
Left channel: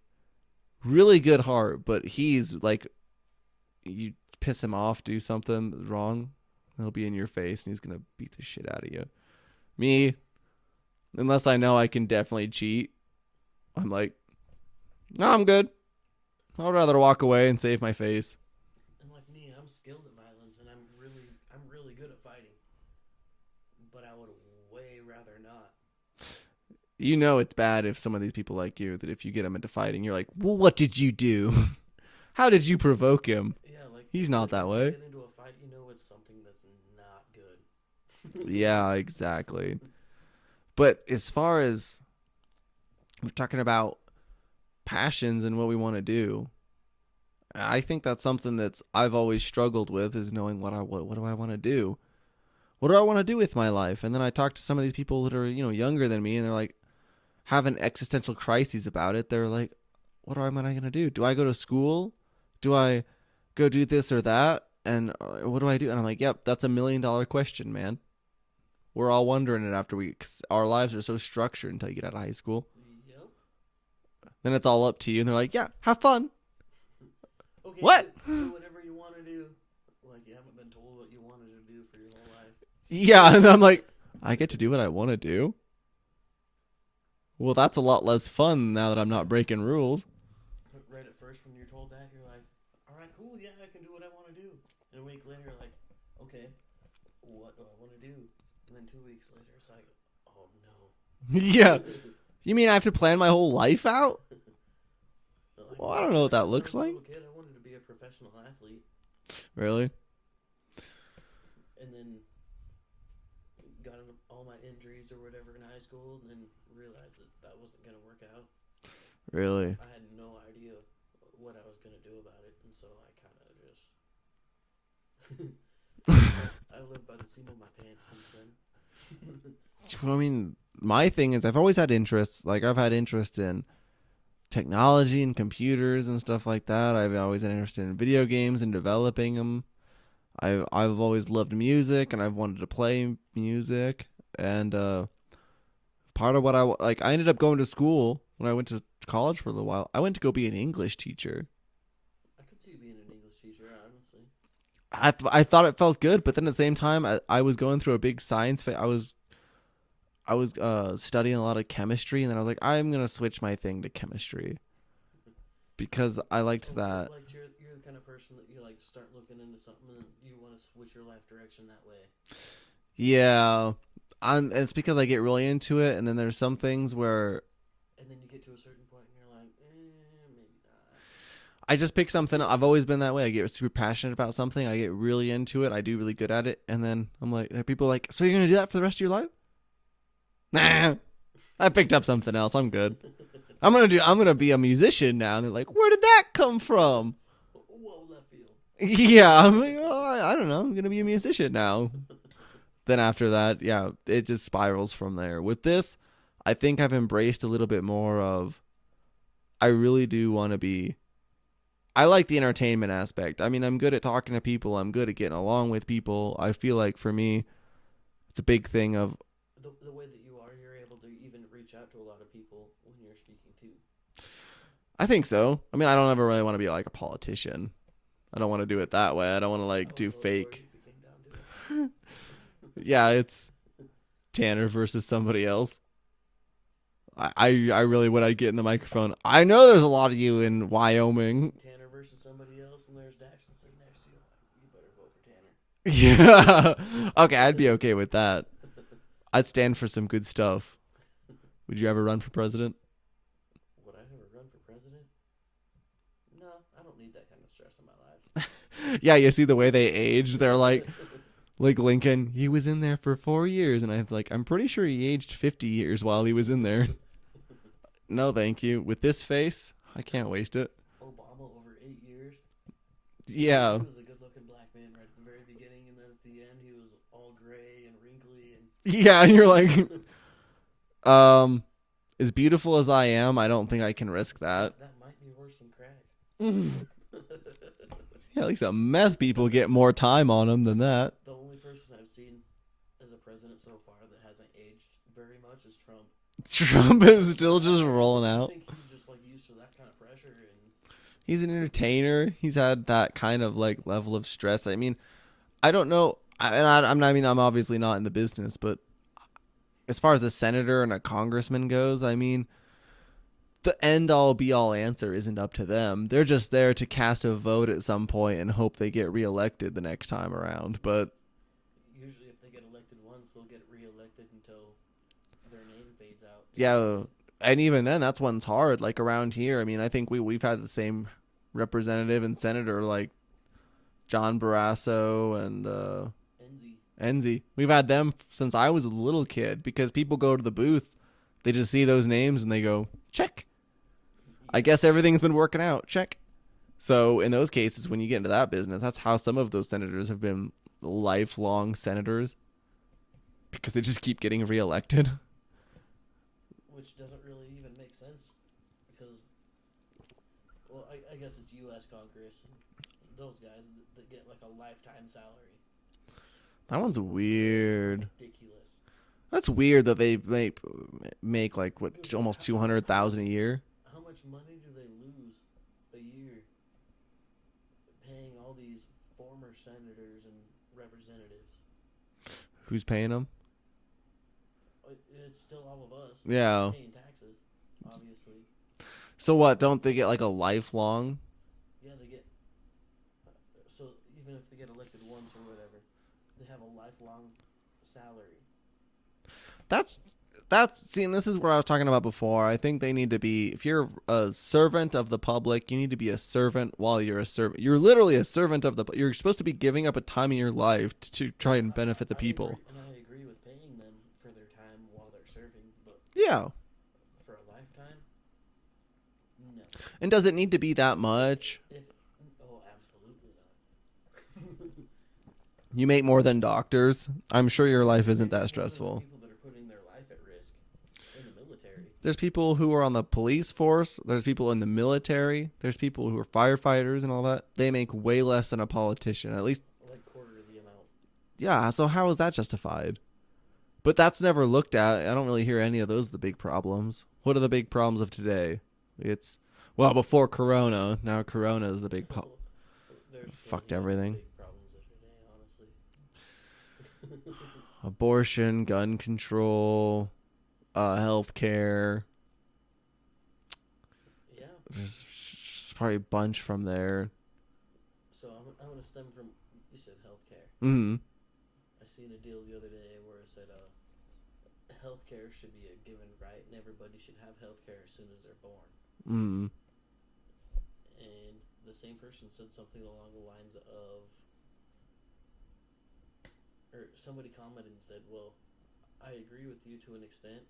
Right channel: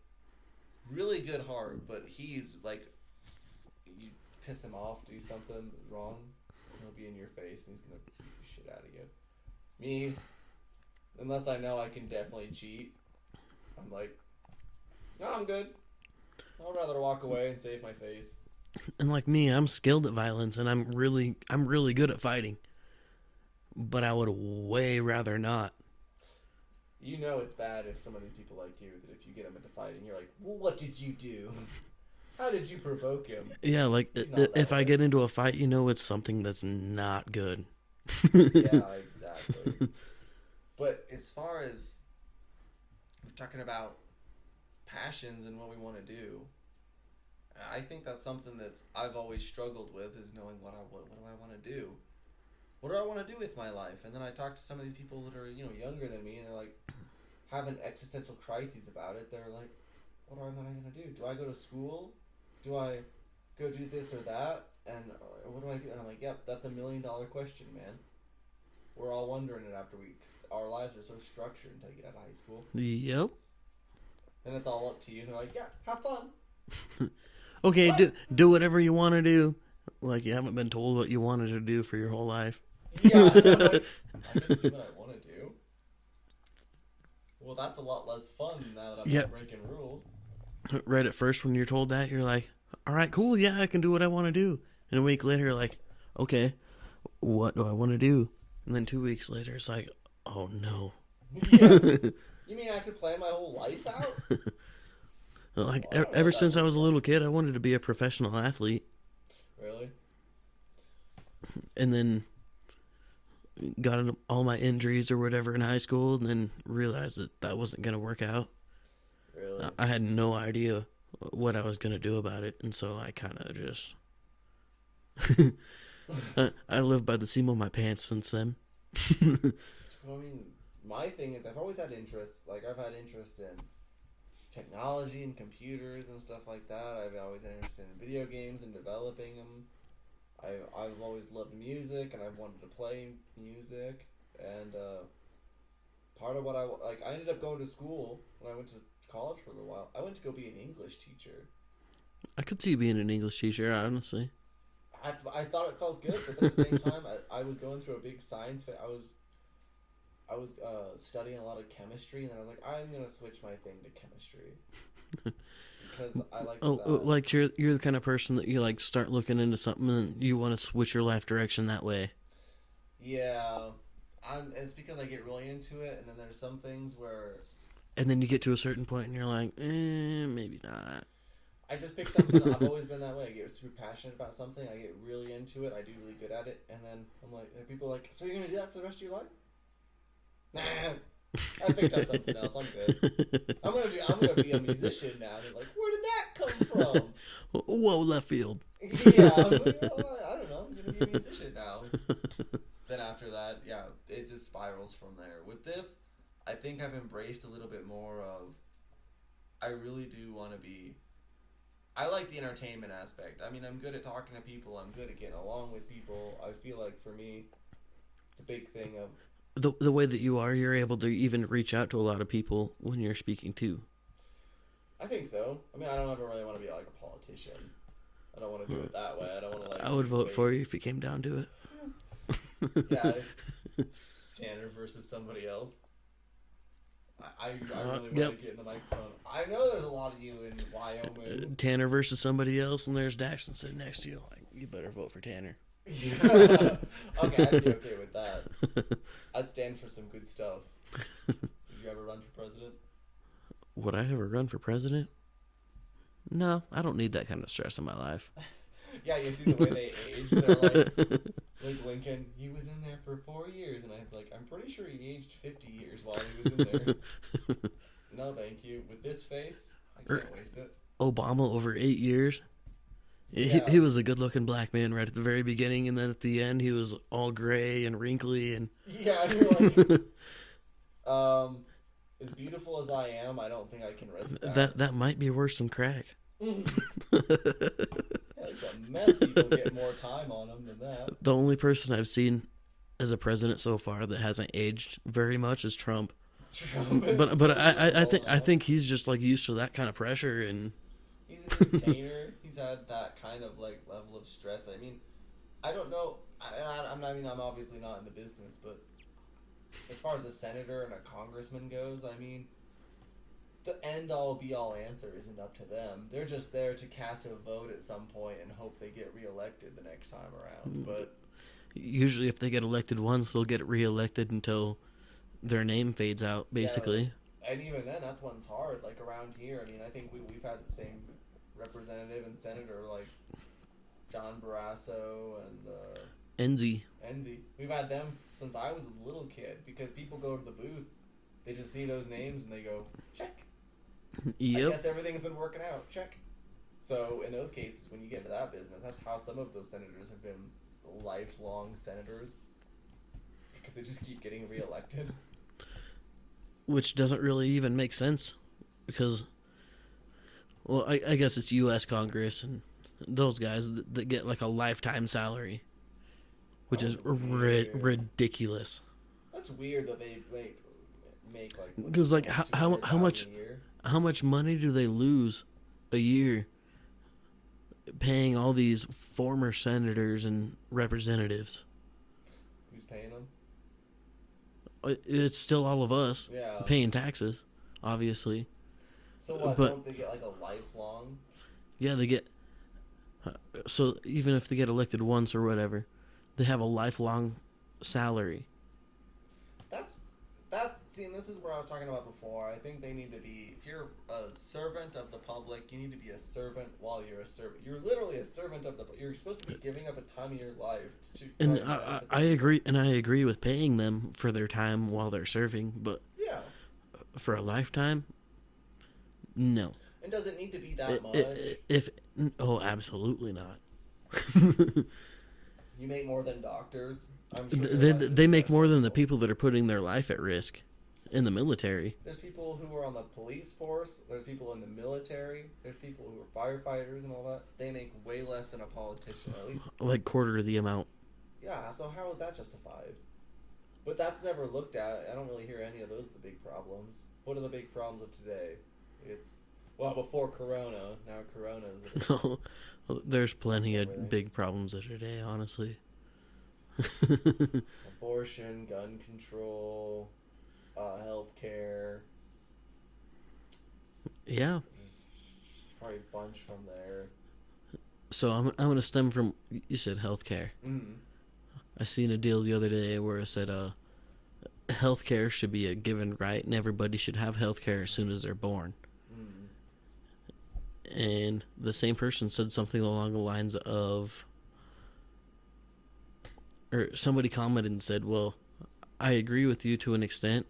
Really good heart, but he's like, you piss him off, do something wrong, he'll be in your face and he's gonna beat the shit out of you. Me, unless I know I can definitely cheat, I'm like, no, I'm good. I'd rather walk away and save my face. And like me, I'm skilled at violence and I'm really good at fighting. But I would way rather not. You know it's bad if some of these people like you, that if you get them into fighting, you're like, well, what did you do? How did you provoke him? Yeah, like he's not that way. If I get into a fight, you know it's something that's not good. Yeah, exactly. But as far as we're talking about passions and what we want to do, I think that's something that's I've always struggled with, is knowing what do I want to do? What do I want to do with my life? And then I talk to some of these people that are, you know, younger than me, and they're like having existential crises about it. They're like, what am I going to do? Do I go to school? Do I go do this or that? And what do I do? And I'm like, yep, that's $1 million question, man. We're all wondering it after cause our lives are so structured until you get out of high school. Yep. Then it's all up to you. And they're like, yeah, have fun. Okay, do whatever you want to do. Like you haven't been told what you wanted to do for your whole life. Yeah, and I'm like, I get to do what I want to do. Well, that's a lot less fun now that I'm not breaking rules. Right at first when you're told that, you're like, all right, cool, yeah, I can do what I want to do. And a week later, you're like, okay, what do I want to do? And then 2 weeks later, it's like, oh, no. Yeah. You mean I have to plan my whole life out? Like, well, ever since I was a little kid, I wanted to be a professional athlete. Really? And then got all my injuries or whatever in high school, and then realized that wasn't going to work out. Really? I had no idea what I was going to do about it, and so I kind of just... I live by the seam of my pants since then. I mean, my thing is I've always had interests. Like, I've had interest in technology and computers and stuff like that. I've always been interested in video games and developing them. I've always loved music, and I've wanted to play music. And part of what I ended up going to school when I went to college for a little while. I went to go be an English teacher. I could see you being an English teacher, honestly. I thought it felt good, but then at the same time, I was going through a big science phase. I was studying a lot of chemistry, and then I was like, I'm gonna switch my thing to chemistry because I liked that. Like you're the kind of person that you like start looking into something and you want to switch your life direction that way. Yeah, it's because I get really into it, and then there's some things where, and then you get to a certain point and you're like, maybe not. I just pick something. I've always been that way. I get super passionate about something. I get really into it. I do really good at it. And then I'm like, there are people like, so you're going to do that for the rest of your life? Nah, I picked up something else. I'm good. I'm going to be a musician now. And they're like, where did that come from? Whoa, left field. Yeah. I'm like, oh, I don't know. I'm going to be a musician now. Then after that, yeah, it just spirals from there. With this, I think I've embraced a little bit more of, I really do want to be, I like the entertainment aspect. I mean, I'm good at talking to people. I'm good at getting along with people. I feel like for me, it's a big thing of the way that you are. You're able to even reach out to a lot of people when you're speaking too. I think so. I mean, I don't ever really want to be like a politician. I don't want to do it that way. I don't want to I would do vote fake. for you if you came down to it. Yeah, it's Tanner versus somebody else. I really would. I'd get in the microphone. I know there's a lot of you in Wyoming. Tanner versus somebody else, and there's Daxton sitting next to you. Like, you better vote for Tanner. Yeah. Okay, I'd be okay with that. I'd stand for some good stuff. Would you ever run for president? Would I ever run for president? No, I don't need that kind of stress in my life. Yeah, you see the way they age. They're like Lincoln, he was in there for 4 years. And I was like, I'm pretty sure he aged 50 years while he was in there. No, thank you. With this face, I can't waste it. Obama over 8 years. Yeah. He was a good-looking black man right at the very beginning, and then at the end, he was all gray and wrinkly. And yeah, and you're like, as beautiful as I am, I don't think I can risk that. That might be worse than crack. Yeah, at least some meth people get more time on them than that. The only person I've seen as a president so far that hasn't aged very much is Trump. Trump is still just rolling out. I think he's just like used to that kind of pressure, and he's an entertainer. He's had that kind of like level of stress. I mean, I don't know. I'm obviously not in the business, but as far as a senator and a congressman goes, I mean, the end-all be-all answer isn't up to them. They're just there to cast a vote at some point and hope they get reelected the next time around. But usually if they get elected once, they'll get reelected until their name fades out, basically. Yeah, and even then, that's one's hard. Like around here, I mean, I think we've had the same representative and senator, like John Barrasso and Enzi. We've had them since I was a little kid because people go to the booth, they just see those names and they go, check. Yep. I guess everything's been working out. Check. So in those cases, when you get into that business, that's how some of those senators have been lifelong senators because they just keep getting reelected. Which doesn't really even make sense because, well, I guess it's U.S. Congress and those guys that get like a lifetime salary. Which is weird. Ridiculous. That's weird that they make like almost 200,000 a year. How much money do they lose a year paying all these former senators and representatives? Who's paying them? It's still all of us. Yeah, paying taxes, obviously. So what? Don't they get like a lifelong? Yeah, they get. So even if they get elected once or whatever, they have a lifelong salary. See, and this is where I was talking about before. I think they need to be, if you're a servant of the public, you need to be a servant while you're a servant. You're literally a servant of you're supposed to be giving up a time in your life to try and benefit the people. I agree with paying them for their time while they're serving, but yeah, for a lifetime, no. And does it need to be that much? Oh, absolutely not. You make more than doctors. I'm sure your life isn't They that make more than the stressful. people that are putting their life at risk in the military. There's people who are on the police force. There's people in the military. There's people who are firefighters and all that. They make way less than a politician. At least, Like quarter of the amount. yeah. So how is that justified? But that's never looked at. I don't really hear any of those the big problems. What are the big problems of today? It's, well, before Corona. Now Corona is the big problem. There's plenty of everything. big problems today, honestly. Abortion, gun control, healthcare. Yeah. There's probably a bunch from there. So I'm going to stem from, you said healthcare. Mm-hmm. I seen a deal the other day where it said healthcare should be a given right and everybody should have healthcare as soon as they're born. Mm-hmm. And the same person said something along the lines of, or somebody commented and said, well, I agree with you to an extent.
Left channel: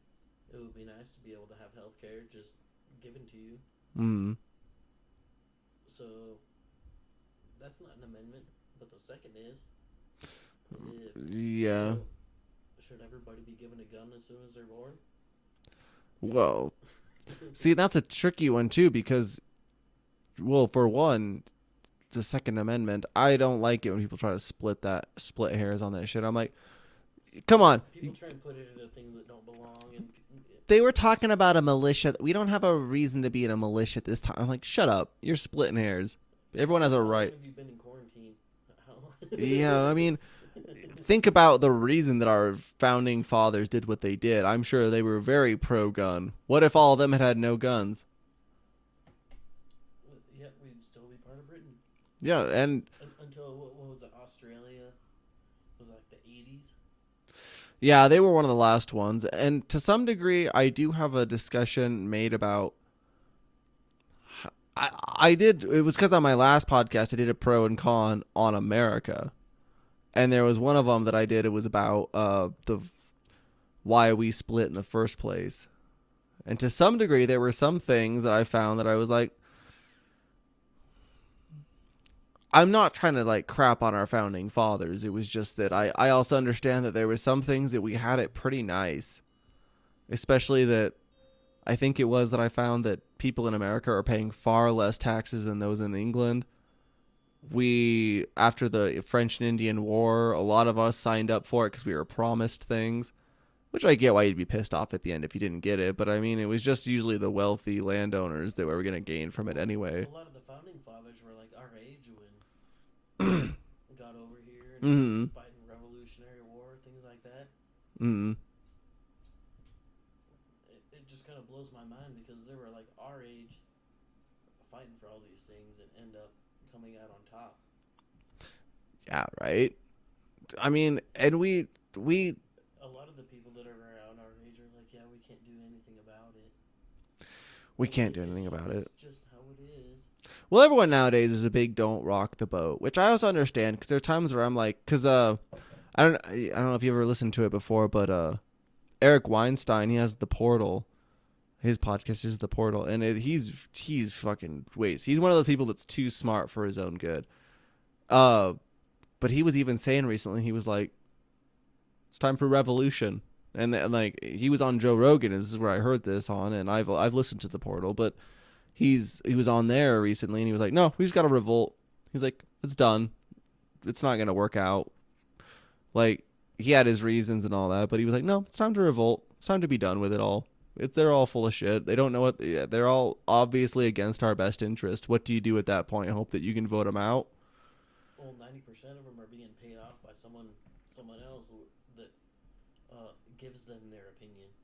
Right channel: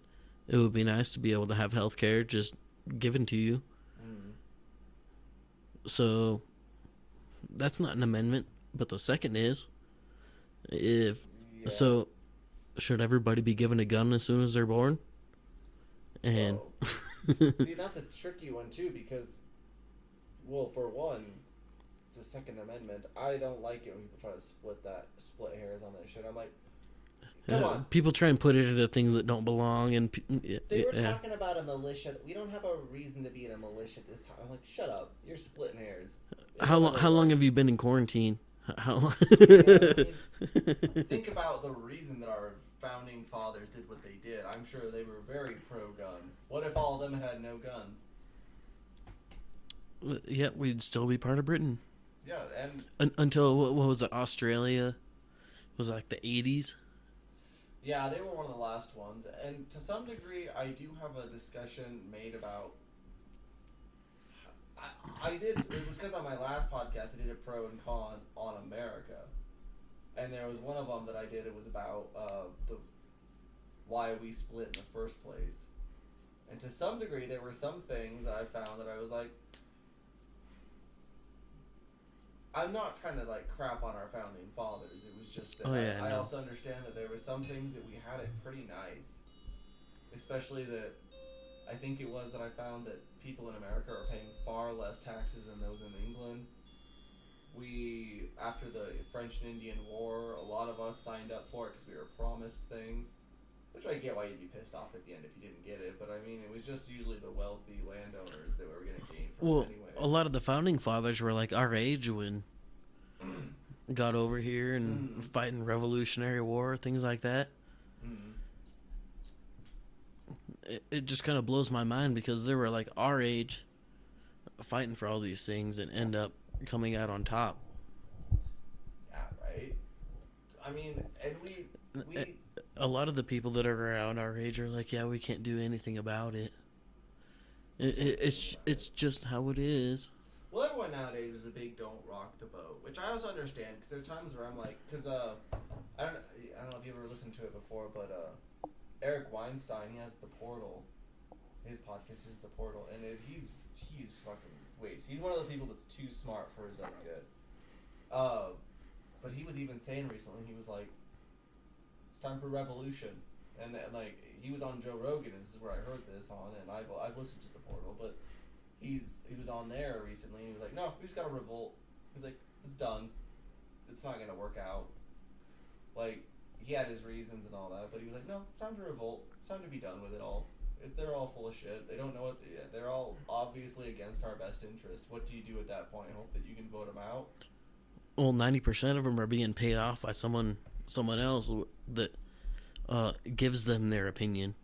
It would be nice to be able to have healthcare just given to you. Mm-hmm. So that's not an amendment, but the second is, Yeah. so should everybody be given a gun as soon as they're born? And Well, see, that's a tricky one too because, well, for one, the Second Amendment, I don't like it when people try to split hairs on that shit. I'm like, come on. People try and put it into things that don't belong, and They were talking about a militia. We don't have a reason to be in a militia at this time. I'm like, shut up. You're splitting hairs. How Everyone has a long right. have you been in quarantine? How? Yeah, I mean, think about the reason that our founding fathers did what they did. I'm sure they were very pro-gun. What if all of them had no guns? Yeah, we'd still be part of Britain. Yeah, and Until, what was it, Australia? Was it like the 80s? yeah, they were one of the last ones. And to some degree, I do have a discussion made about. I did. It was because on my last podcast, I did a pro and con on America, and there was one of them that I did. It was about the why we split in the first place, and to some degree, there were some things that I found that I was like, I'm not trying to like crap on our founding fathers. It was just that I also understand that there were some things that we had it pretty nice, especially that. I think it was that I found that people in America are paying far less taxes than those in England. We, after the French and Indian War, a lot of us signed up for it because we were promised things, which I get why you'd be pissed off at the end if you didn't get it. But I mean, it was just usually the wealthy landowners that were going to gain from it anyway. A lot of the founding fathers were like our age when got over here and fighting Revolutionary War, things like that. Mm-hmm. It just kind of blows my mind because they were like our age fighting for all these things and end up coming out on top. Yeah, right. I mean, and we a lot of the people that are around our age are like, yeah, we can't do anything about it. We can't do anything about it. It's just how it is. Well, everyone nowadays is a big "don't rock the boat," which I also understand because there are times where I'm like, because I don't know if you ever listened to it before, but Eric Weinstein, he has The Portal. His podcast is The Portal, and he's fucking waste. He's one of those people that's too smart for his own good. But he was even saying recently, he was like, "It's time for revolution," and like he was on Joe Rogan. This is where I heard this on, and I've listened to The Portal, but he was on there recently, and he was like, "No, we just got to revolt." He's like, "It's done. It's not gonna work out." Like. He had his reasons and all that, but he was like, no, it's time to revolt. It's time to be done with it all. They're all full of shit. They don't know what... They're all obviously against our best interest. What do you do at that point? Hope that you can vote them out? Well, 90% of them are being paid off by someone else that gives them their opinion.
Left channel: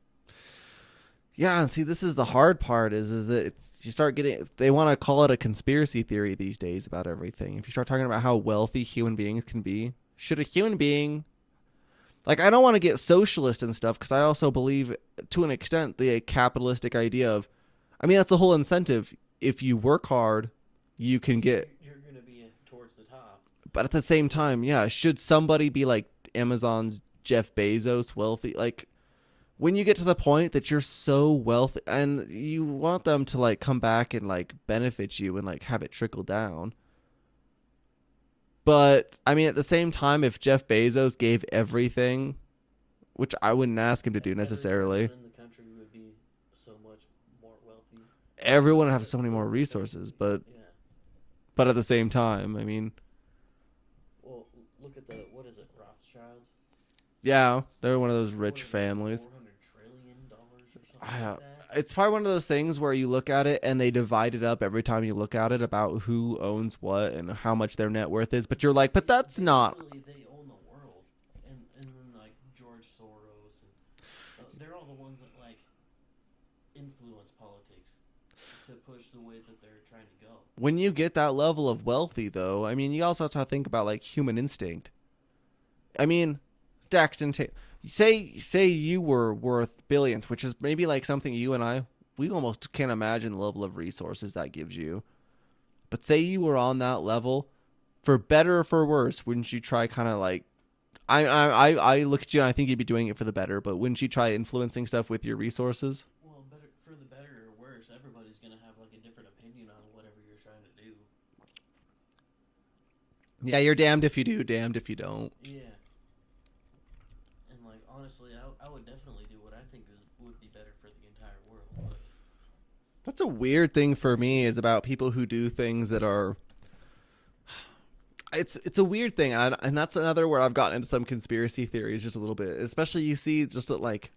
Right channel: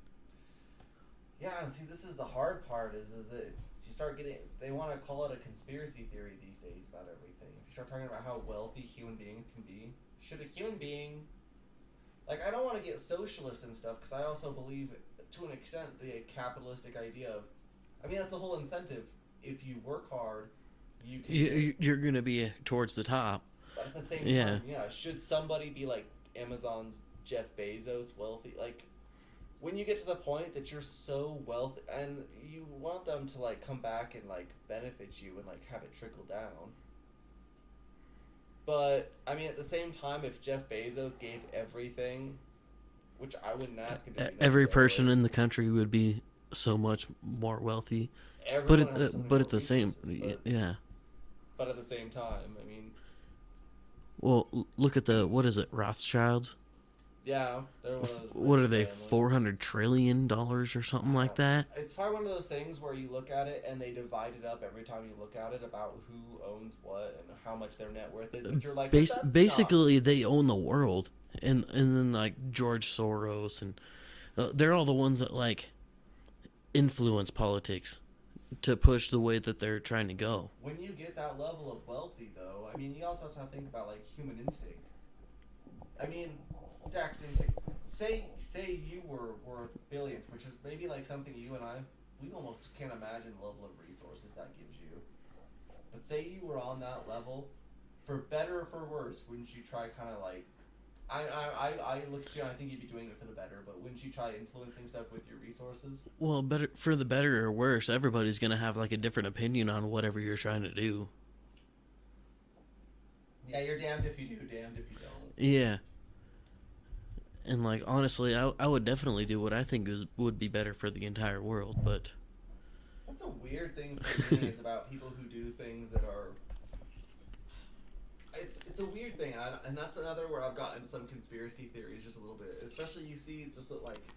Yeah, and see, this is the hard part is that you start getting... They want to call it a conspiracy theory these days about everything. If you start talking about how wealthy human beings can be, should a human being... Like, I don't want to get socialist and stuff because I also believe, to an extent, the capitalistic idea of... I mean, that's the whole incentive. If you work hard, you can get... You're going to be towards the top. But at the same time, yeah, should somebody be like Amazon's Jeff Bezos wealthy? Like, when you get to the point that you're so wealthy and you want them to, like, come back and, like, benefit you and, like, have it trickle down... But I mean, at the same time, if Jeff Bezos gave everything, which I wouldn't ask him to do necessarily, every person in the country would be so much more wealthy. everyone would have so many more at the same- resources. But yeah. but at the same time, I mean, Well, look at what is it, Rothschilds? yeah, they're one of those rich What are families. they, $400 trillion or something like that? It's probably one of those things where you look at it and they divide it up every time you look at it about who owns what and how much their net worth is. But you're like, but that's not. Basically, they own the world. And then, like, George Soros, and they're all the ones that, like, influence politics to push the way that they're trying to go. When you get that level of wealthy, though, I mean, you also have to think about, like, human instinct. I mean, Daxton Taylor, say you were worth billions, which is maybe like something you and I, we almost can't imagine the level of resources that gives you. But say you were on that level, for better or for worse, wouldn't you try kind of like, I look at you and I think you'd be doing it for the better, but wouldn't you try influencing stuff with your resources? Well, for the better or worse, everybody's going to have, like, a different opinion on whatever you're trying to do. Yeah, you're damned if you do, damned if you don't. Yeah. And, like, honestly, I would definitely do what I think would be better for the entire world, but... That's a weird thing for me is about people who do things that are... It's a weird thing, and that's another where I've gotten into some conspiracy theories just a little bit. Especially you see just like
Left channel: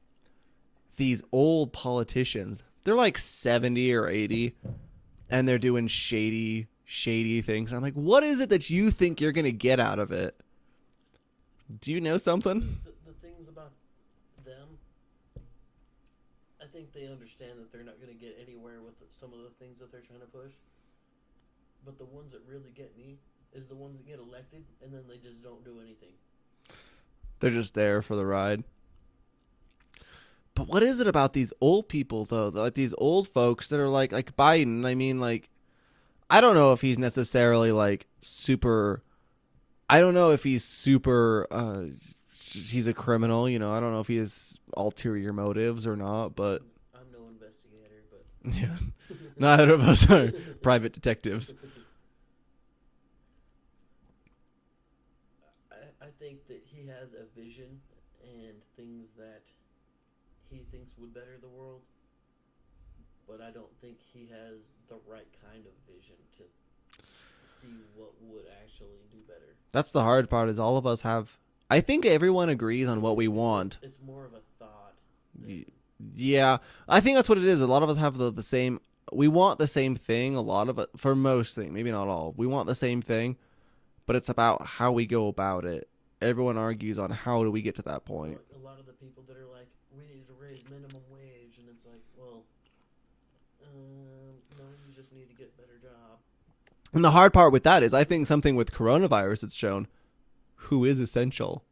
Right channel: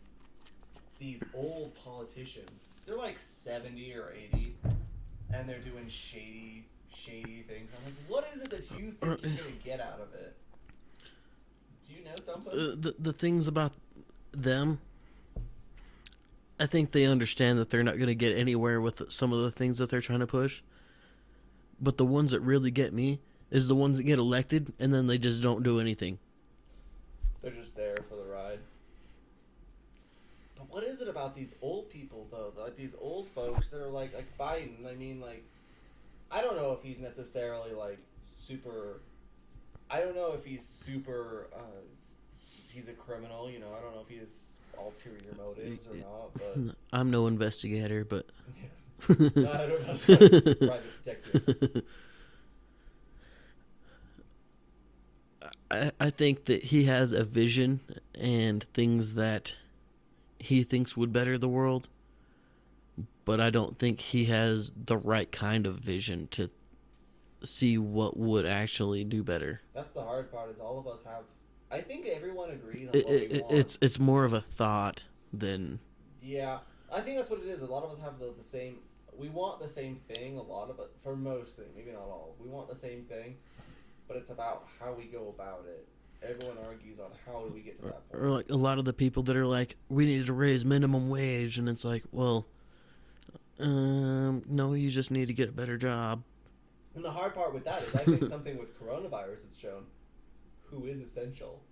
these old politicians. They're like 70 or 80, and they're doing shady things. I'm like, what is it that you think you're going to get out of it? Do you know something? The things about them, I think they understand that they're not going to get anywhere with some of the things that they're trying to push. But the ones that really get me is the ones that get elected and then they just don't do anything. They're just there for the ride. But what is it about these old people, though? Like these old folks that are like Biden. I mean, like, I don't know if he's necessarily like super... I don't know if he's super, he's a criminal, you know. I don't know if he has ulterior motives or not, but... I'm no investigator, but... Yeah. Neither of us are private detectives. I think that he has a vision and things that he thinks would better the world, but I don't think he has the right kind of vision to see what would actually do better. That's the hard part is all of us have... I think everyone agrees on what we want. It's more of a thought than... Yeah, I think that's what it is. A lot of us have the same... We want the same thing, a lot of it. For most things, maybe not all. We want the same thing, but it's about how we go about it. Everyone argues on how do we get to that point. Or like a lot of the people that are like, we need to raise minimum wage, and it's like, well, no, you just need to get a better job. And the hard part with that is I think something with coronavirus it's shown who is essential.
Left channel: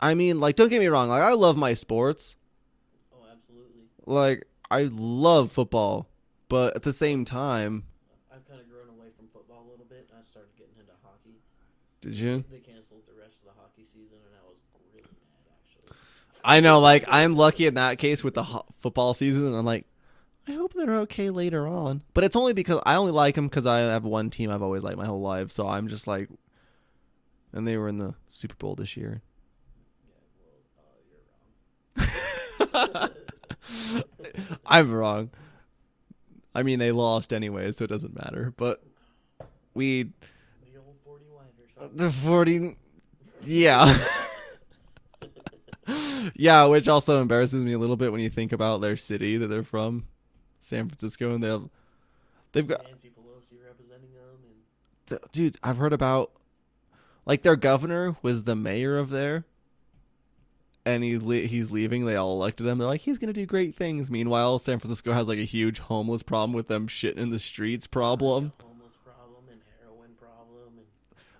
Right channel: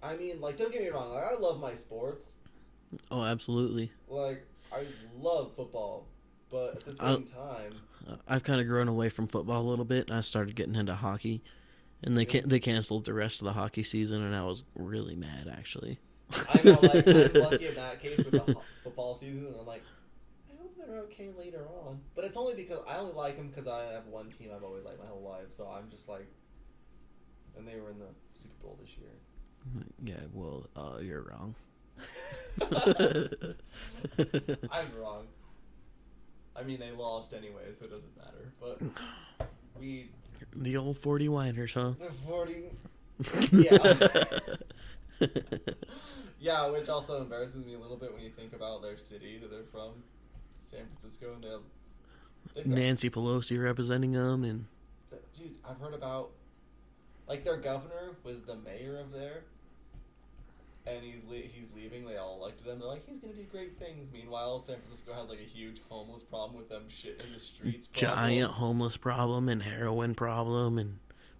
I mean, like, don't get me wrong. Like, I love my sports. Oh, absolutely. Like, I love football. But at the same time... I've kind of grown away from football a little bit, and I started getting into hockey. And they canceled the rest of the hockey season, and I was really mad, actually. I know, like, I'm lucky in that case with the football season, and I'm like, I hope they're okay later on. But it's only because I only like them because I have one team I've always liked my whole life. So I'm just like, and they were in the Super Bowl this year. Yeah, well, you're wrong. I'm wrong. I mean, they lost anyway, so it doesn't matter. But the old 40 whiners, huh? The 40, yeah. Yeah, which also embarrasses me a little bit when you think about their city that they're from. San Francisco, and they've got Nancy Pelosi representing them, and dude, I've heard about like their governor was the mayor of there, and he's leaving. They all elected him. They're like, he's gonna do great things. Meanwhile, San Francisco has like a huge homeless problem with them shitting in the streets problem, giant homeless problem, and heroin problem, and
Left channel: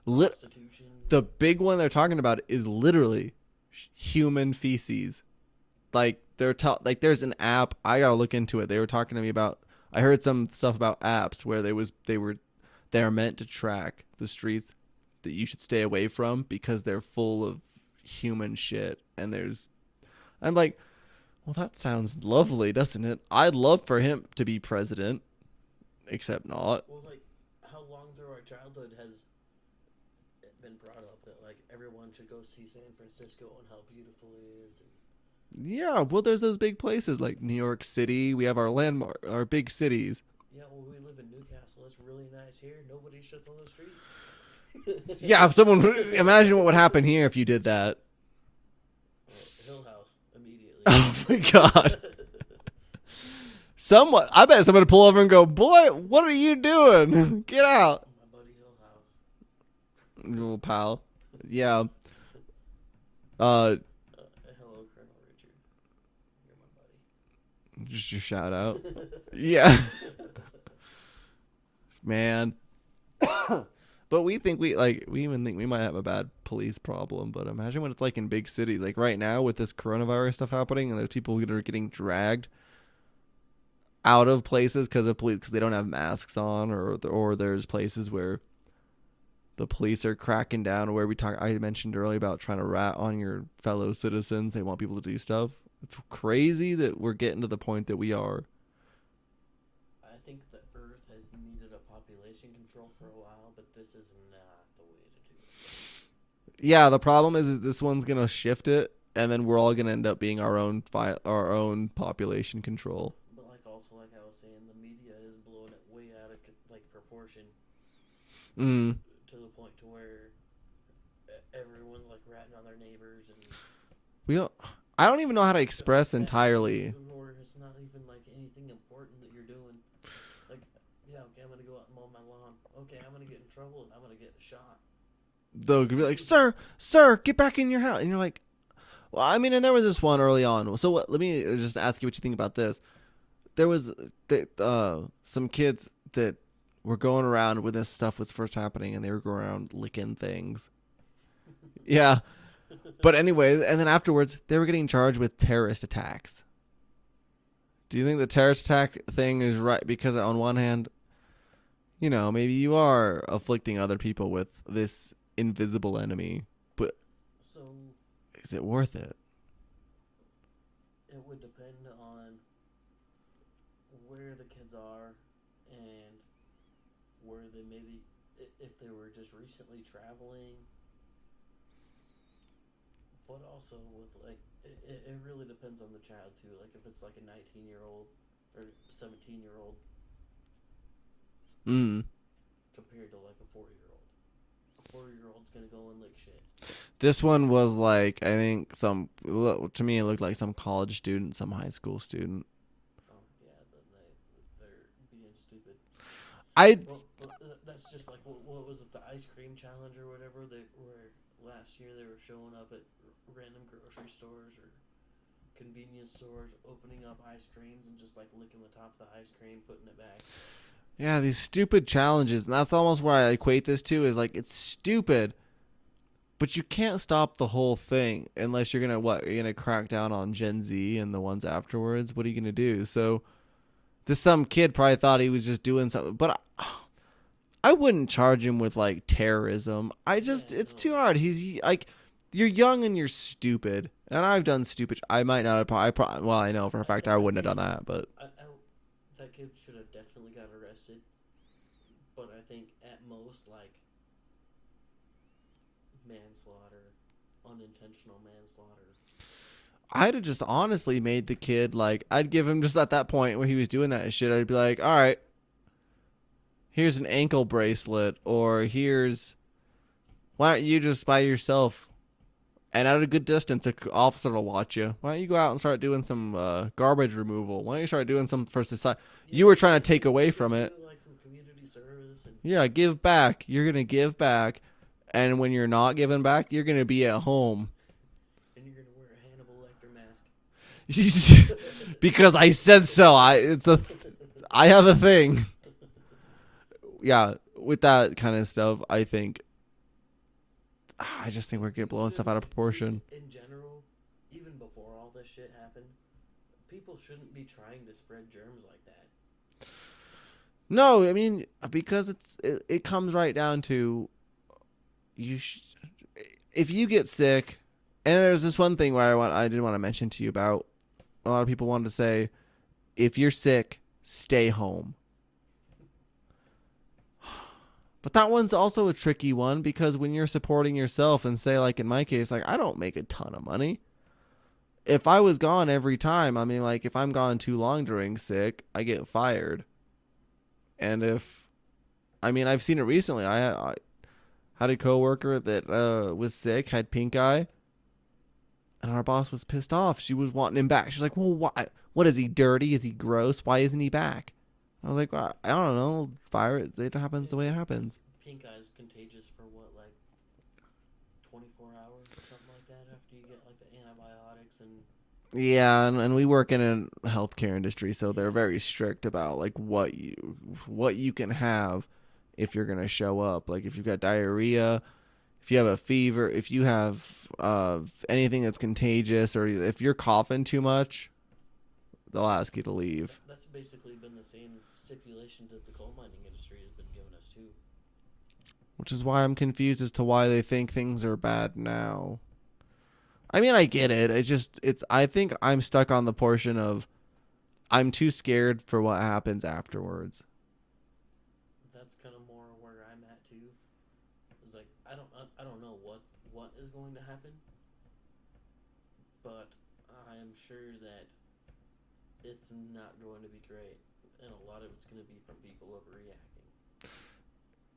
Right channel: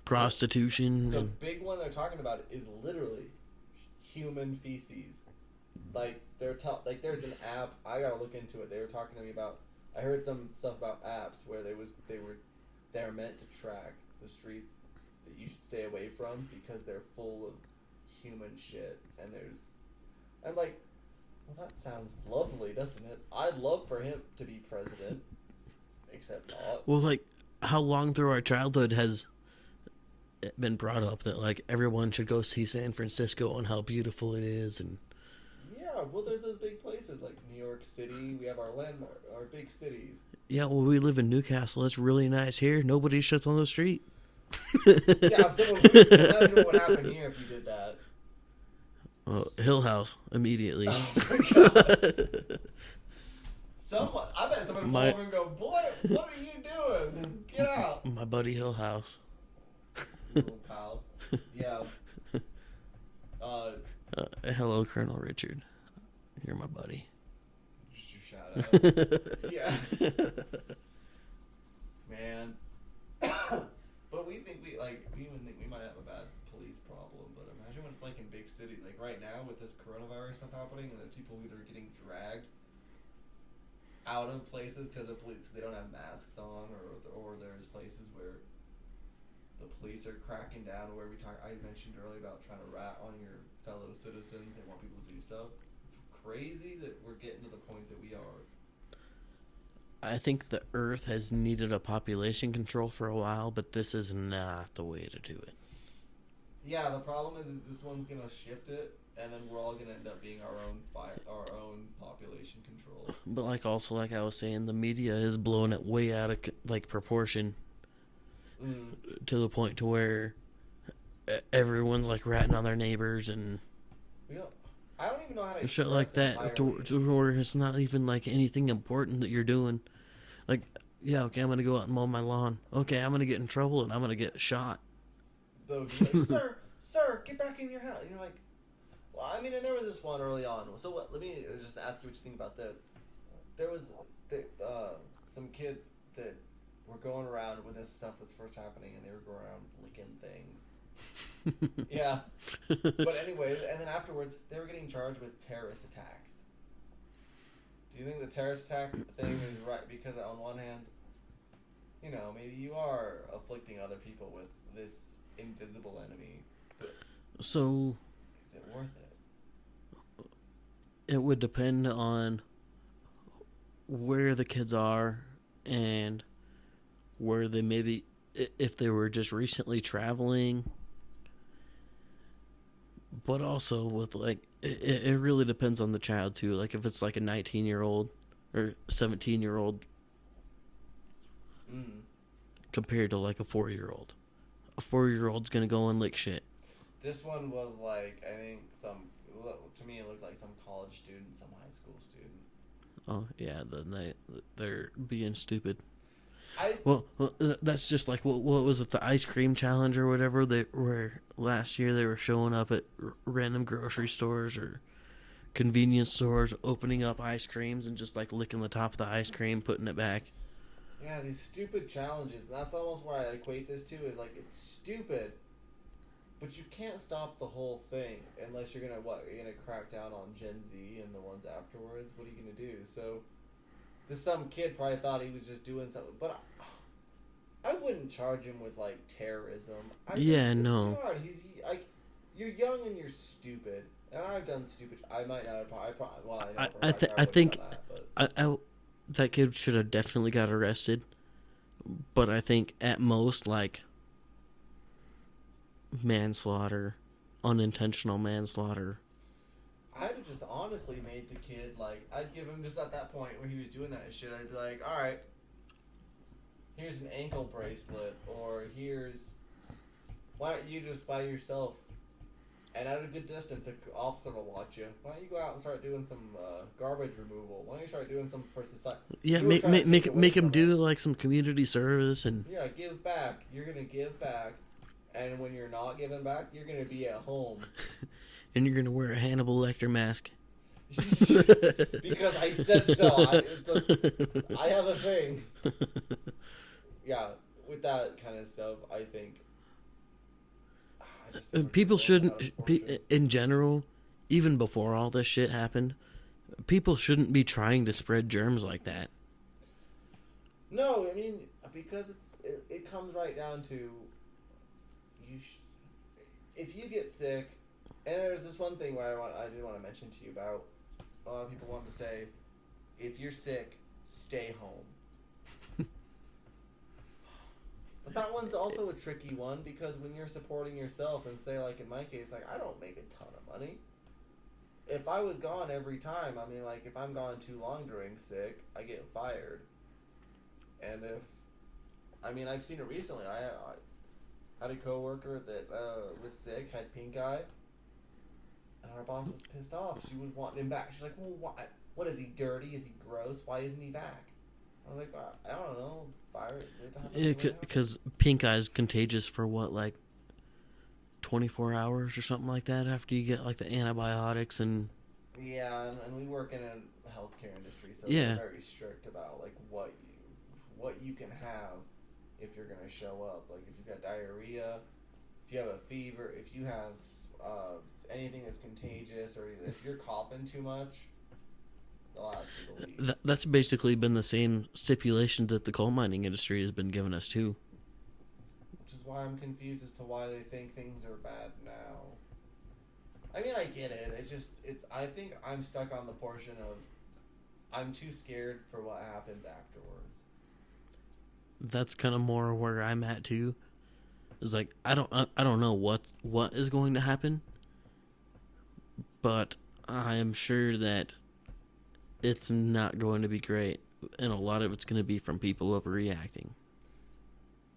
prostitution. The big one they're talking about is literally human feces. Like there's an app. I gotta look into it. They were talking to me about. I heard some stuff about apps where they're meant to track the streets that you should stay away from because they're full of human shit. And I'm like, well, that sounds lovely, doesn't it? I'd love for him to be president, except not. Well, like, how long through our childhood has been brought up that like everyone should go see San Francisco and how beautiful it is, and Yeah, well, there's those big places like New York City. We have our landmark, our big cities. yeah, well, we live in Newcastle. It's really nice here. Nobody shits on the street. Yeah, if someone imagine what would happen here if you did that. Hill House immediately. Oh my god. I bet someone would pull over and go, "Boy, what are you doing? Get out." My buddy Hill House. Little pal. Yeah. Hello, Colonel Richard. You're my buddy. Just your shout out. Yeah. Man. But we even think we might have a bad police problem. But imagine what it's like in big cities. Like right now with this coronavirus stuff happening, and there's people that are getting dragged out of places because they don't have masks on, or there's places where the police are cracking down. Where I mentioned earlier about trying to rat on your fellow citizens. They want people to do stuff. It's crazy that we're getting to the point that we are. I think the Earth has needed a population control for a while, but this is not the way to do it. Yeah, the problem is this one's gonna shift it, and then we're all gonna end up being our own population control. But like I was saying, the media is blowing it way out of like proportion, to the point to where everyone's like ratting on their neighbors, and I don't even know how to express like entirely. Or it's not even like anything important that you're doing. Like, yeah, okay, I'm gonna go out and mow my lawn. Okay, I'm gonna get in trouble and I'm gonna get shot. They'll be like, sir, get back in your house. And you're like, well, I mean, and there was this one early on. So let me just ask you what you think about this. There was some kids that were going around when this stuff was first happening, and they were going around licking things. Yeah. But anyway, and then afterwards, they were getting charged with terrorist attacks. Do you think the terrorist attack thing is right? Because on one hand, maybe you are afflicting other people with this invisible enemy, but so is it worth it? It would depend on where the kids are and where they maybe, if they were just recently traveling. But also with like, it really depends on the child too. Like if it's like a 19-year-old or 17-year-old compared to like a 4-year-old. A 4-year-old's going to go and lick shit. This one was like, I think to me it looked like some college student, some high school student. Oh yeah, then they're being stupid. Well, that's just like what was it, the ice cream challenge or whatever? Where last year they were showing up at random grocery stores or convenience stores, opening up ice creams and just like licking the top of the ice cream, putting it back. Yeah, these stupid challenges, and that's almost where I equate this to. Is like, it's stupid, but you can't stop the whole thing unless you're gonna crack down on Gen Z and the ones afterwards. What are you gonna do? So. Some kid probably thought he was just doing something, but I wouldn't charge him with like terrorism. It's too hard. He's like, you're young and you're stupid, and I've done stupid. I might not have. I know for a fact I wouldn't have done that, but that kid should have definitely got arrested. But I think at most like manslaughter, unintentional manslaughter. I'd have just honestly made the kid, like, I'd give him just at that point where he was doing that shit, I'd be like, all right, here's an ankle bracelet, or why don't you just by yourself, and at a good distance, an officer will watch you. Why don't you go out and start doing some garbage removal? Why don't you start doing some for society? Yeah, you were trying to take away from it. Make him do, like, some community service. And yeah, give back. You're going to give back, and when you're not giving back, you're going to be at home. And you're going to wear a Hannibal Lecter mask. Because I said so. I have a thing. Yeah, with that kind of stuff, I just think we're people blowing stuff out of proportion. In general, even before all this shit happened, people shouldn't be trying to spread germs like that. No, I mean, because it comes right down to if you get sick. And there's this one thing where I did want to mention to you about. A lot of people wanted to say, if you're sick, stay home. But that one's also a tricky one because when you're supporting yourself and say, like in my case, like I don't make a ton of money. If I was gone every time, I mean, like if I'm gone too long during sick, I get fired. And I've seen it recently. I had a coworker that was sick, had pink eye, and our boss was pissed off. She was wanting him back. She's like, well, why? What is he, dirty? Is he gross? Why isn't he back? I was like, well, I don't know. Fire it. It happens the way it happens. Because pink eye is contagious for what, like 24 hours or something like that after you get like the antibiotics and. Yeah, and we work in a healthcare industry, so Yeah. they're very strict about like what you can have if you're gonna show up. Like if you've got diarrhea, if you have a fever, if you have anything that's contagious, or if you're coughing too much, they'll ask you to leave. That's basically been the same stipulations that the coal mining industry has been giving us too. Which is why I'm confused as to why they think things are bad now. I mean, I get it. I think I'm stuck on the portion of I'm too scared for what happens afterwards. That's kind of more where I'm at too. It's like I don't know what is going to happen, but I am sure that it's not going to be great, and a lot of it's going to be from people overreacting.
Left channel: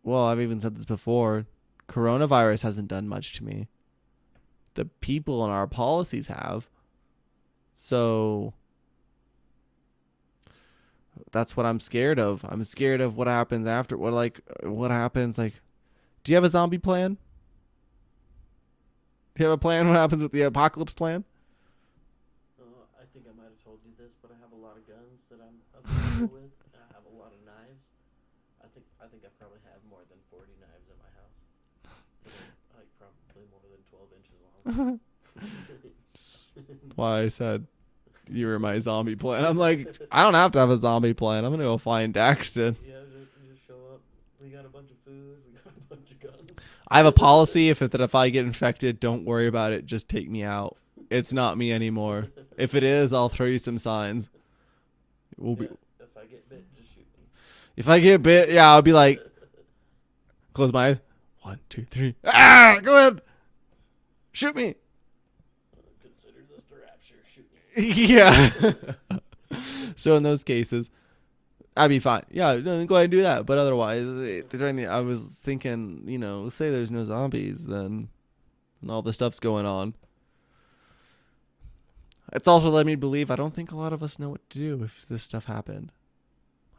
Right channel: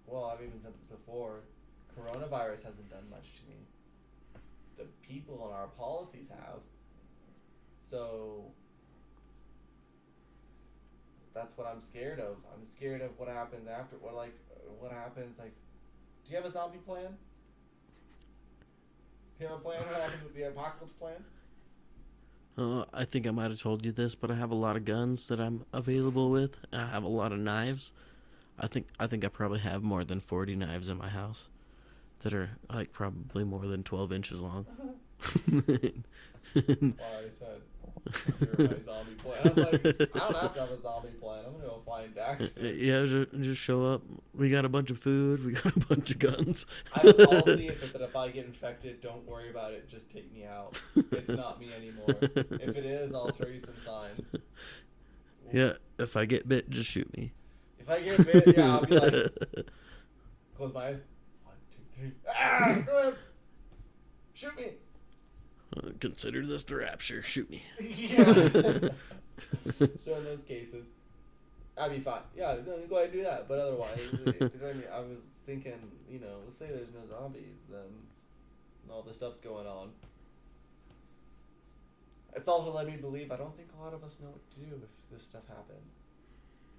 Well, I've even said this before. Coronavirus hasn't done much to me. The people in our policies have. So that's what I'm scared of. I'm scared of what happens after. What happens? Like, do you have a zombie plan? Do you have a plan? What happens with the apocalypse plan? I think I might have told you this, but I have a lot of guns that I'm available with. I have a lot of knives. I think I probably have more than 40 knives in my house that are like probably more than 12 inches long. Why I said you were my zombie plan. I'm like, I don't have to have a zombie plan. I'm gonna go find Daxton. Yeah, just show up. We got a bunch of food. We got a bunch of guns. I have a policy that if I get infected, don't worry about it. Just take me out. It's not me anymore. If it is, I'll throw you some signs. Yeah, if I get bit, just shoot me. If I get bit, yeah, I'll be like, close my eyes. 1, 2, 3. Ah, go ahead. Shoot me. Consider this the rapture. Shoot me. Yeah. So in those cases, I'd be fine. Yeah, no, go ahead and do that. But otherwise, I was thinking, say there's no zombies, then all the stuff's going on. It's also led me to believe I don't think a lot of us know what to do if this stuff happened.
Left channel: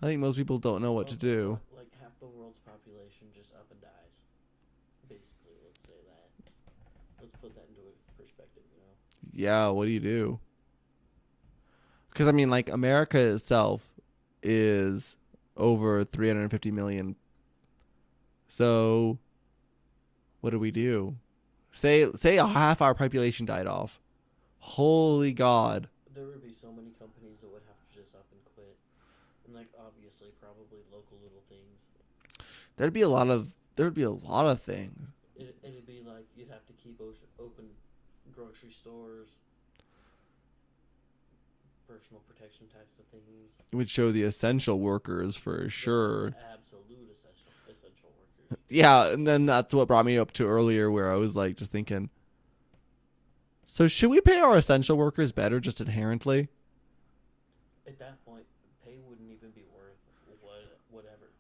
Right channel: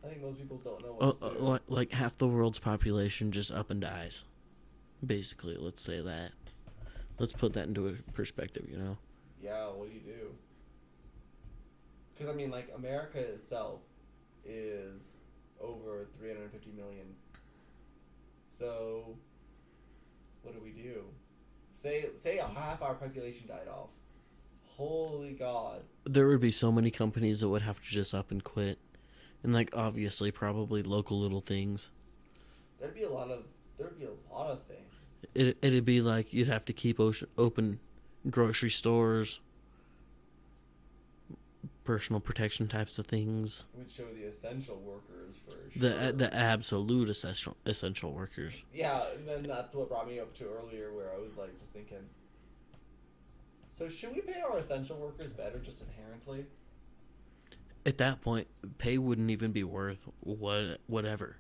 I think most people don't know what to do. Like half the world's population just up and dies. Basically, let's say that. Let's put that into a perspective, Yeah, what do you do? Because, like, America itself is over 350 million. So, what do we do? Say half our population died off. Holy God. There would be so many companies that would have to just up and quit. And, like, obviously, probably local little things. There'd be a lot of things. It'd be like you'd have to keep open grocery stores, personal protection types of things. It would show the essential workers for sure. The absolute essential workers. Yeah, and then that's what brought me up to earlier where I was like just thinking, so should we pay our essential workers better just inherently? At that point, pay wouldn't even be worth whatever.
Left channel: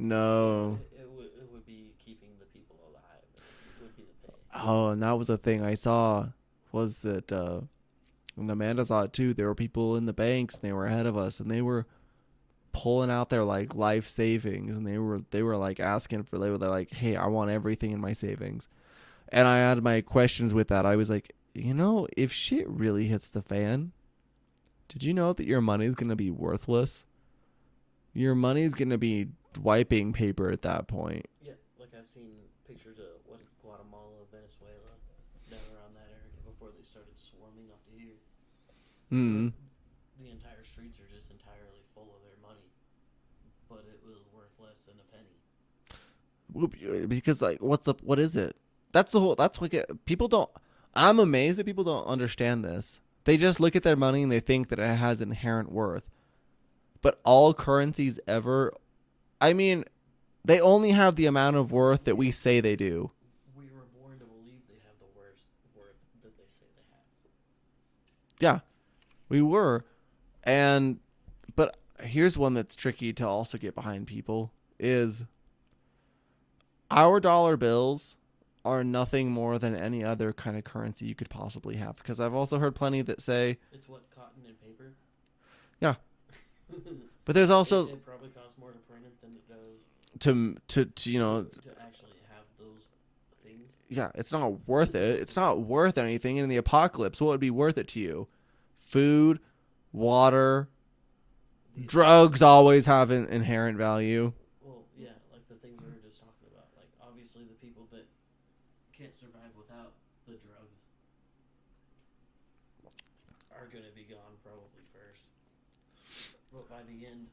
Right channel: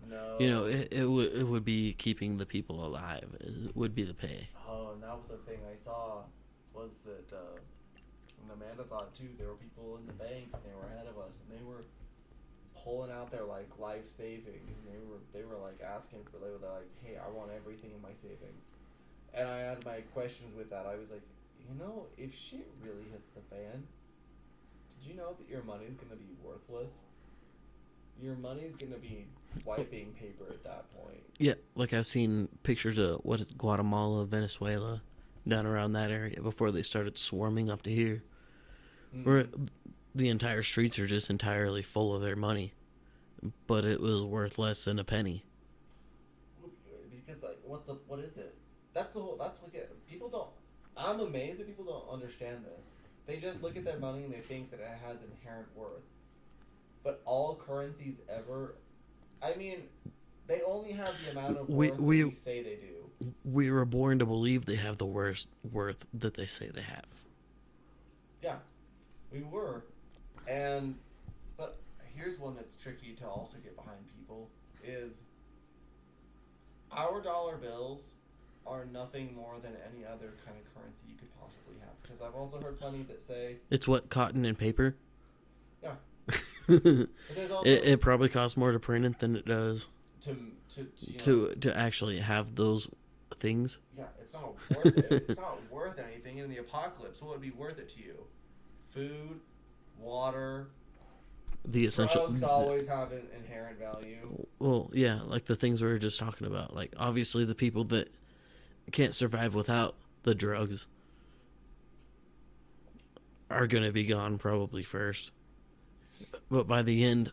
No. It would be keeping the people alive. It would be the pay. Oh, and that was a thing I saw was that, and Amanda saw it too, there were people in the banks and they were ahead of us and they were pulling out their like life savings and they were like asking for, they're like, hey, I want everything in my savings. And I had my questions with that. I was like, if shit really hits the fan, did you know that your money's going to be worthless? Your money's going to be wiping paper at that point. Yeah, like I've seen pictures of Guatemala, Venezuela, down around that area before they started swarming up to here. Where the entire streets are just entirely full of their money. But it was worth less than a penny. Because like what is it? That's what people don't. I'm amazed that people don't understand this. They just look at their money and they think that it has inherent worth. But all currencies ever, They only have the amount of worth that we say they do. We were born to believe they have the worth that they say they have. Yeah, we were. But here's one that's tricky to also get behind people is our dollar bills are nothing more than any other kind of currency you could possibly have. Because I've also heard plenty that say... It's what, cotton and paper? Yeah. But there's also... It probably costs more to print it than it does to actually have those things. Yeah, it's not worth it. It's not worth anything. In the apocalypse, what would be worth it to you? Food, water, drugs always have an inherent value. Well, yeah, like the things we were just talking about. Like, obviously, the people that can't survive without the drugs are going to be gone probably first. But by the end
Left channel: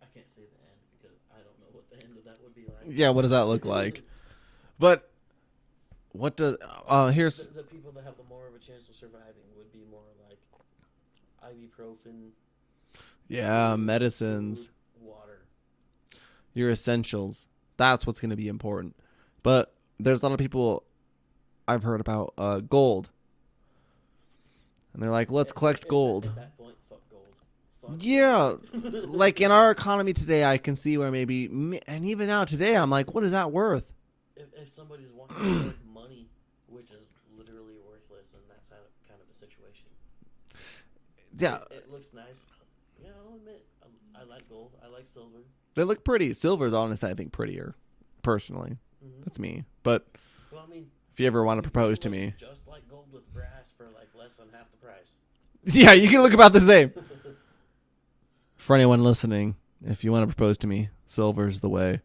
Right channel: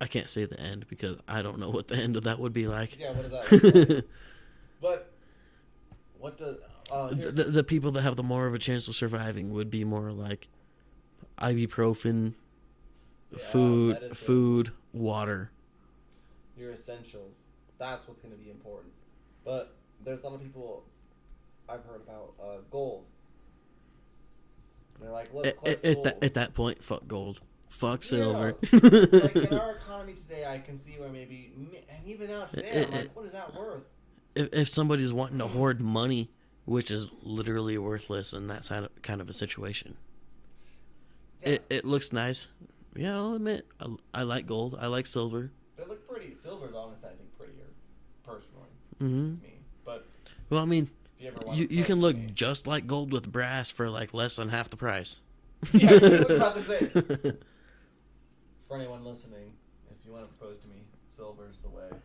I can't say the end because I don't know what the end of that would be like. Yeah, what does that look like? But what does here's the people that have the more of a chance of surviving would be more like ibuprofen, medicines, food, water, your essentials. That's what's going to be important. But there's a lot of people I've heard about gold, and they're like, let's collect gold. At that point, fuck gold. Fuck silver. Like in our economy today, I can see where maybe, and even now today, I'm like, what is that worth? If somebody's wanting to hoard money, which is literally worthless in that kind of a situation, yeah, it looks nice. Yeah, I'll admit, I like gold. I like silver. They look pretty. Silver's honestly, I think, prettier. Personally, It's me. But well, I mean, if you ever want to propose you can to look me, just like gold with brass for like less than half the price. Yeah, you can look about the same. For anyone listening, if you want to propose to me, silver's the way.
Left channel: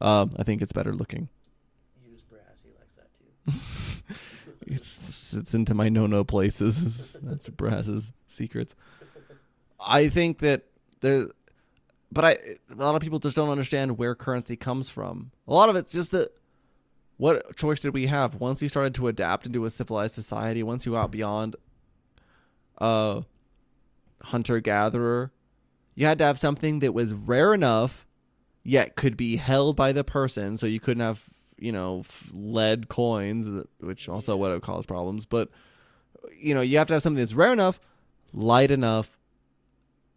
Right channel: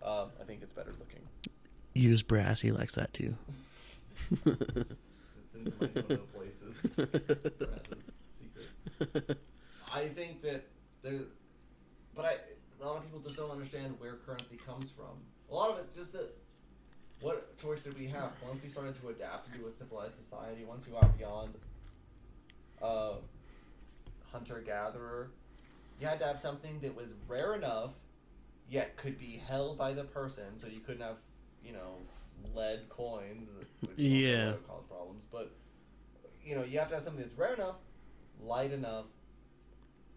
I think it's better looking. Use brass. He likes that too. It's into my no places. That's brass's secrets. I think that a lot of people just don't understand where currency comes from. A lot of it's just that what choice did we have? Once you started to adapt into a civilized society, once you got beyond hunter-gatherer, you had to have something that was rare enough, yet could be held by the person, so you couldn't have, lead coins, which also would have caused problems. But, you have to have something that's rare enough, light enough,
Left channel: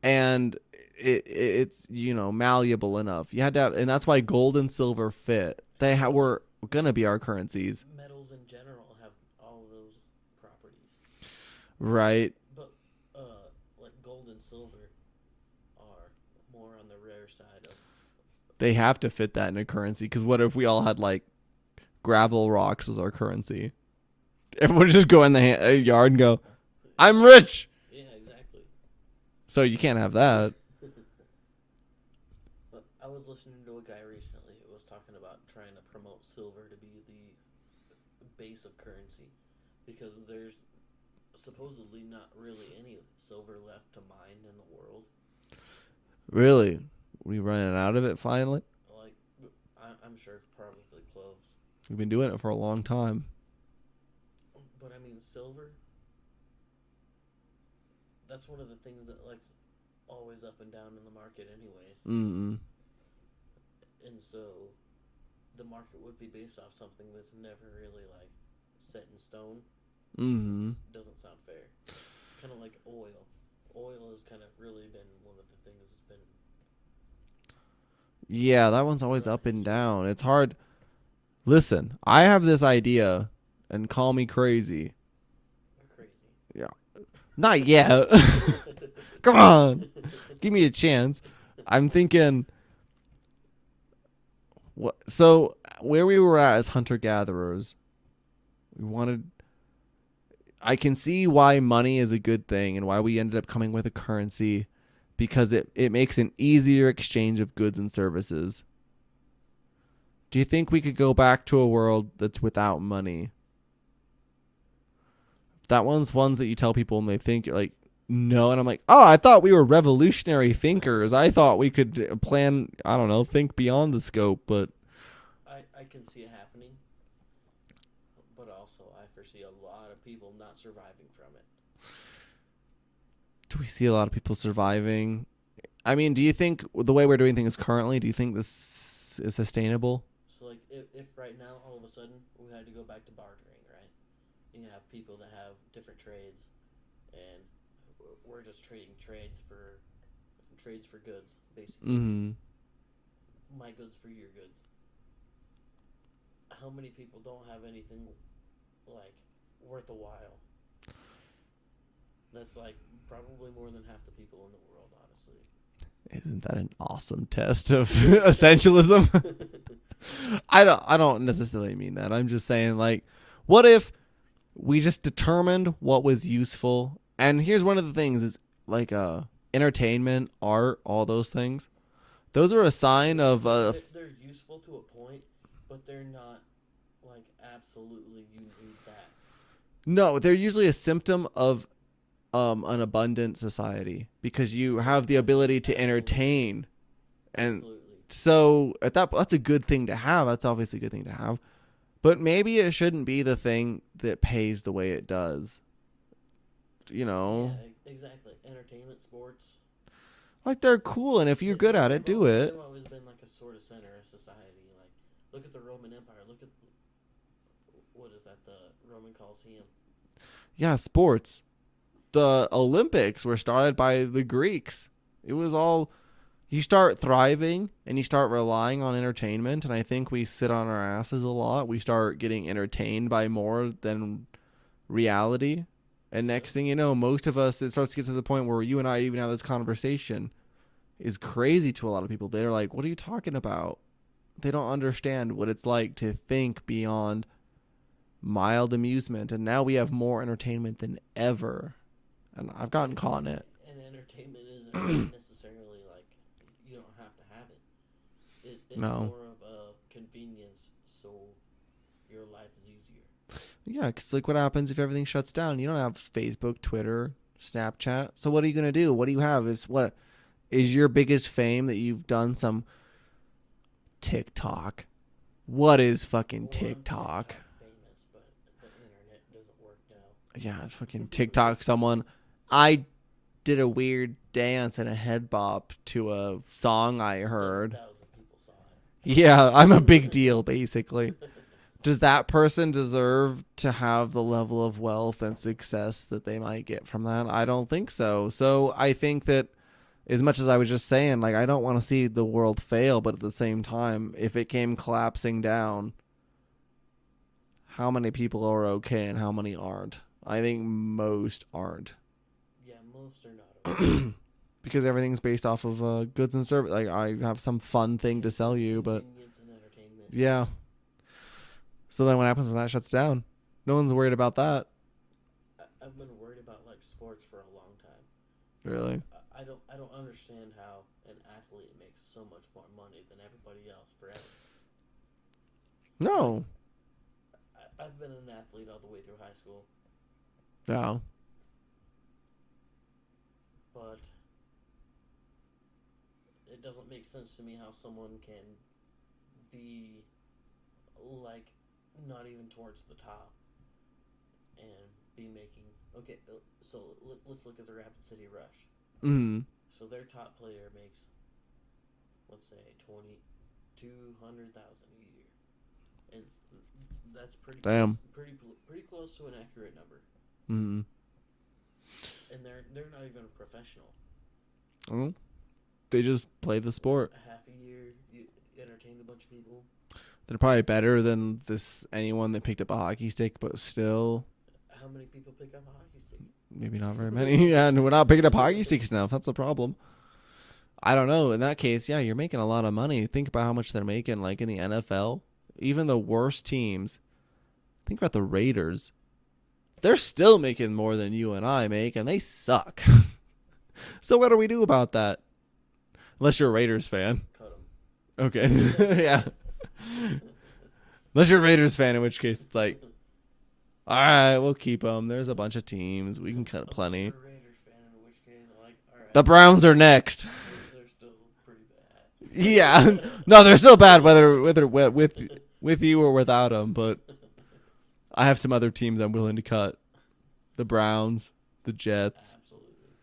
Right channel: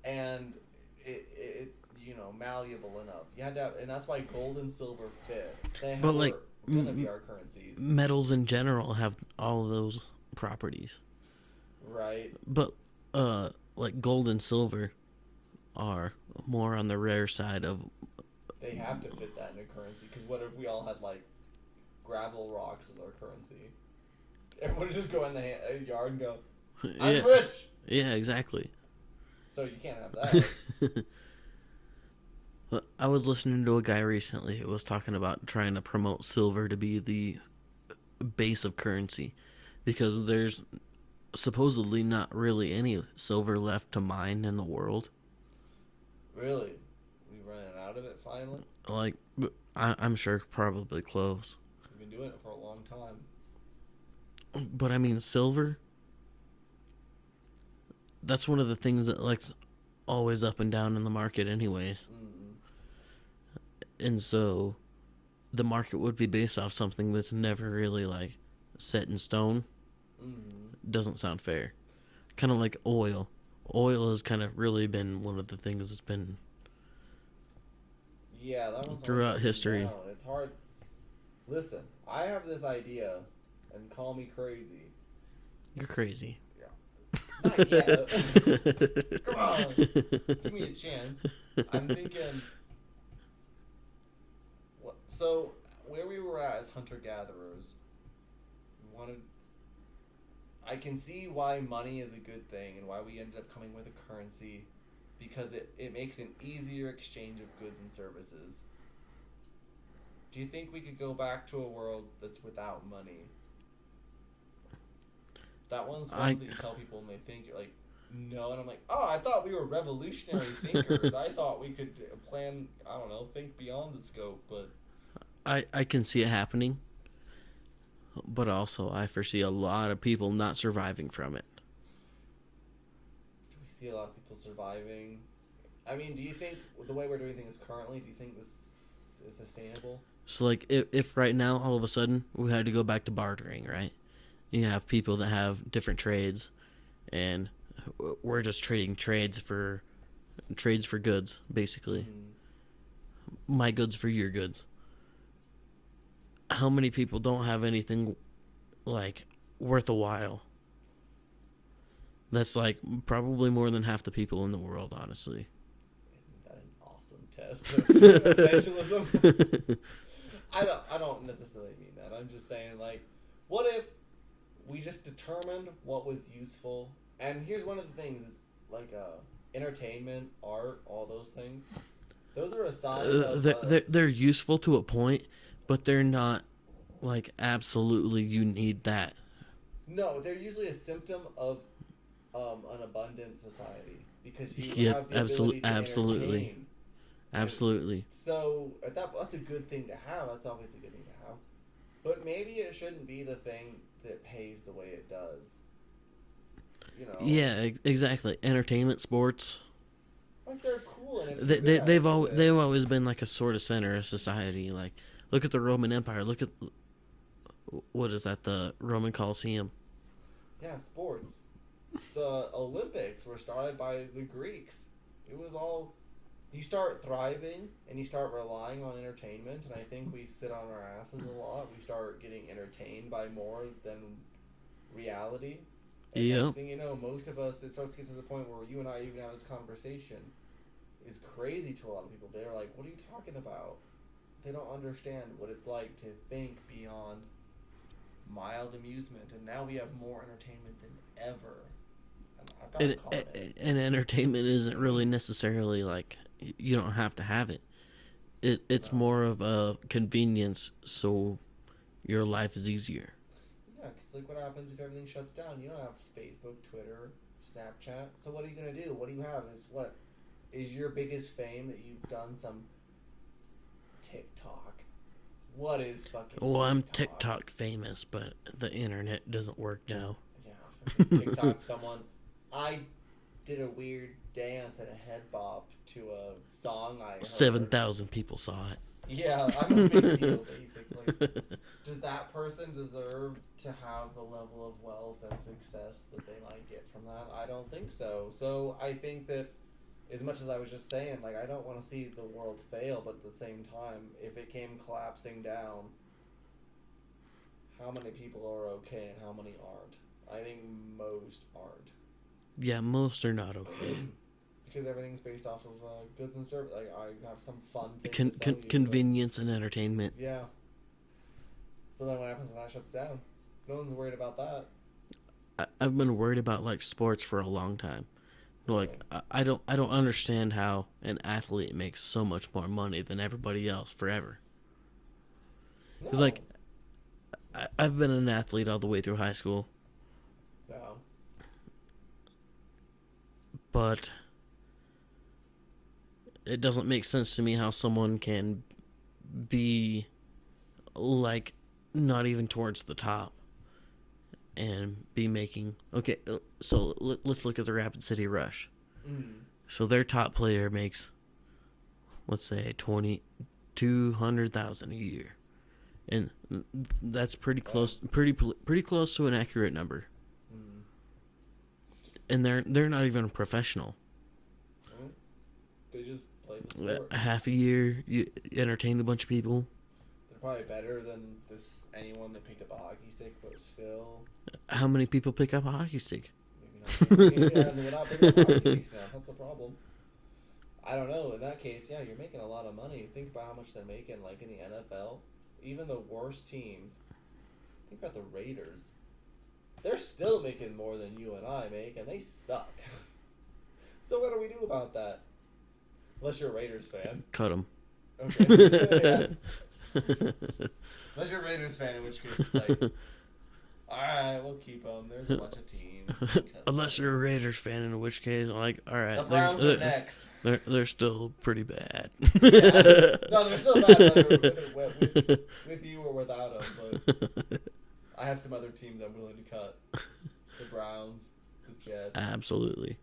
and it's malleable enough. You had to have, and that's why gold and silver fit. They were gonna be our currencies. Metals in general have all of those properties, right? But like gold and silver are more on the rare side of. They have to fit that in a currency, because what if we all had like gravel rocks as our currency? Everyone would just go in the yard and go, "I'm rich." Yeah, exactly. So you can't have that. I was listening to a guy recently who was talking about trying to promote silver to be the base of currency, because there's supposedly not really any silver left to mine in the world. Really? We running out of it finally? Like, I'm sure probably close. We've been doing it for a long time. But I mean, silver, that's one of the things that like always up and down in the market anyways. Mm-mm. And so the market would be based off something that's never really like set in stone. Mm-hmm. Doesn't sound fair. Kind of like oil. Oil has kind of really been one of the things that's been. Yeah, that one's always up and down. It's hard. Listen, I have this idea, and call me crazy. You're crazy. Yeah. Not yet. Come on. Give me a chance. I'm thinking. What? So, where we were at as hunter-gatherers, we wanted. I can see why money is a good thing and why we ended up coming with a currency, because it makes an easier exchange of goods and services. Do you think we could go back to a world that's without money? That one's ones that you tell people and they think you're like, no. And I'm like, oh, I thought we were revolutionary thinkers. I thought we could plan, I don't know, think beyond the scope. But I can see it happening. But also, I foresee a lot of people not surviving from it. Do we see a lot of people surviving? I mean, do you think the way we're doing things currently, do you think this is sustainable? So, like, if right now, all of a sudden, we had to go back to bartering, right? You have people that have different trades, and we're just trading trades for goods, basically. Mm-hmm. My goods for your goods. How many people don't have anything, like, worth a while? That's, like, probably more than half the people in the world, honestly. Isn't that an awesome test of essentialism? I don't necessarily mean that. I'm just saying, like, what if we just determined what was useful? And here's one of the things is like entertainment, art, all those things. Those are a sign of they're useful to a point, but they're not like absolutely you need that. No, they're usually a symptom of an abundant society because you have the ability to entertain. Absolutely. So that's a good thing to have. That's obviously a good thing to have. But maybe it shouldn't be the thing that pays the way it does. You know? Yeah, exactly. Entertainment, sports. Like, they're cool, and if you're good at it, do it. They've always been like a sort of center of society. Like, look at the Roman Empire. Look at, what is that, the Roman Colosseum? Yeah, sports. The Olympics were started by the Greeks. It was all... You start thriving, and you start relying on entertainment, and I think we sit on our asses a lot. We start getting entertained by more than reality. And next thing you know, most of us, it starts to get to the point where you and I even have this conversation is crazy to a lot of people. They're like, what are you talking about? They don't understand what it's like to think beyond mild amusement. And now we have more entertainment than ever. And I've gotten caught in it. And entertainment isn't really necessarily like, you don't have to have it. It's more of a convenience, so your life is easier. Yeah, because like what happens if everything shuts down? You don't have Facebook, Twitter, Snapchat. So what are you going to do? What do you have? What is your biggest fame that you've done some TikTok? What is fucking TikTok? Well, I'm TikTok famous, but the internet doesn't work now. Yeah, fucking TikTok. I did a weird dance and a head bop to a song I heard. 7,000 people saw it. Yeah, I'm a big deal, basically. Does that person deserve to have the level of wealth and success that they might get from that? I don't think so. So I think that as much as I was just saying, like, I don't want to see the world fail, but at the same time, if it came collapsing down, how many people are okay and how many aren't? I think most aren't. Yeah, most are not okay. Because everything's based off of goods and service. Like, I have some fun thing to sell you. Convenience and entertainment. Yeah. So then what happens when that shuts down? No one's worried about that. I've been worried about, like, sports for a long time. Really? Like, I don't understand how an athlete makes so much more money than everybody else forever. No. Like, I've been an athlete all the way through high school. No. But it doesn't make sense to me how someone can be, like, not even towards the top and be making... Okay, so let's look at the Rapid City Rush. Mm-hmm. So their top player makes, let's say, $200,000 a year. And that's pretty close, pretty close to an accurate number. Mm-hmm. And they're not even a professional. Oh. They just play the sport. Half a year, you entertain a bunch of people. They're probably better than anyone that picked up a hockey stick, but still. How many people pick up a hockey stick? Maybe not very many. Yeah, and we're not picking up hockey sticks enough. That's the problem. I don't know. In that case, yeah, you're making a lot of money. Think about how much they're making, like in the NFL. Even the worst teams. Think about the Raiders. They're still making more than you and I make, and they suck. So what do we do about that? Unless you're a Raiders fan. Cut them. Okay. Yeah. Unless you're a Raiders fan, in which case it's like, all right, we'll keep them. There's a bunch of teams. We can cut Unless plenty. you're a Raiders fan, in which case, I'm like, all right. The Browns are next. They're still pretty bad. Yeah. No, they're still bad whether with you or without them, but I have some other teams I'm willing to cut. The Browns, the Jets. Absolutely.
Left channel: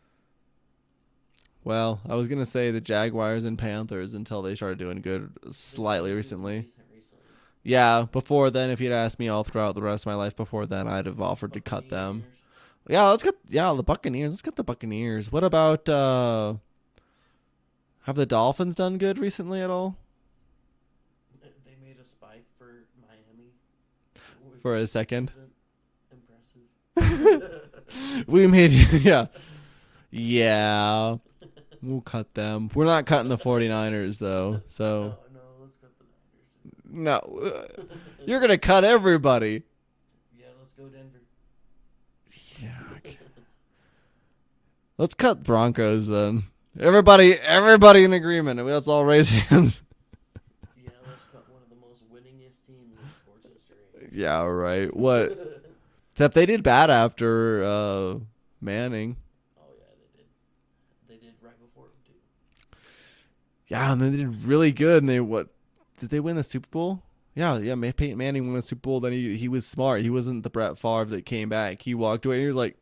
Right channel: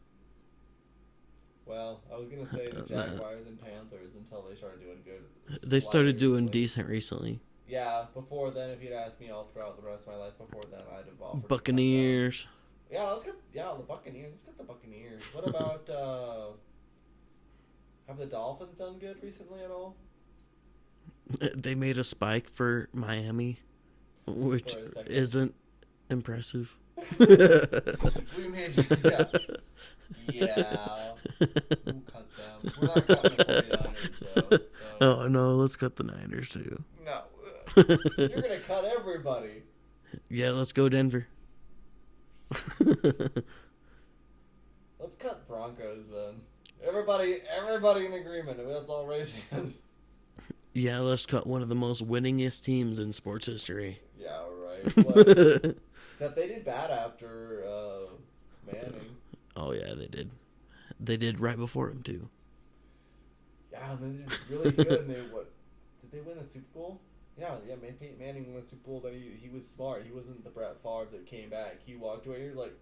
Well, I was gonna say the Jaguars and Panthers until they started doing good. They started doing decent recently. Yeah, before then, if you'd asked me all throughout the rest of my life before then, I'd have offered to cut them. Buccaneers. Yeah, the Buccaneers. Let's get the Buccaneers. What about have the Dolphins done good recently at all? They made a spike for Miami, which For a second. isn't impressive. We made yeah. Yeah. We'll cut them. We're not cutting the 49ers though. So Oh no, let's cut the Niners too. no. You're going to cut everybody. Yeah, let's go Denver. Let's cut Broncos then. Everybody in agreement. Let's all raise hands. Yeah, let's cut one of the most winningest teams in sports history. Yeah, right. What? Except they did bad after Manning. Oh yeah, they did. They did right before him too. Yeah, and they did really good. And they did they win the Super Bowl? Yeah. Peyton Manning won the Super Bowl. Then he was smart. He wasn't the Brett Favre that came back. He walked away. And he was like,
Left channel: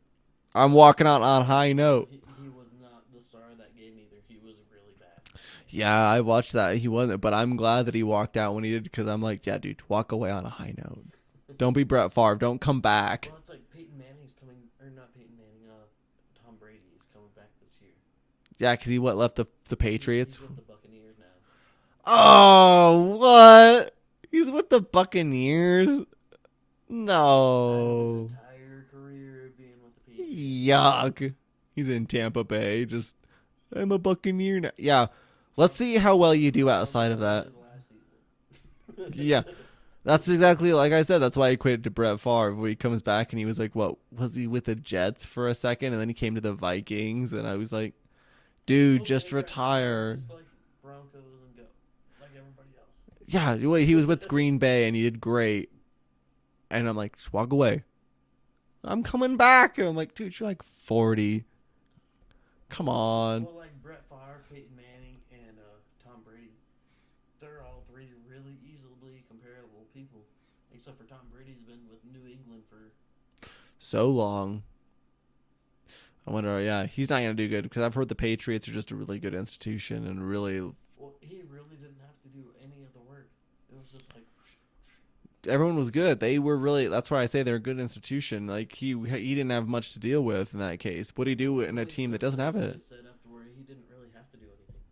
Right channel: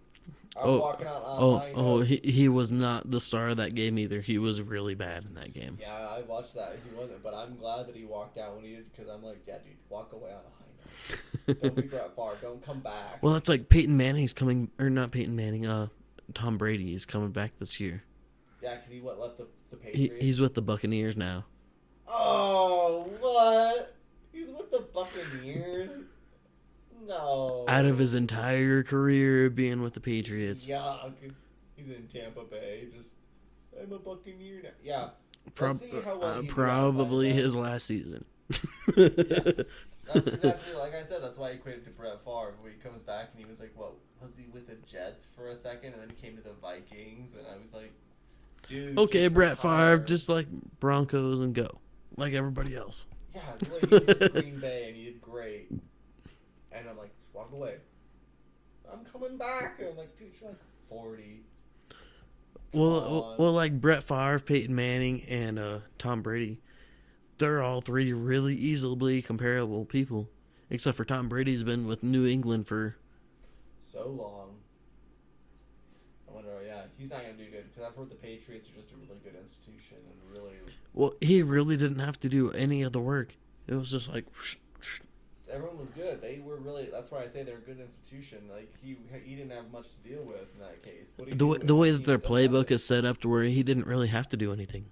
"I'm walking out on a high note." He was not the star of that game either. He was really bad in that game. Yeah, I watched that. He wasn't, but I'm glad that he walked out when he did because I'm like, yeah, dude, walk away on a high note. Don't be Brett Favre. Don't come back. Well, it's like Peyton Manning's coming, or not Peyton Manning. Tom Brady is coming back this year. Yeah, because he left the Patriots. He's with the Buccaneers now. Oh, what? He's with the Buccaneers? No. Out of his entire career being with the Patriots. Yuck. He's in Tampa Bay. I'm a Buccaneer now. Yeah. Let's see how well you do outside of that. Probably his last season. Yeah. That's exactly like I said. That's why I equated to Brett Favre, where he comes back and he was like, what? Was he with the Jets for a second? And then he came to the Vikings. And I was like, dude, okay, just Brett retire. Favre, just like Broncos and go. Like everybody else. Yeah, he was with Green Bay and he did great. And I'm like, just walk away. I'm coming back. And I'm like, dude, you're like 40. Come on. Well, like Brett Favre, Peyton Manning, and Tom Brady, they're all three really easily comparable people. Except for Tom Brady's been with New England for so long. I wonder, yeah, he's not going to do good because I've heard the Patriots are just a really good institution and really... Well, he really didn't have to do any of the work. It was just like... Everyone was good. They were really... That's why I say they're a good institution. Like, he didn't have much to deal with in that case. What do you do the way that their playbook is set up to where he didn't really have to do anything.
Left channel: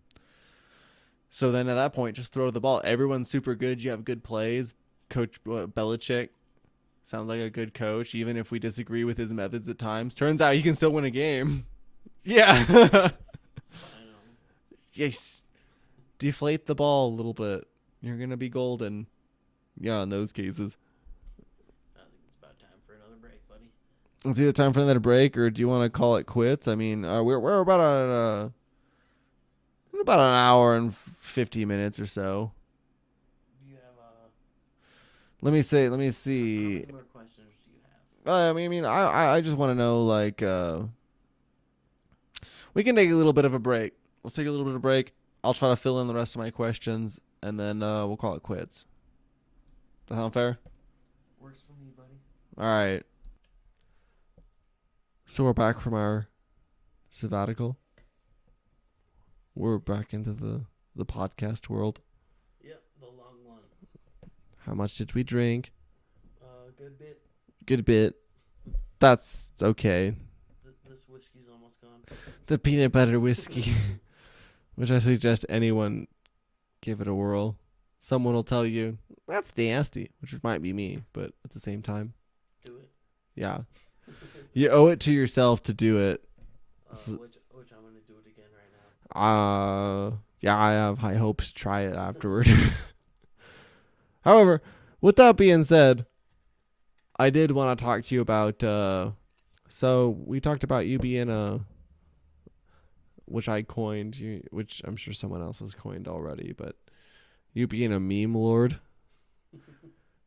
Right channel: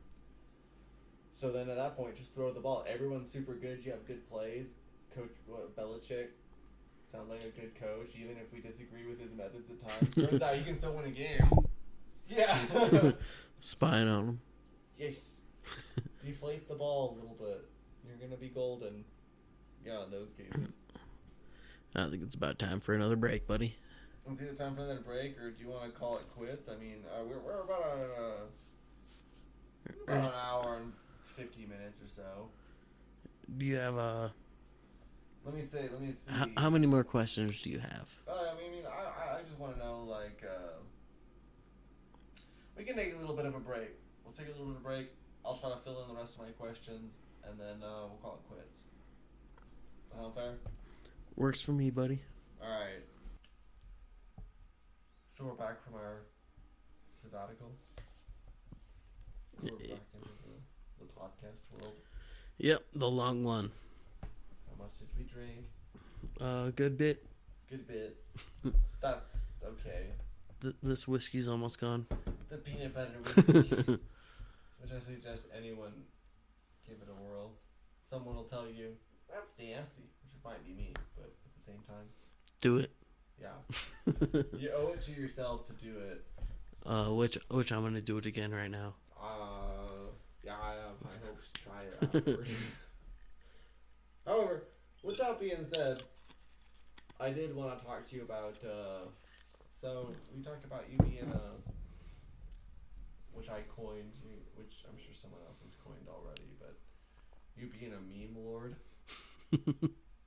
So then at that point, just throw the ball. Everyone's super good. You have good plays. Coach Belichick sounds like a good coach, even if we disagree with his methods at times. Turns out he can still win a game. Yeah. Spying on him. Yes. Deflate the ball a little bit. You're going to be golden. Yeah, in those cases. I think it's about time for another break, buddy. It's either time for another break, or do you want to call it quits? I mean, we're about an hour and 50 minutes or so. Do you have Let me see. How many more questions do you have? I just want to know, like, we can take a little bit of a break. Let's take a little bit of a break. I'll try to fill in the rest of my questions, and then we'll call it quits. Does that sound fair? Works for me, buddy. All right. So we're back from our sabbatical. We're back into the podcast world. Yep, the long one. How much did we drink? Good bit. Good bit. That's okay. This whiskey's almost gone. The peanut butter whiskey, which I suggest anyone give it a whirl. Someone will tell you, that's nasty, which might be me, but at the same time. Do it. Yeah. You owe it to yourself to do it. Which I'm going to do it again right now. Yeah, I have high hopes to try it afterward. However, with that being said, I did want to talk to you about, so we talked about you being which I coined, which I'm sure someone else has coined already, but you being a meme lord.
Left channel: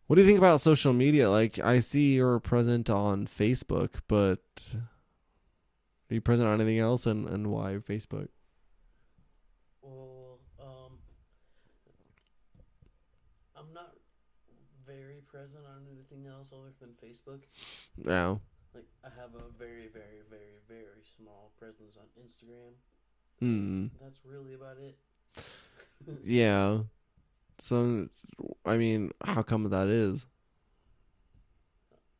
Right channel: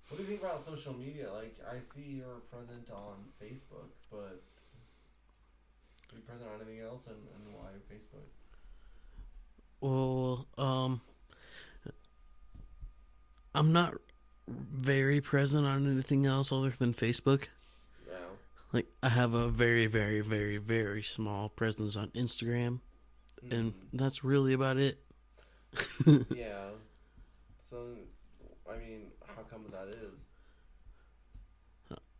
What do you think about social media? Like, I see you're present on Facebook, but are you present on anything else, and why Facebook? Well, I'm not very present on anything else other than Facebook. No. Like, I have a very, very, very, very small presence on Instagram. and that's really about it. Yeah. So, I mean, how come that is?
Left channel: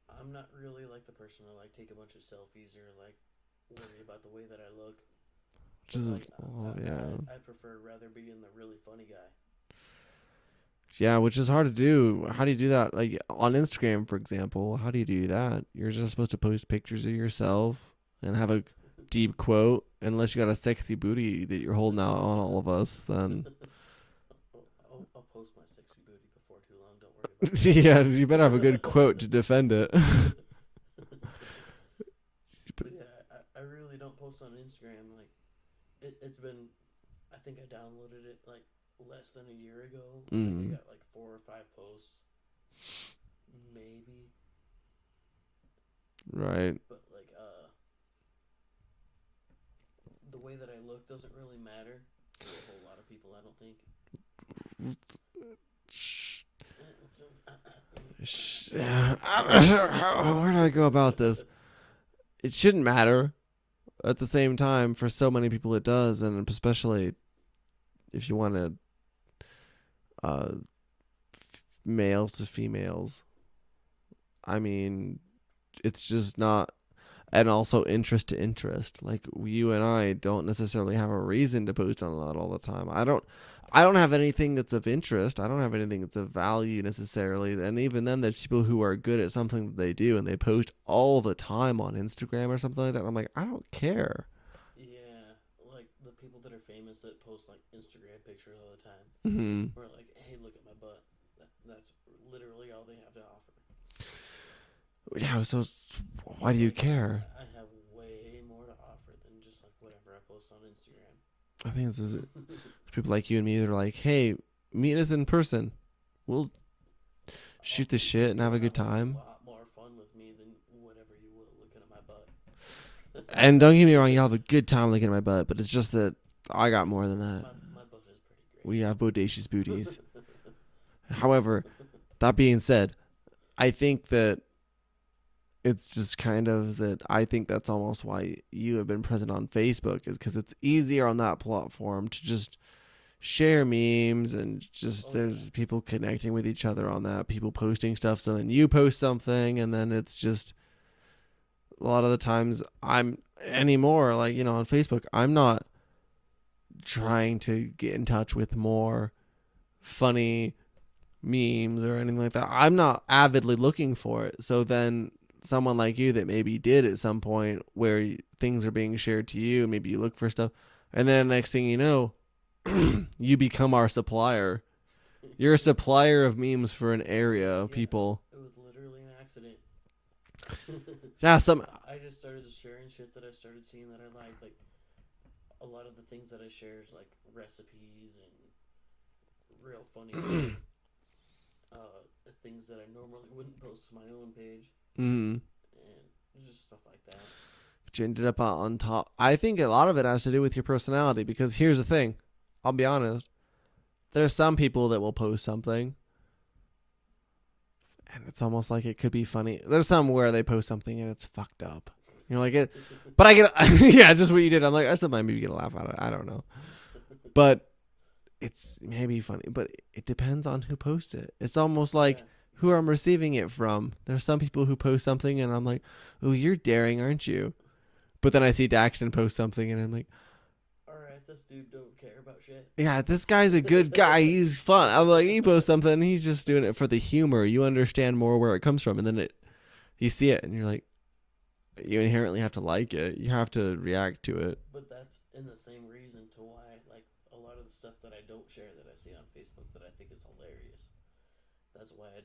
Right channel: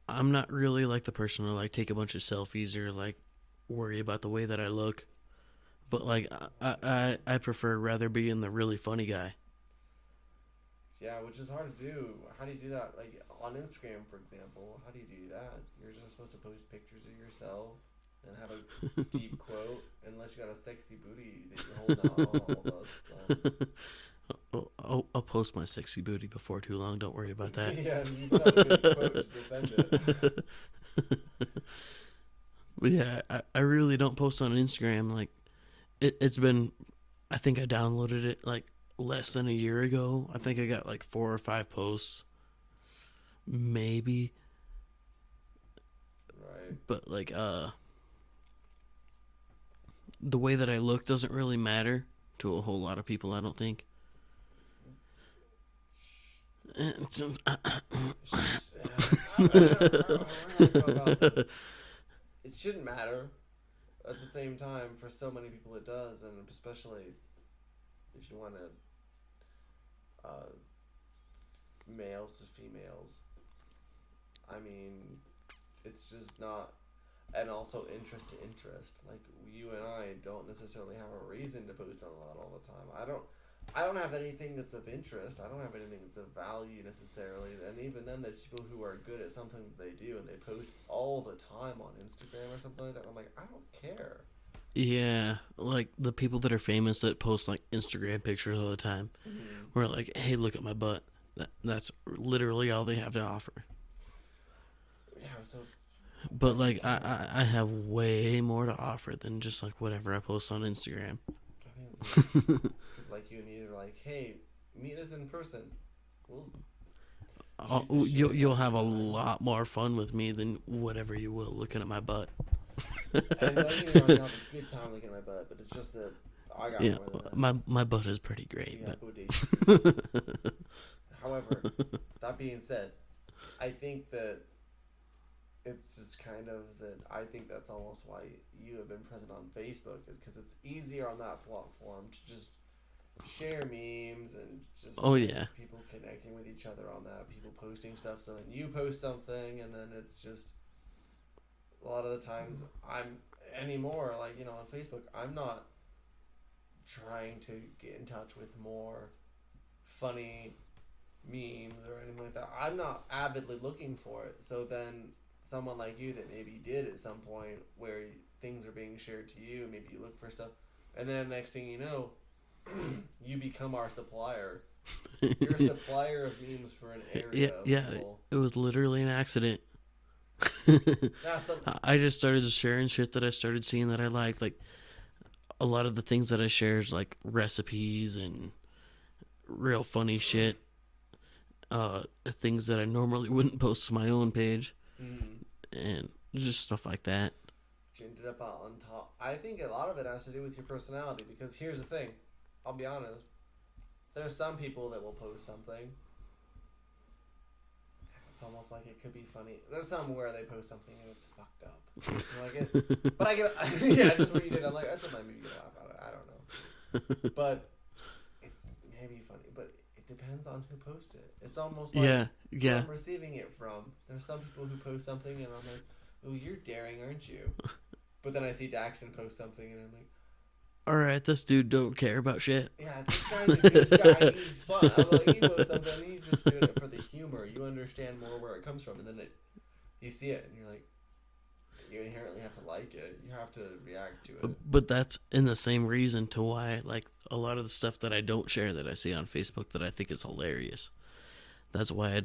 I'm not really like the person to like take a bunch of selfies or like worry about the way that I look. But Just- like yeah. I prefer rather being the really funny guy. Yeah, which is hard to do. How do you do that? Like on Instagram, for example, how do you do that? You're just supposed to post pictures of yourself and have a deep quote. Unless you got a sexy booty that you're holding out on all of us, then I'll post my sexy booty before too long. Don't worry about that. yeah, you better have a good quote to defend it. But yeah, I really don't post on Instagram. Like it's been, I think I downloaded it like less than a year ago. I think I got like 4 or 5 posts, maybe. Right. But like the way that I look doesn't really matter to a whole lot of people, I don't think. Where do I go about this? It shouldn't matter. At the same time, for so many people it does, and especially if you want to males to females. I mean, it's just not, and also interest to interest. Like you and I don't necessarily have a reason to post on that all the time. I don't have anything that's of interest. I don't have anything that's of value necessarily. And even then, there's people who are good at something that they do and they post all the time on Instagram or something like that. I'm like, I don't care. Yeah, like the people that are famous that post like Instagram pictures all the time. Mm-hmm. We're like, hey, look at my butt. That's literally all they have to offer. Yeah, so But why do you like, care? I have way more to offer than just like whatever I post on Instagram. I think it's people like you and me that are like, hey, meet us in person. We'll shoot the shit and You'll have a good time. a lot more fun with me than whatever you will looking at my butt. And don't get me wrong, you'll have a good time looking at my butt, but it's just that I got more than that. My butt is pretty great. We have bodacious booties. However, that being said, I think that it's just kind of that I think that's almost why you have been present on Facebook, is because it's easier on that platform to just share memes and just there's people connecting with each other on that, people posting stuff, so then you post something, and then it's just a lot of the times I'm anymore, like, you know, on Facebook, I'm not trying to get in touch with more funny memes or anything like that. I'm not avidly looking for it. So then someone like you that maybe did at some point where things are being shared to you, maybe you look for stuff, and then next thing you know, you become our supplier. You're a supplier of memes for an area of people. It was literally an accident. Yeah, I just started sharing shit that I started seeing that I liked. Like a lot of the things that I share is like recipes and real funny shit. Things that I normally wouldn't post to my own page. And just stuff like that. But you ended up on top. I think a lot of it has to do with your personality, because here's the thing. I'll be honest. There's some people that will post something and it's almost like it could be funny. There's some where they post something and it's fucked up. You're like, it, but I get, yeah, just what you did. I'm like, I still might maybe get a laugh out of it. I don't know. But it's maybe funny, but it depends on who posts it. It's almost like who I'm receiving it from. There's some people who post something and I'm like, oh, you're daring, aren't you? But then I see Daxton post something and I'm like, all right, this dude don't care about shit. Yeah, this guy's a good guy. He's fun. I'm like, he posts something, he's just doing it for the humor. You understand more where it comes from, and then you see it, and you're like, you inherently have to like it. You have to react to it. But that's in the same reason to why, like, a lot of the stuff that I don't share that I see on Facebook that I think is hilarious. That's why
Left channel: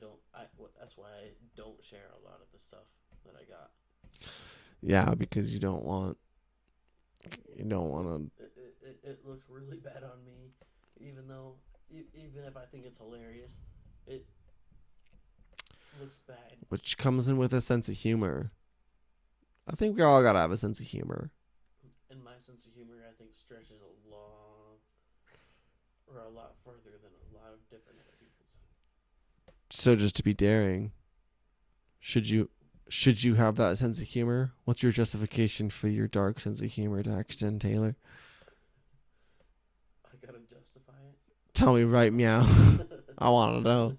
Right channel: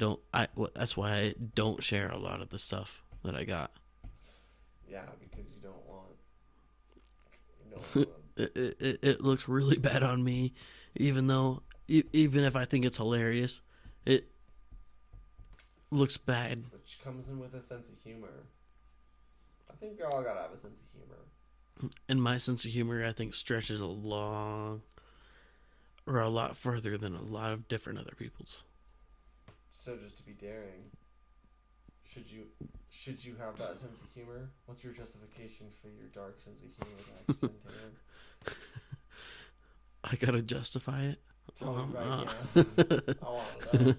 That's why I don't share a lot of the stuff that I got. Yeah, because you don't want. You don't want to. It looks really bad on me, even if I think it's hilarious, it looks bad. Which comes in with a sense of humor. I think we all gotta have a sense of humor. And my sense of humor, I think, stretches a lot further than a lot of different other people's. So just to be daring, should you have that sense of humor? What's your justification for your dark sense of humor, Daxton Taylor? I gotta justify it. Tell me right now. I want to know.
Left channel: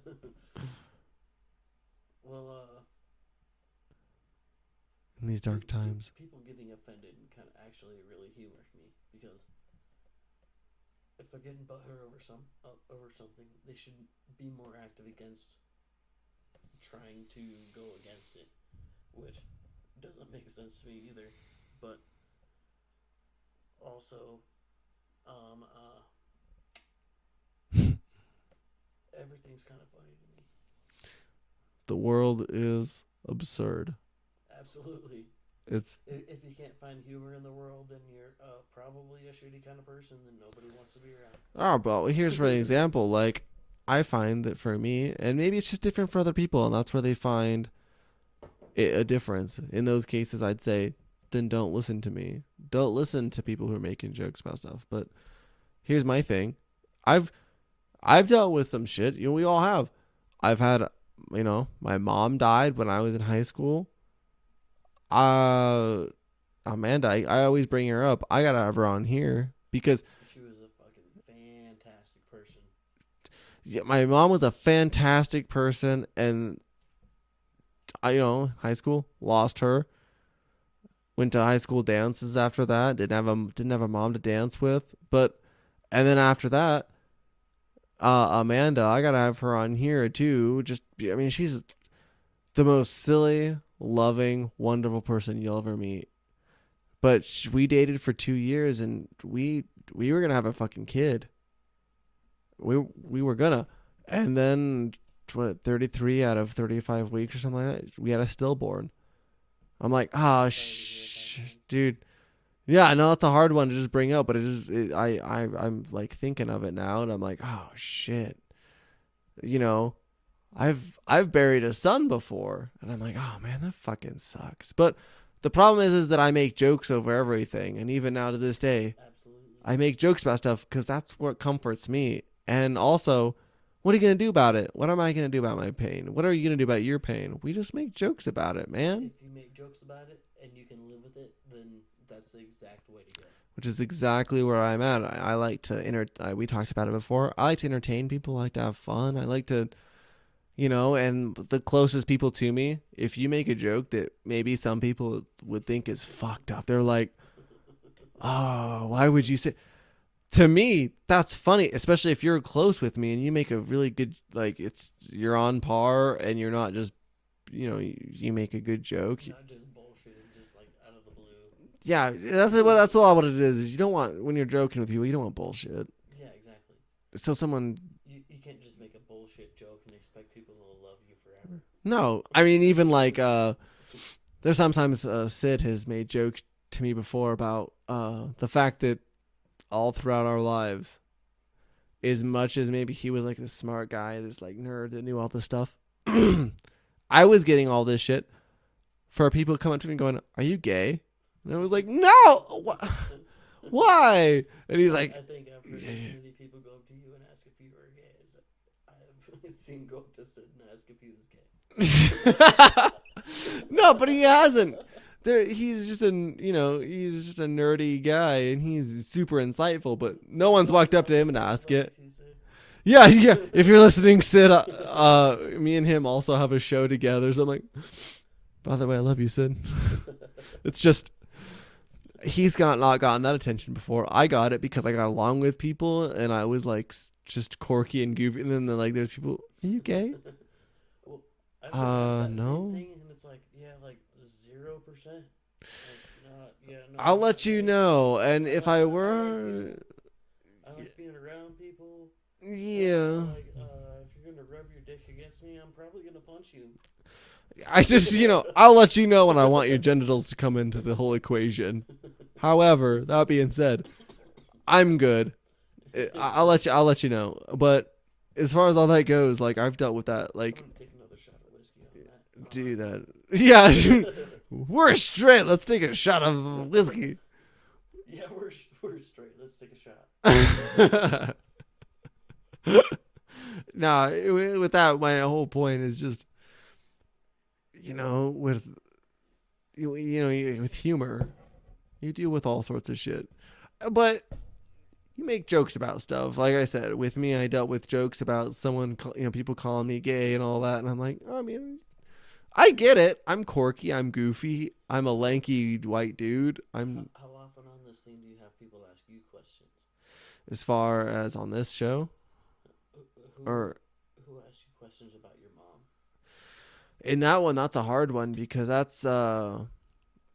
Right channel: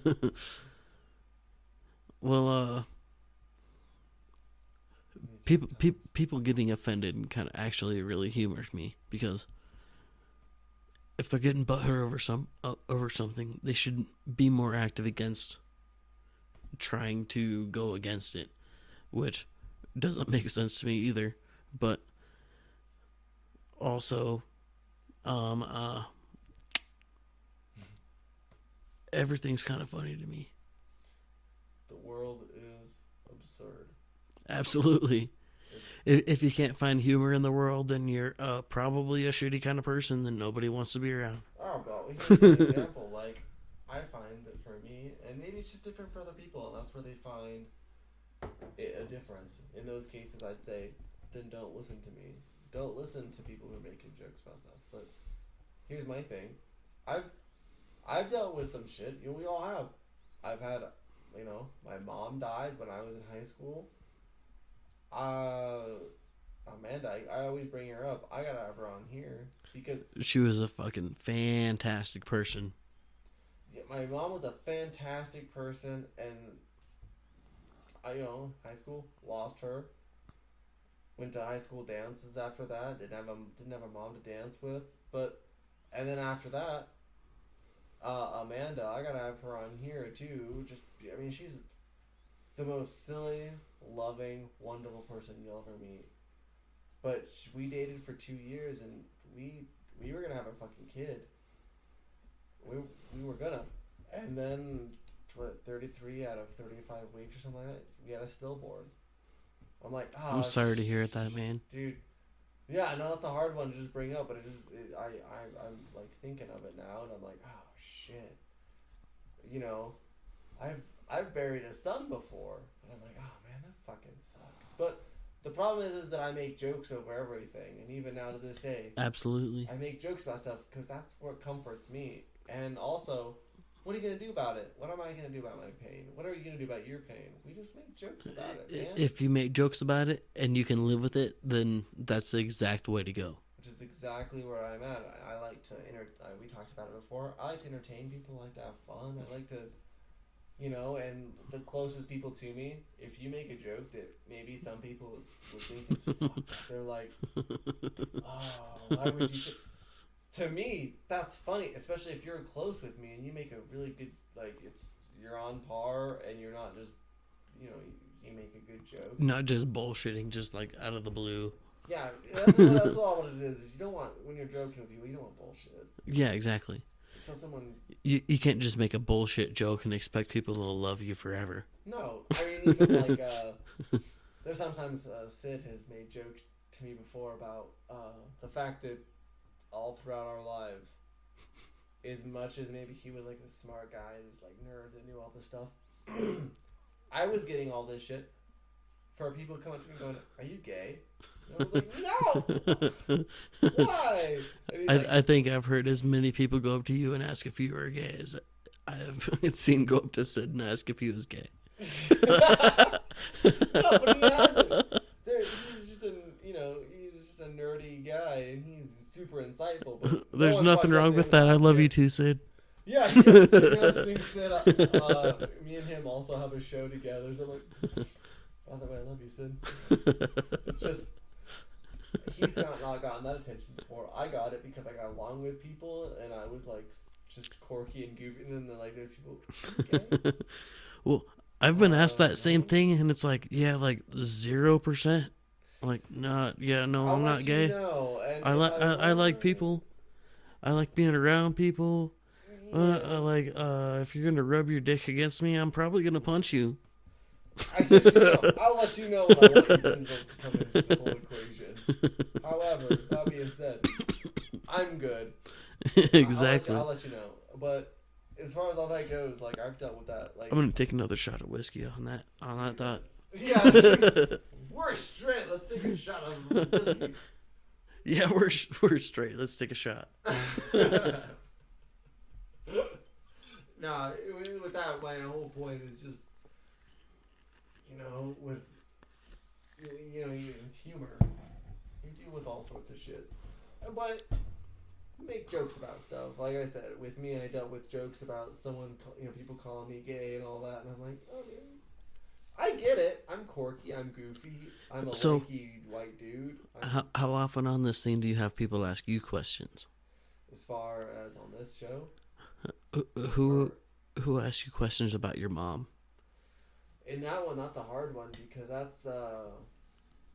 Well, In these dark times. people getting offended kind of actually really humors me, because if they're getting butthurt over something, they should be more active against trying to go against it, which doesn't make sense to me either. But also, everything's kind of funny to me. The world is absurd. Absolutely. It's If you can't find humor in the world, then you're probably a shitty kind of person that nobody wants to be around. oh, but here's for an example. Like, I find that for me, and maybe it's just different for other people, and that's where they find a difference. In those cases, I'd say, then don't listen to me. Don't listen to people who are making jokes about stuff. But here's my thing. I've dealt with some shit. You know, we all have. I've had, you know, my mom died when I was in high school. Amanda, I always bring her up. I gotta have her on here because She was a fucking fantastic person. yeah, my mom was a fantastic person, and I, you know, high school lost her. Went to high school dances after that. Didn't have a mom to dance with, and then after that, Amanda, I gotta have her on here too. I mean, she's the most silly, loving, wonderful person you'll ever meet. But we dated for 2 years, and we were gonna have a fucking kid. We were gonna, and then 33 out of 35 weeks or something like that, we had a stillborn. I'm like, I'm sorry to hear that, man. Dude. Yeah, I know it's a hard one to just bring up, but I'm like thinking of it now, and I'm like, oh shit. You know, I've buried a son before, and I'm like, oh man, that fucking sucks. But the problem is that I make jokes over everything, and even now to this day, Absolutely. I make jokes about stuff because that's what comforts me. And also, what are you gonna do about it? What am I gonna do about my pain? What are you gonna do about your pain? We just make jokes about it, man. If you make jokes about it and you can live with it, then that's the exact way to go. Which is exactly where I'm at. I like to we talked about it before. I like to entertain people. I like to have fun. I like to, you know, and the closest people to me, if you make a joke that maybe some people would think is fucked up, they're like, oh, why would you say? To me, that's funny, especially if you're close with me and you make a really good, like, you're on par and you're not just, you know, you make a good joke. Not just bullshitting, just like out of the blue. Yeah, that's a lot what it is you don't want, when you're joking with people, you don't want bullshit. Yeah, exactly. So someone... You can't just make a bullshit joke and expect people to love you forever. No, I mean, even like, there's sometimes Sid has made jokes to me before about the fact that all throughout our lives, as much as maybe he was like this smart guy, this like nerd that knew all this stuff, I was getting all this shit for people coming up to me going, "Are you gay?" And I was like, "No, why?" And he's like, I think I've heard as many people go up to you and ask if you are gay as I have seen go up to Sid and ask if he was gay. No, but he hasn't. He's just a nerdy guy, and he's super insightful. But no one's walked up to him and asked. I love you too, Sid. Yeah. If you're listening, Sid, me and him also have a show together. So I'm like, by the way, I love you, Sid. It's just he's not gotten that attention before. I got it because I got along with people, and I was like just quirky and goofy. And then like there's people, are you gay? Well, I've been asked that no. same thing, and it's like, yeah, like 0%. Like, no, yeah, no. I'll I'm let not you gay. know. And I if li- I were, I like people. I like being around people. Yeah. If you're gonna rub your dick against me, I'm probably gonna punch you. I just, I'll let you know when I want your genitals to come into the whole equation. However, that being said, I'm good. Exactly. I'll let you know. But as far as all that goes, like I've dealt with that. Like I'm gonna take another shot of whiskey on that. do that. Yeah, we're straight. Let's take a shot of whiskey. Yeah, we're straight. Let's take a shot. No, with that, my whole point is just, with humor, you deal with all sorts of shit. But, you make jokes about stuff. Like I said, with me, I dealt with jokes about someone, people calling me gay and all that, and I'm like, I mean, I get it. I'm quirky. I'm goofy. I'm a lanky white dude. How often on this thing do you have people ask you questions? As far as on this show, who asks you questions about your mom? In that one, that's a hard one because that's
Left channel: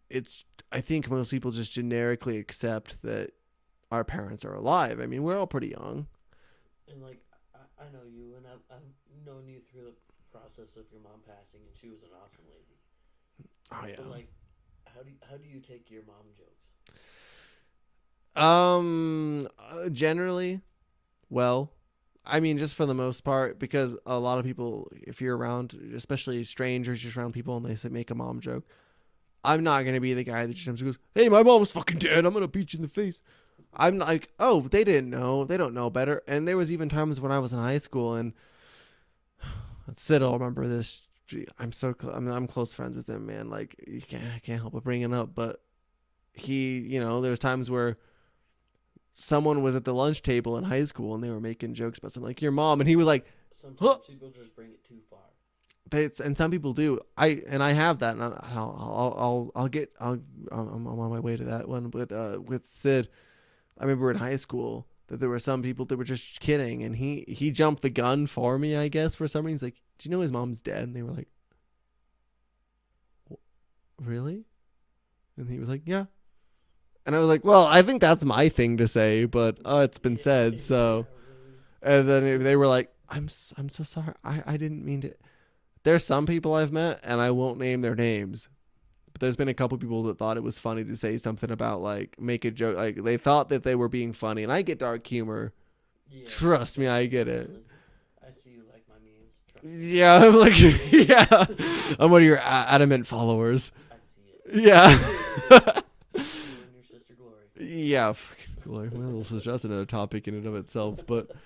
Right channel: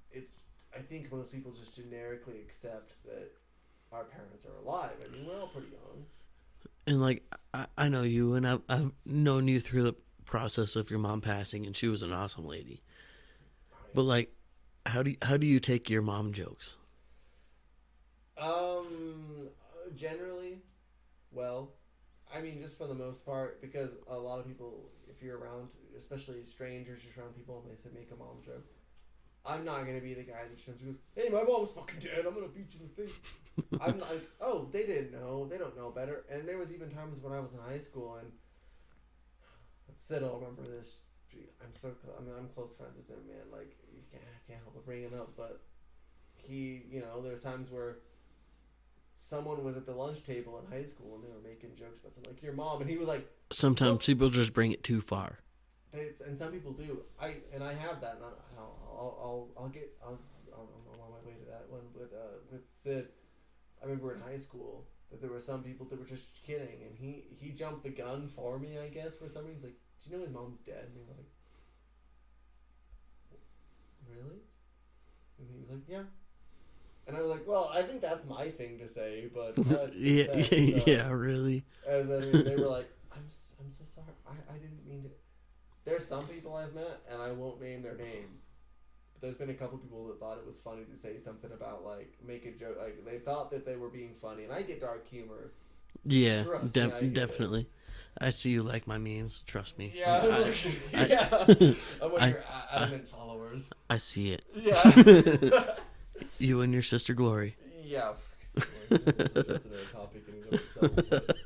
it's. I think most people just generically accept that our parents are alive. I mean, we're all pretty young. And like, I know you, and I've known you through the process of your mom passing, and she was an awesome lady. Oh, yeah. But like, how do you take your mom jokes? Generally, well, I mean, just for the most part, because a lot of people, if you're around, especially strangers, just around people, and they say make a mom joke, I'm not gonna be the guy that just goes, "Hey, my mom's fucking dead. I'm gonna beat you in the face." I'm like, "Oh, they didn't know. They don't know better." And there was even times when I was in high school, and Sid will remember this. I'm close friends with him, man. Like, I can't help but bring it up, but he, there's times where someone was at the lunch table in high school and they were making jokes about something like your mom, and he was like, sometimes people just bring it too far. And some people do. I have that, and I'm on my way to that one. But with Sid, I remember in high school that there were some people that were just kidding, and he jumped the gun for me, I guess, for some reason. He's like, "Do you know his mom's dead?" And they were like, "Really?" And he was like, "Yeah." And I was like, "Well, I think that's my thing to say, but it's been said." So yeah, really. And then they were like, "I'm so sorry. I didn't mean to." There's some people I've met, and I won't name their names, but there's been a couple people that thought it was funny to say something about, like, make a joke. Like, they thought that they were being funny, and I get dark humor. Yeah. Trust me, I get definitely. it. I see you like my memes. Trust me. Yeah, I'm like, yeah. I'm one of your adamant followers. I see it. Yeah. You and your sister Glory. Yeah. Well, that's another topic in and of itself, but...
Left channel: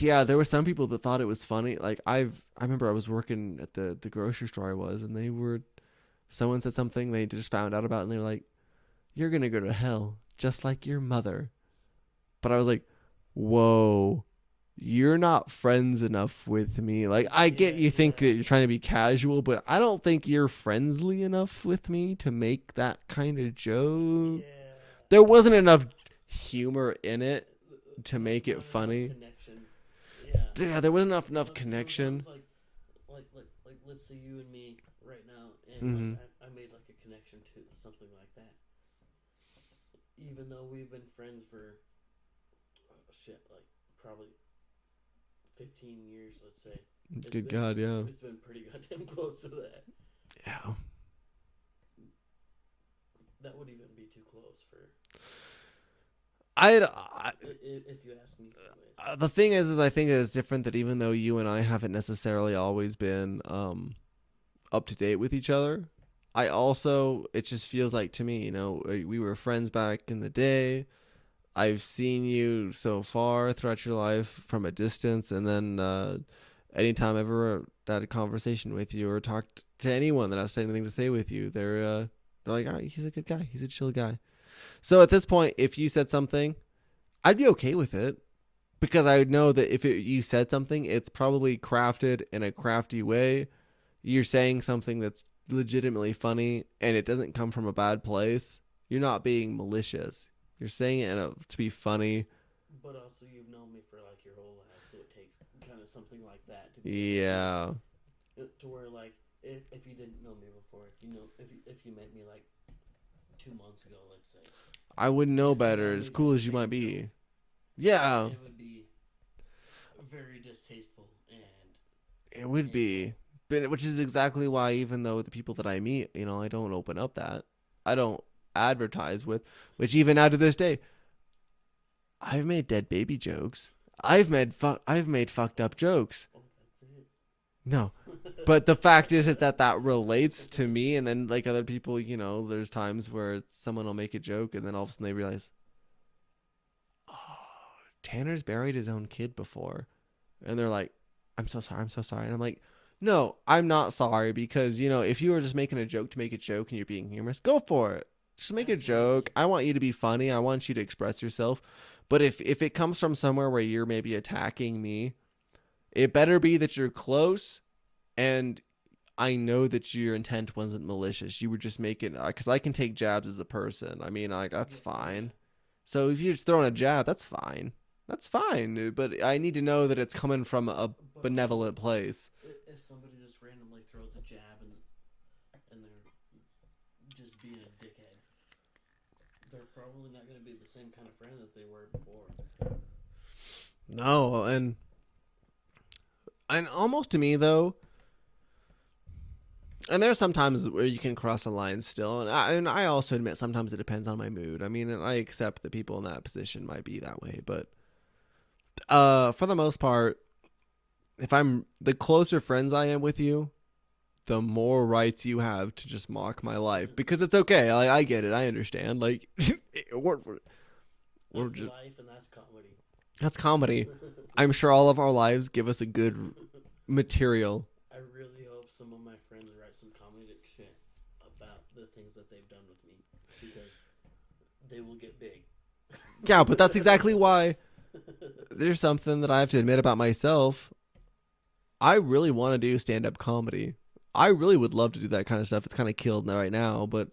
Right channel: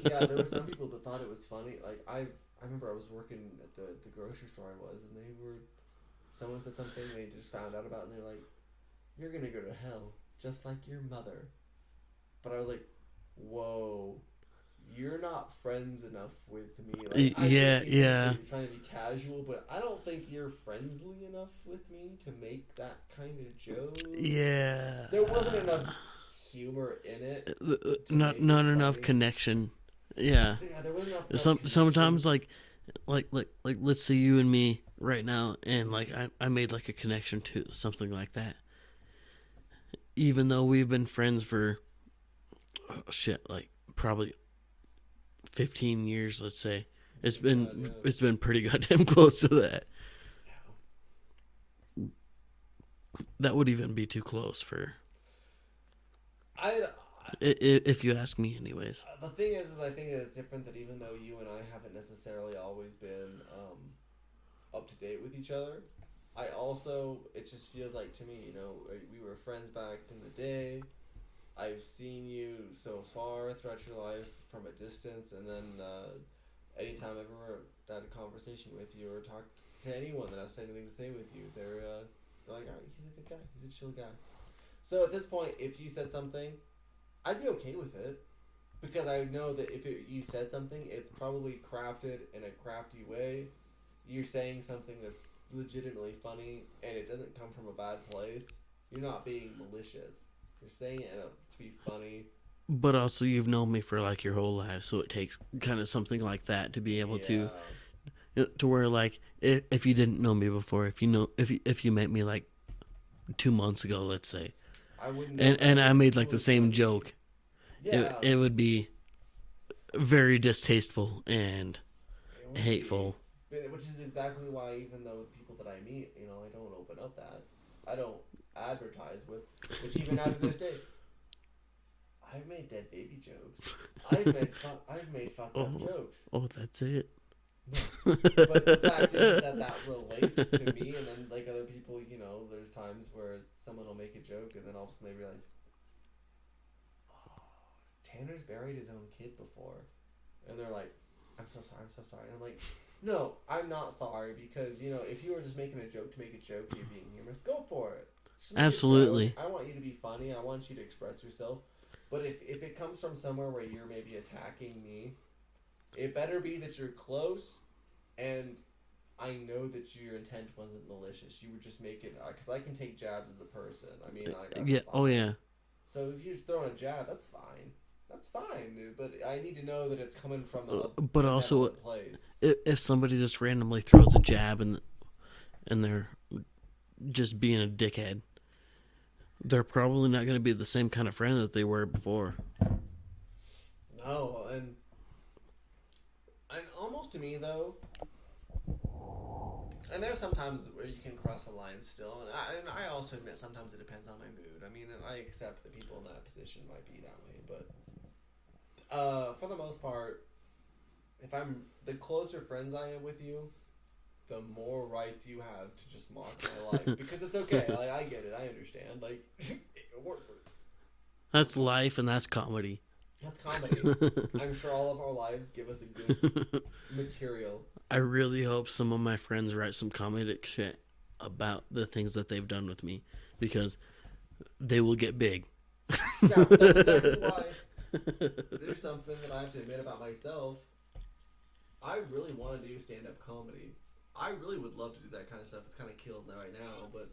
Yeah, there were some people that thought it was funny. Like, I remember I was working at the grocery store someone said something they just found out about, and they were like, "You're gonna go to hell just like your mother." But I was like, "Whoa, you're not friends enough with me." Like, I get you think that you're trying to be casual, but I don't think you're friendly enough with me to make that kind of joke. Yeah, there wasn't enough humor in it to make it funny. Not enough connection. Yeah, there wasn't enough connection. Sometimes like let's say you and me right now, and like I made like a connection to something like that, even though we've been friends for like probably 15 years, let's say. It's been pretty goddamn close to that. Yeah, that would even be too close for if you ask me, anyways. The thing is I think that it's different, that even though you and I haven't necessarily always been up to date with each other, it just feels like to me, we were friends back in the day. I've seen you so far throughout your life from a distance, and then anytime I've ever had a conversation with you or talked to anyone that has anything to say with you, they're like, "All right, he's a good guy. He's a chill guy." So at this point, if you said something, I'd be okay with it, because I would know that if you said something, it's probably crafted in a crafty way. You're saying something that's legitimately funny, and it doesn't come from a bad place. You're not being malicious. You're saying it to be funny. But also, you've known me for like your whole life, so it takes kind of something like that to be able to where, like, if you didn't know me before, if you met me like 2 months ago, let's say, I wouldn't know better. And I made like the same joke. Yeah, it would be very distasteful and it would hateful. But which is exactly why, even though the people that I meet, I don't open up that. I don't advertise with, which even now to this day, I've made dead baby jokes. I've made fucked up jokes. Oh, that's it. No, but the fact is that relates to me, and then like other people, there's times where someone will make a joke, and then all of a sudden they realize, oh, Tanner's buried his own kid before, and they're like, I'm so sorry, and I'm like, no, I'm not sorry, because if you were just making a joke to make a joke and you're being humorous, go for it. Just make a joke. I want you to be funny. I want you to express yourself. But if it comes from somewhere where you're maybe attacking me, it better be that you're close, and I know that your intent wasn't malicious. You were just making, because I can take jabs as a person. I mean, like, that's fine. Oh yeah. So if you're just throwing a jab, that's fine. That's fine. But I need to know that it's coming from a benevolent place. If somebody just randomly throws a jab and they're just being a dickhead, they're probably not going to be the same kind of friend that they were before. No, and almost to me though, and there's sometimes where you can cross a line still, and I also admit sometimes it depends on my mood. I mean, and I accept that people in that position might be that way, but for the most part, if I'm the closer friends I am with you, the more rights you have to just mock my life, because it's okay. Like, I get it, I understand. Like, that's life, and that's comedy. That's comedy. I'm sure all of our lives give us a good material. I really hope some of my friends write some comedic shit about the things that they've done with me, because they will get big. Yeah, but that's exactly why there's something that I have to admit about myself. I really want to do stand-up comedy. I really would love to do that kind of stuff. It's kind of killed right now, but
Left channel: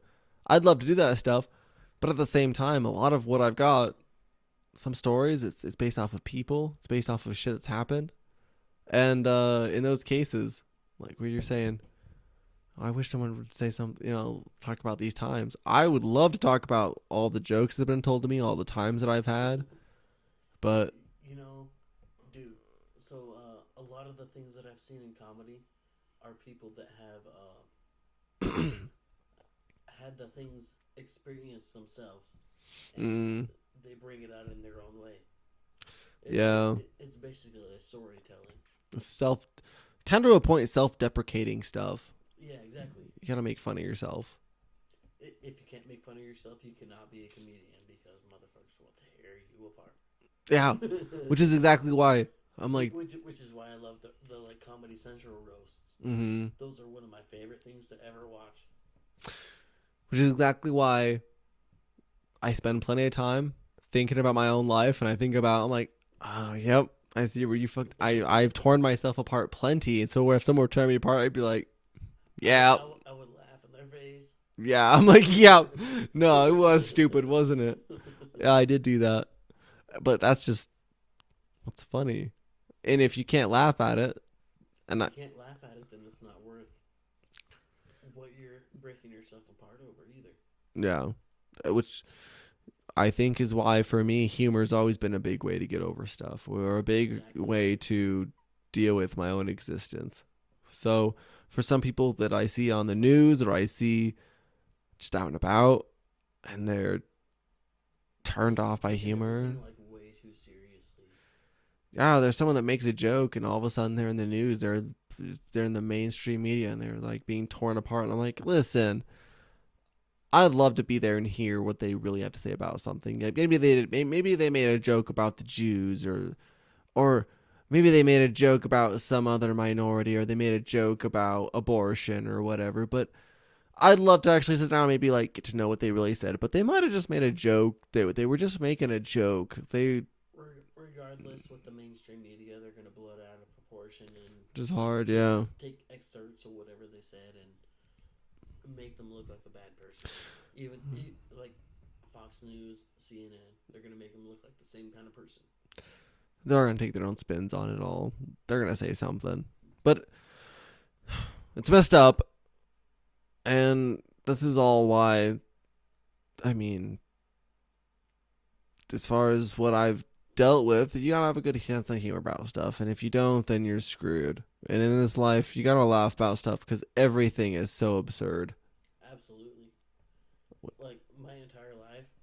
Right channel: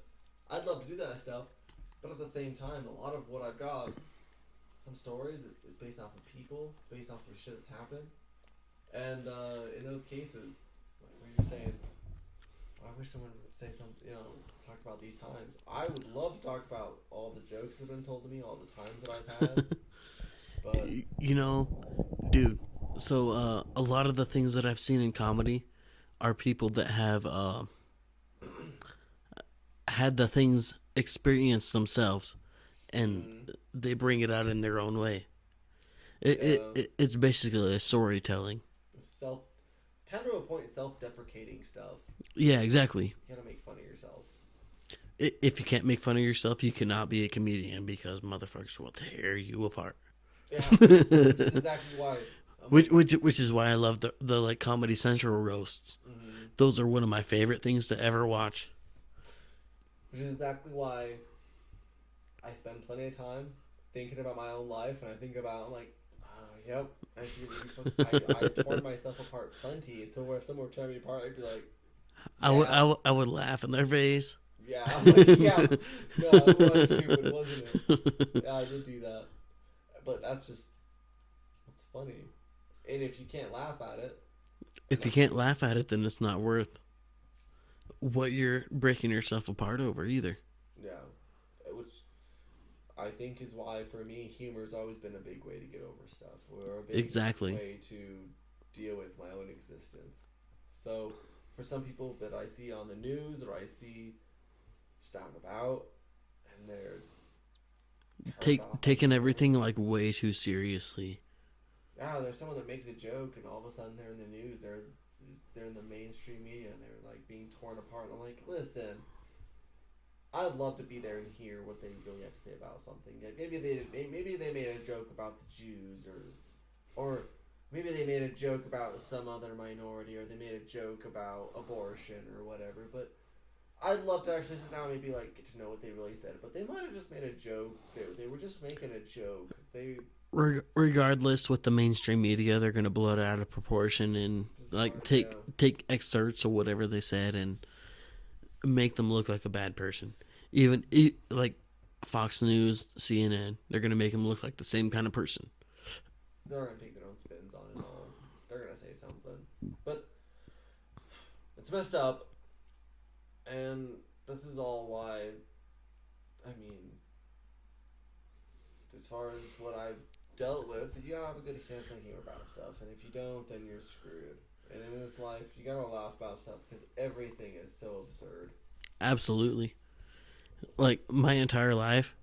I'd love to do that stuff. But at the same time, a lot of what I've got, some stories, it's based off of people. It's based off of shit that's happened. And in those cases, like where you're saying, I wish someone would say something, talk about these times. I would love to talk about all the jokes that have been told to me, all the times that I've had. But, dude, so a lot of the things that I've seen in comedy are people that have had the things experienced themselves, and they bring it out in their own way. It's basically a storytelling. Kind of a point, self-deprecating stuff. Yeah, exactly. You gotta make fun of yourself. If you can't make fun of yourself, you cannot be a comedian, because motherfuckers will tear you apart. Yeah, which is exactly why. Which is why I love the like Comedy Central roasts. Mm-hmm. Those are one of my favorite things to ever watch. Which is exactly why I spend plenty of time thinking about my own life, and I'm like, oh, yep, I see where you fucked. I've torn myself apart plenty, and so if someone were tearing me apart, I'd be like, yeah, I would laugh in their face. Yeah, I'm like, yeah, no, it was stupid, wasn't it? Yeah, I did do that, but that's just what's funny. And if you can't laugh at it, then it's not worth what you're breaking yourself apart over either. Yeah, which I think is why for me humor's always been a big way to get over stuff, or a big way to deal with my own existence. So for some people that I see on the news or I see just out and about, and they're turned off by taking humor, everything like way too seriously. Yeah, there's someone that makes a joke, and all of a sudden they're in the news. They're in the mainstream media, and they're like being torn apart. And I'm like, listen, I'd love to be there and hear what they really have to say about something. Maybe they made a joke about the Jews, or maybe they made a joke about some other minority, or they made a joke about abortion or whatever. But I'd love to actually sit down and maybe like get to know what they really said. But they might have just made a joke. They were just making a joke. Regardless, with the mainstream media, they're going to blow it out of proportion and just take excerpts of whatever they said and make them look like a bad person. Even like Fox News, CNN, they're going to make them look like the same kind of person. They're going to take their own spins on it all. They're going to say something. But it's messed up. And this is all why, I mean, as far as what I've dealt with, you gotta have a good sense of humor about stuff, and if you don't, then you're screwed. And in this life, you gotta laugh about stuff, because everything is so absurd. Absolutely. Like, my entire life,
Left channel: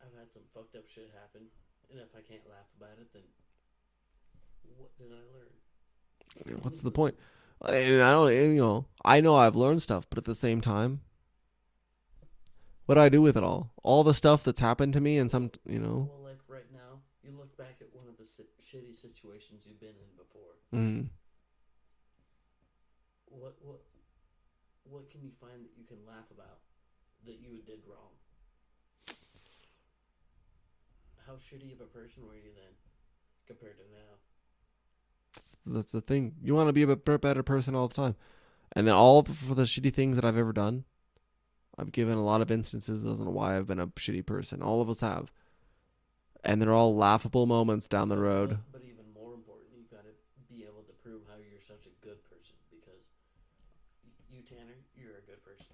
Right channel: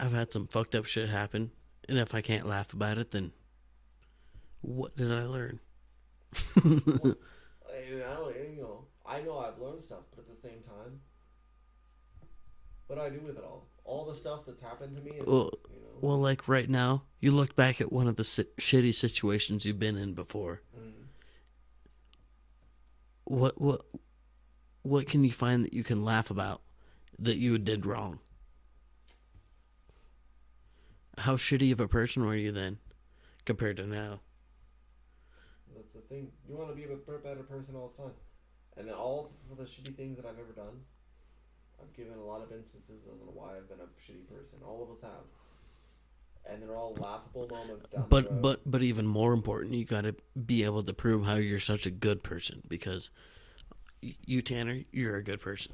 I've had some fucked up shit happen, and if I can't laugh about it, then what did I learn? What's the point? And I know I've learned stuff, but at the same time, what do I do with it all? All the stuff that's happened to me, and Well, like right now, you look back at one of the shitty situations you've been in before. Mm. What can you find that you can laugh about that you did wrong? How shitty of a person were you then, compared to now? That's the thing. You want to be a better person all the time. And then all for the shitty things that I've ever done, I've given a lot of instances as to why I've been a shitty person. All of us have. And they're all laughable moments down the road. But even more important, you got to be able to prove how you're such a good person, because you, Tanner, you're a good person.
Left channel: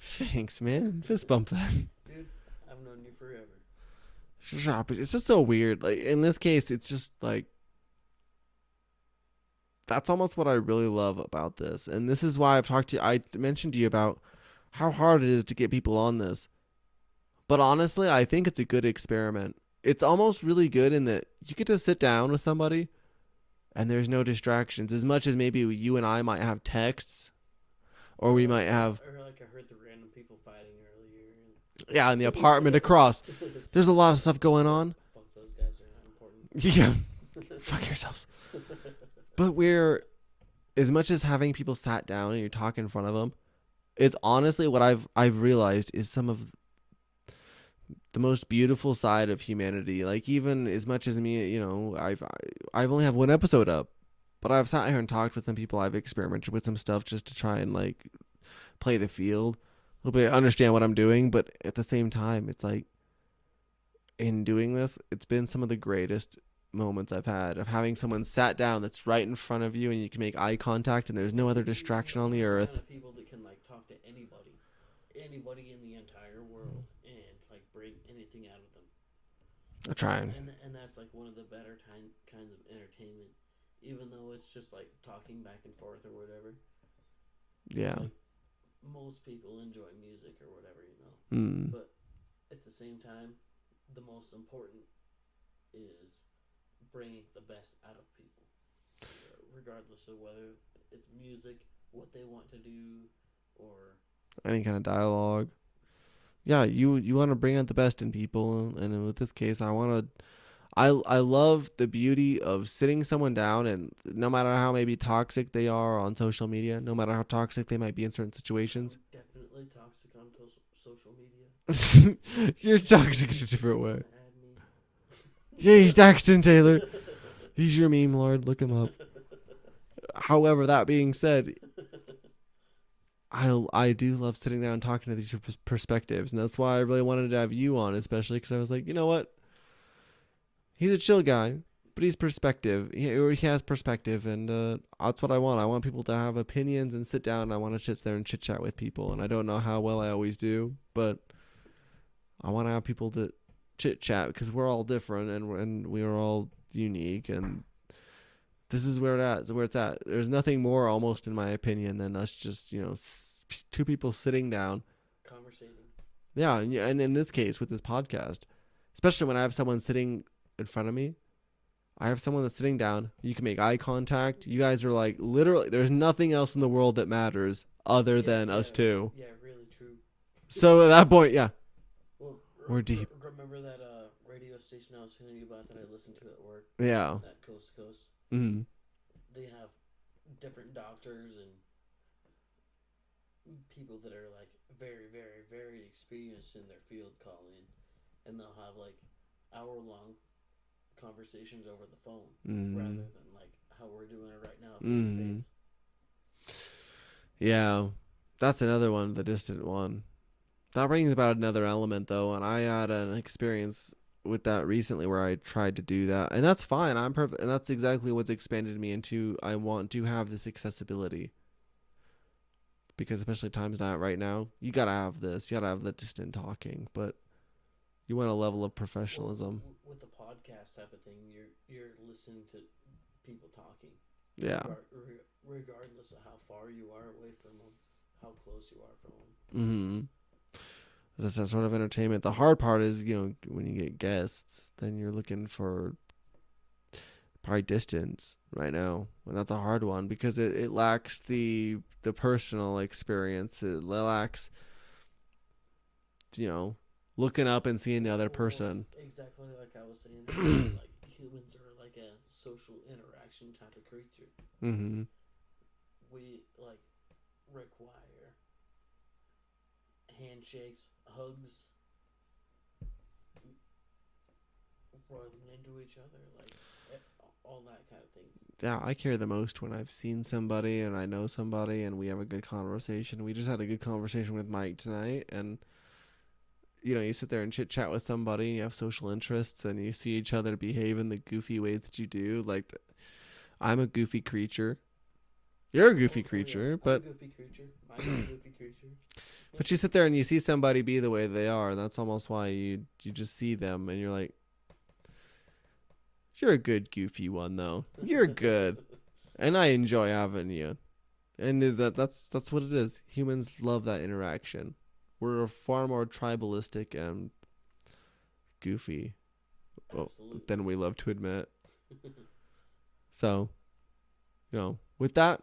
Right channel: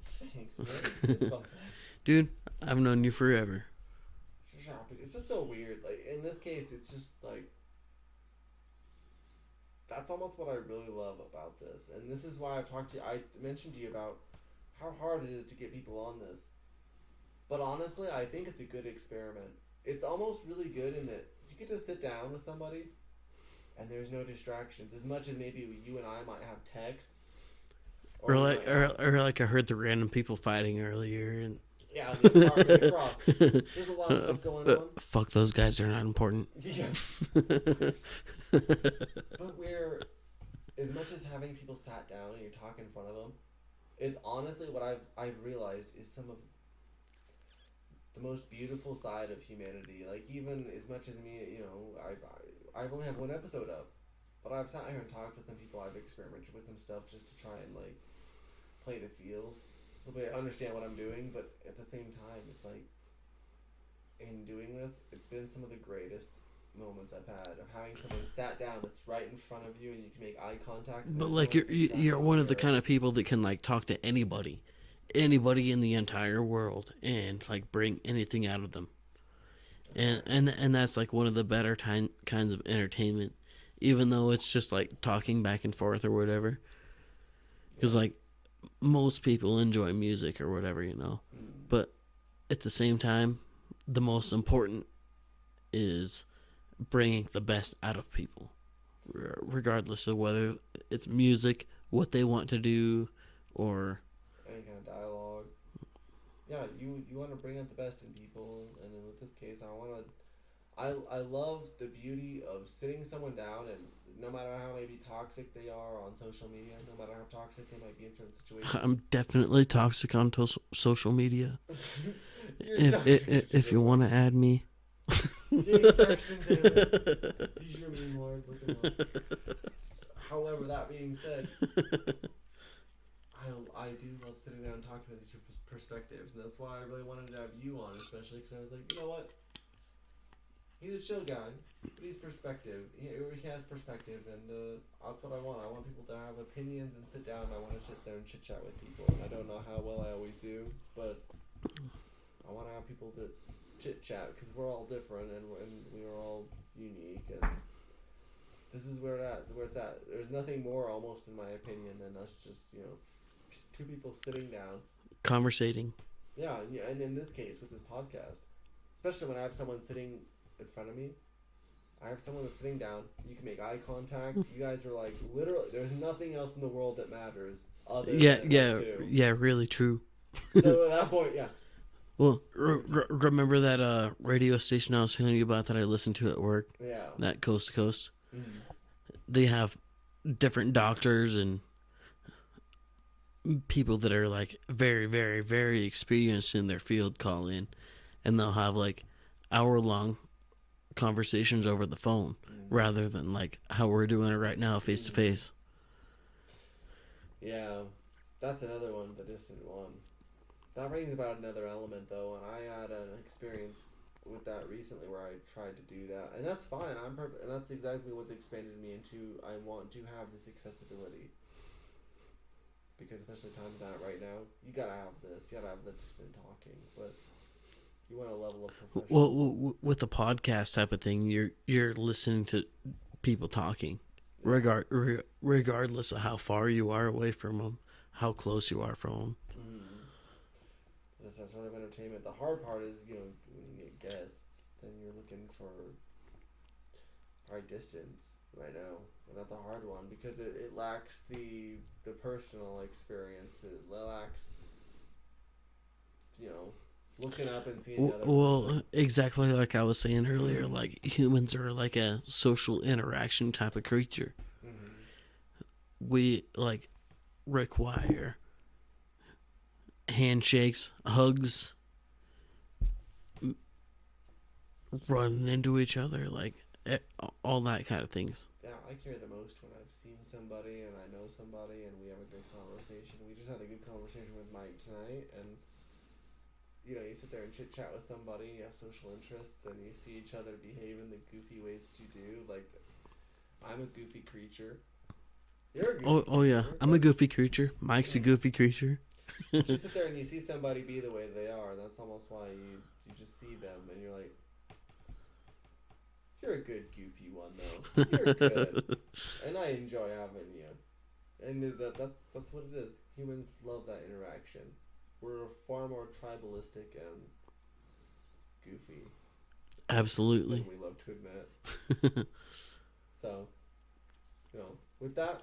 Thanks, man. Just bump that. Dude, I've known you forever. It's just so weird. Like, in this case, it's just like, that's almost what I really love about this. And this is why I mentioned to you about how hard it is to get people on this. But honestly, I think it's a good experiment. It's almost really good in that you get to sit down with somebody and there's no distractions. As much as maybe you and I might have texts, or we might have... Or like I heard the random people fighting earlier. And yeah, in the apartment across. There's a lot of stuff going on. Fuck those guys, they're not important. Yeah. Fuck yourselves. But as much as having people sat down and you're talking in front of them, it's honestly what I've realized is some of the most beautiful side of humanity. Like, even as much as me, you know, I've only have one episode up, but I've sat here and talked with some people. I've experimented with some stuff just to try and like play the field a little bit, understand what I'm doing. But at the same time, it's like, in doing this, it's been some of the greatest moments I've had of having someone sat down that's right in front of you and you can make eye contact and there's no other distraction. You're one of the kind of people that can like talk to anybody in the entire world and like bring anything out of them. And that's like one of the better kinds of entertainment, even though it's just like talking back and forth or whatever. Because like most people enjoy music or whatever, you know. But at the same time, the most important is bringing the best out of people, regardless of whether it's music, what they want to do, or any kind of dialogue. Yeah, you want to bring out the best in people, and with this case, I love the beauty of sitting someone down, and no matter how maybe toxic they are on social media, no matter how toxic they might be in certain situations. I'm definitely toxic on social media. You're toxic. If you want to add me. Yeah, he's Daxton Taylor. He's your meme lord. Look him up. However, that being said, I do love sitting down and talking to these perspectives, and that's why I really wanted to have you on, especially because I was like, you know what? He's a chill guy, but he's perspective. He has perspective, and that's what I want. I want people to have opinions and sit down, and I want to sit there and chit-chat with people, and I don't know how well I always do, but I want to have people to chit-chat because we're all different, and we are all unique, and this is where it's at. There's nothing more, almost in my opinion, than us just, you know, two people sitting down. Conversating. Yeah, and in this case, with this podcast, especially when I have someone sitting in front of me, I have someone that's sitting down. You can make eye contact. You guys are like, literally, there's nothing else in the world that matters other than us two. Yeah, really true. So at that point, yeah. Well, remember that radio station I was telling you about that I listened to at work? Yeah. That Coast to Coast? Mm-hmm. They have different doctors and people that are like very, very, very experienced in their field call in, and they'll have like hour-long conversations over the phone rather than like how we're doing it right now, face to face. Yeah, that's another one, the distant one. That brings about another element, though, and I had an experience with that recently where I tried to do that, and that's fine. I'm perfect, and that's exactly what's expanded me into. I want to have this accessibility because, especially times not right now, you gotta have this. You gotta have the distant talking, but you want a level of professionalism. Well, with the podcast type of thing, you're listening to people talking, regardless of how far you are away from them, how close you are from them. Mm-hmm. That's that sort of entertainment. The hard part is, you know, when you get guests, then you're looking for probably distance right now. And that's a hard one because it lacks the personal experience. It lacks, you know, looking up and seeing the other person. Exactly like I was saying earlier, like humans are like a social interaction type of creature. Mm-hmm. We like require handshakes, hugs, running into each other, like all that kind of things. Yeah, I care the most when I've seen somebody and I know somebody and we have a good conversation. We just had a good conversation with Mike tonight, and you know, you sit there and chit chat with somebody and you have social interests and you see each other behave in the goofy ways that you do. Like, I'm a goofy creature. You're a goofy creature. Oh yeah, I'm a goofy creature. Mike's a goofy creature. But you sit there and you see somebody be the way they are, and that's almost why you just see them and you're like, you're a good goofy one though. You're good, and I enjoy having you. And that's what it is. Humans love that interaction. We're far more tribalistic and goofy. Absolutely. Than we love to admit. So, you know, with that,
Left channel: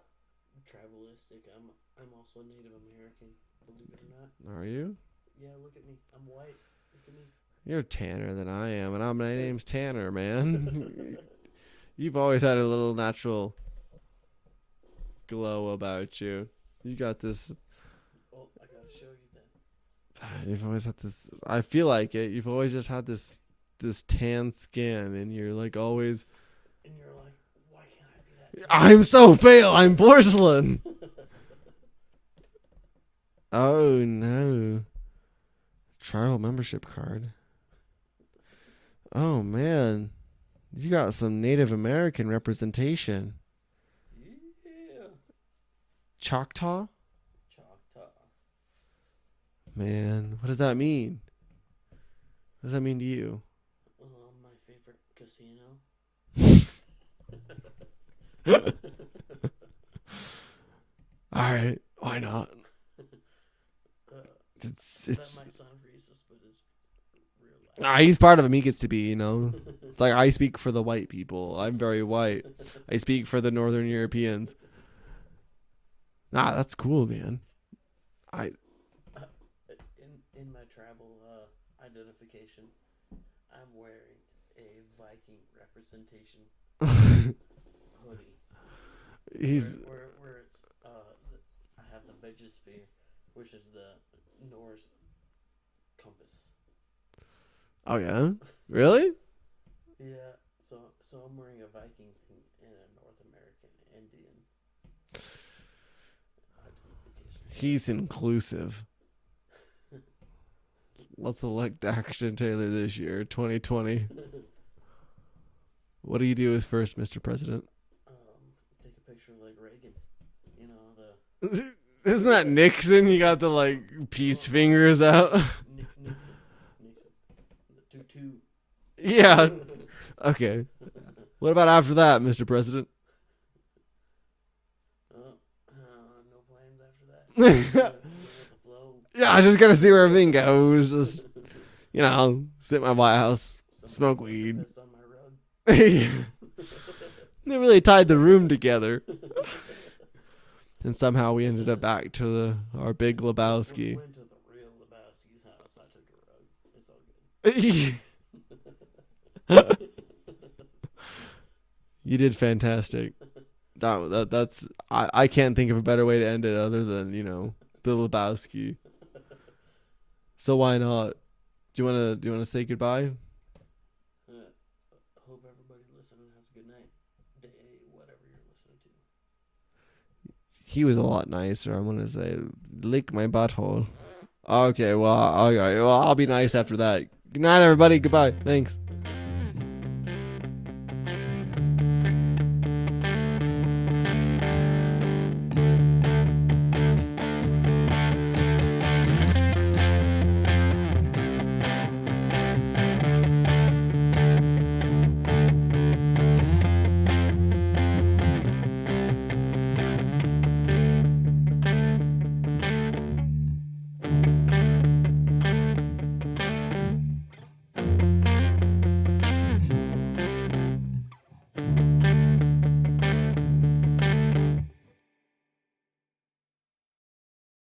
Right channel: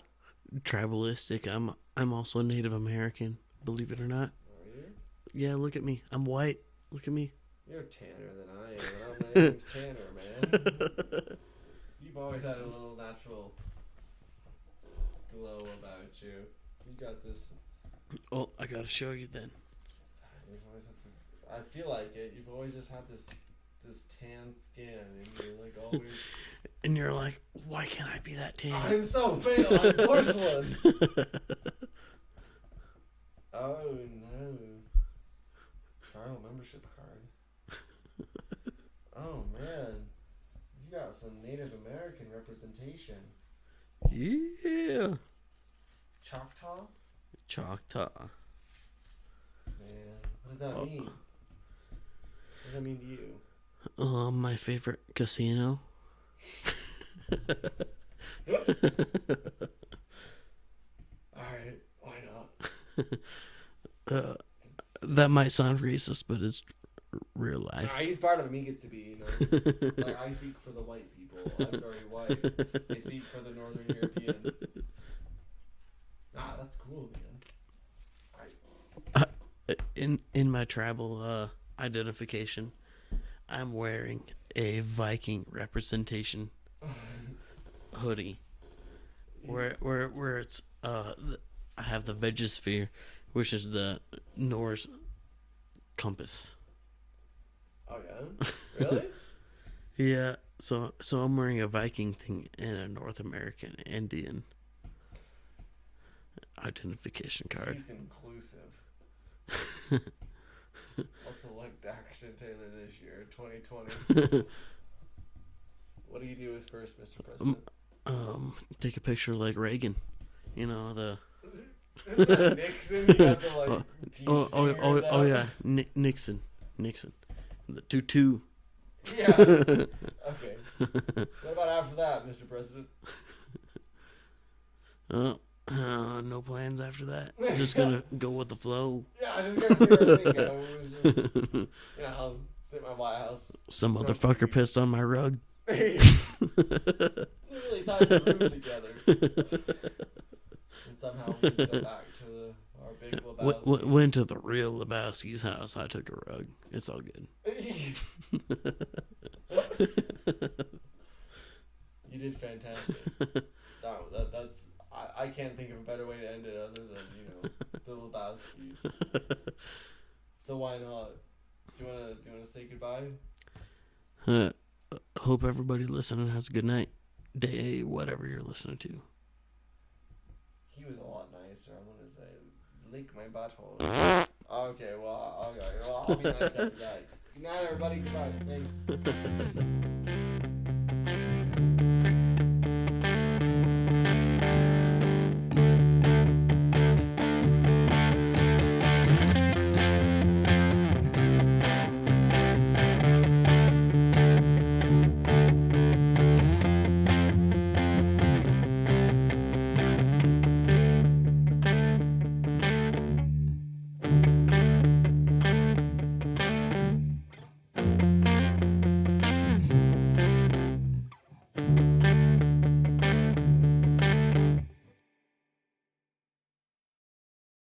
tribalistic. I'm also Native American. Believe it or not. Are you? Yeah. Look at me. I'm white. Look at me. You're tanner than I am, and my name's Tanner, man. You've always had a little natural glow about you. You got this. Oh, I gotta show you then. You've always had this. I feel like it. You've always just had this tan skin, and you're like always. And you're like, why can't I be that tan? I'm so pale. I'm porcelain. Oh no. Tribal membership card. Oh man, you got some Native American representation. Yeah. Choctaw? Choctaw. Man, what does that mean? What does that mean to you? My favorite casino. Alright, why not? That might sound racist, but it's real life. Nah, he's part of him. He gets to be, you know. It's like, I speak for the white people. I'm very white. I speak for the Northern Europeans. Nah, that's cool, man. In my tribal identification, I'm wearing a Viking representation hoodie. Where it's I have the Vegosphere, which is the Norse compass. Oh yeah, really? Yeah. So I'm wearing a Viking thing and a North American Indian identification card. He's inclusive. Let's elect Daxton Taylor this year, 2020. What do you do as first, Mr. President? Take a picture like Reagan. You know, the... Isn't that Nixon? You got the, peace fingers out. Yeah. Nixon. The 2-2. Yeah. Okay. What about after that, Mr. President? No plans after that. I'm just gonna go with the flow. Yeah, I just gotta see where everything goes. Just, sit in my White House. Some motherfucker pissed on my rug. They really tied the room together. And somehow we ended up back to our big Lebowski. Went to the real Lebowski's house. I took a rug. It's all good. You did fantastic. That's I can't think of a better way to end it other than, the Lebowski. So why not? Do you wanna say goodbye? Hope everybody listening has a good night, day, whatever you're listening to. He was a lot nicer. I'm gonna say, lick my butthole. Okay, well, I'll be nice after that. Good night, everybody. Goodbye. Thanks.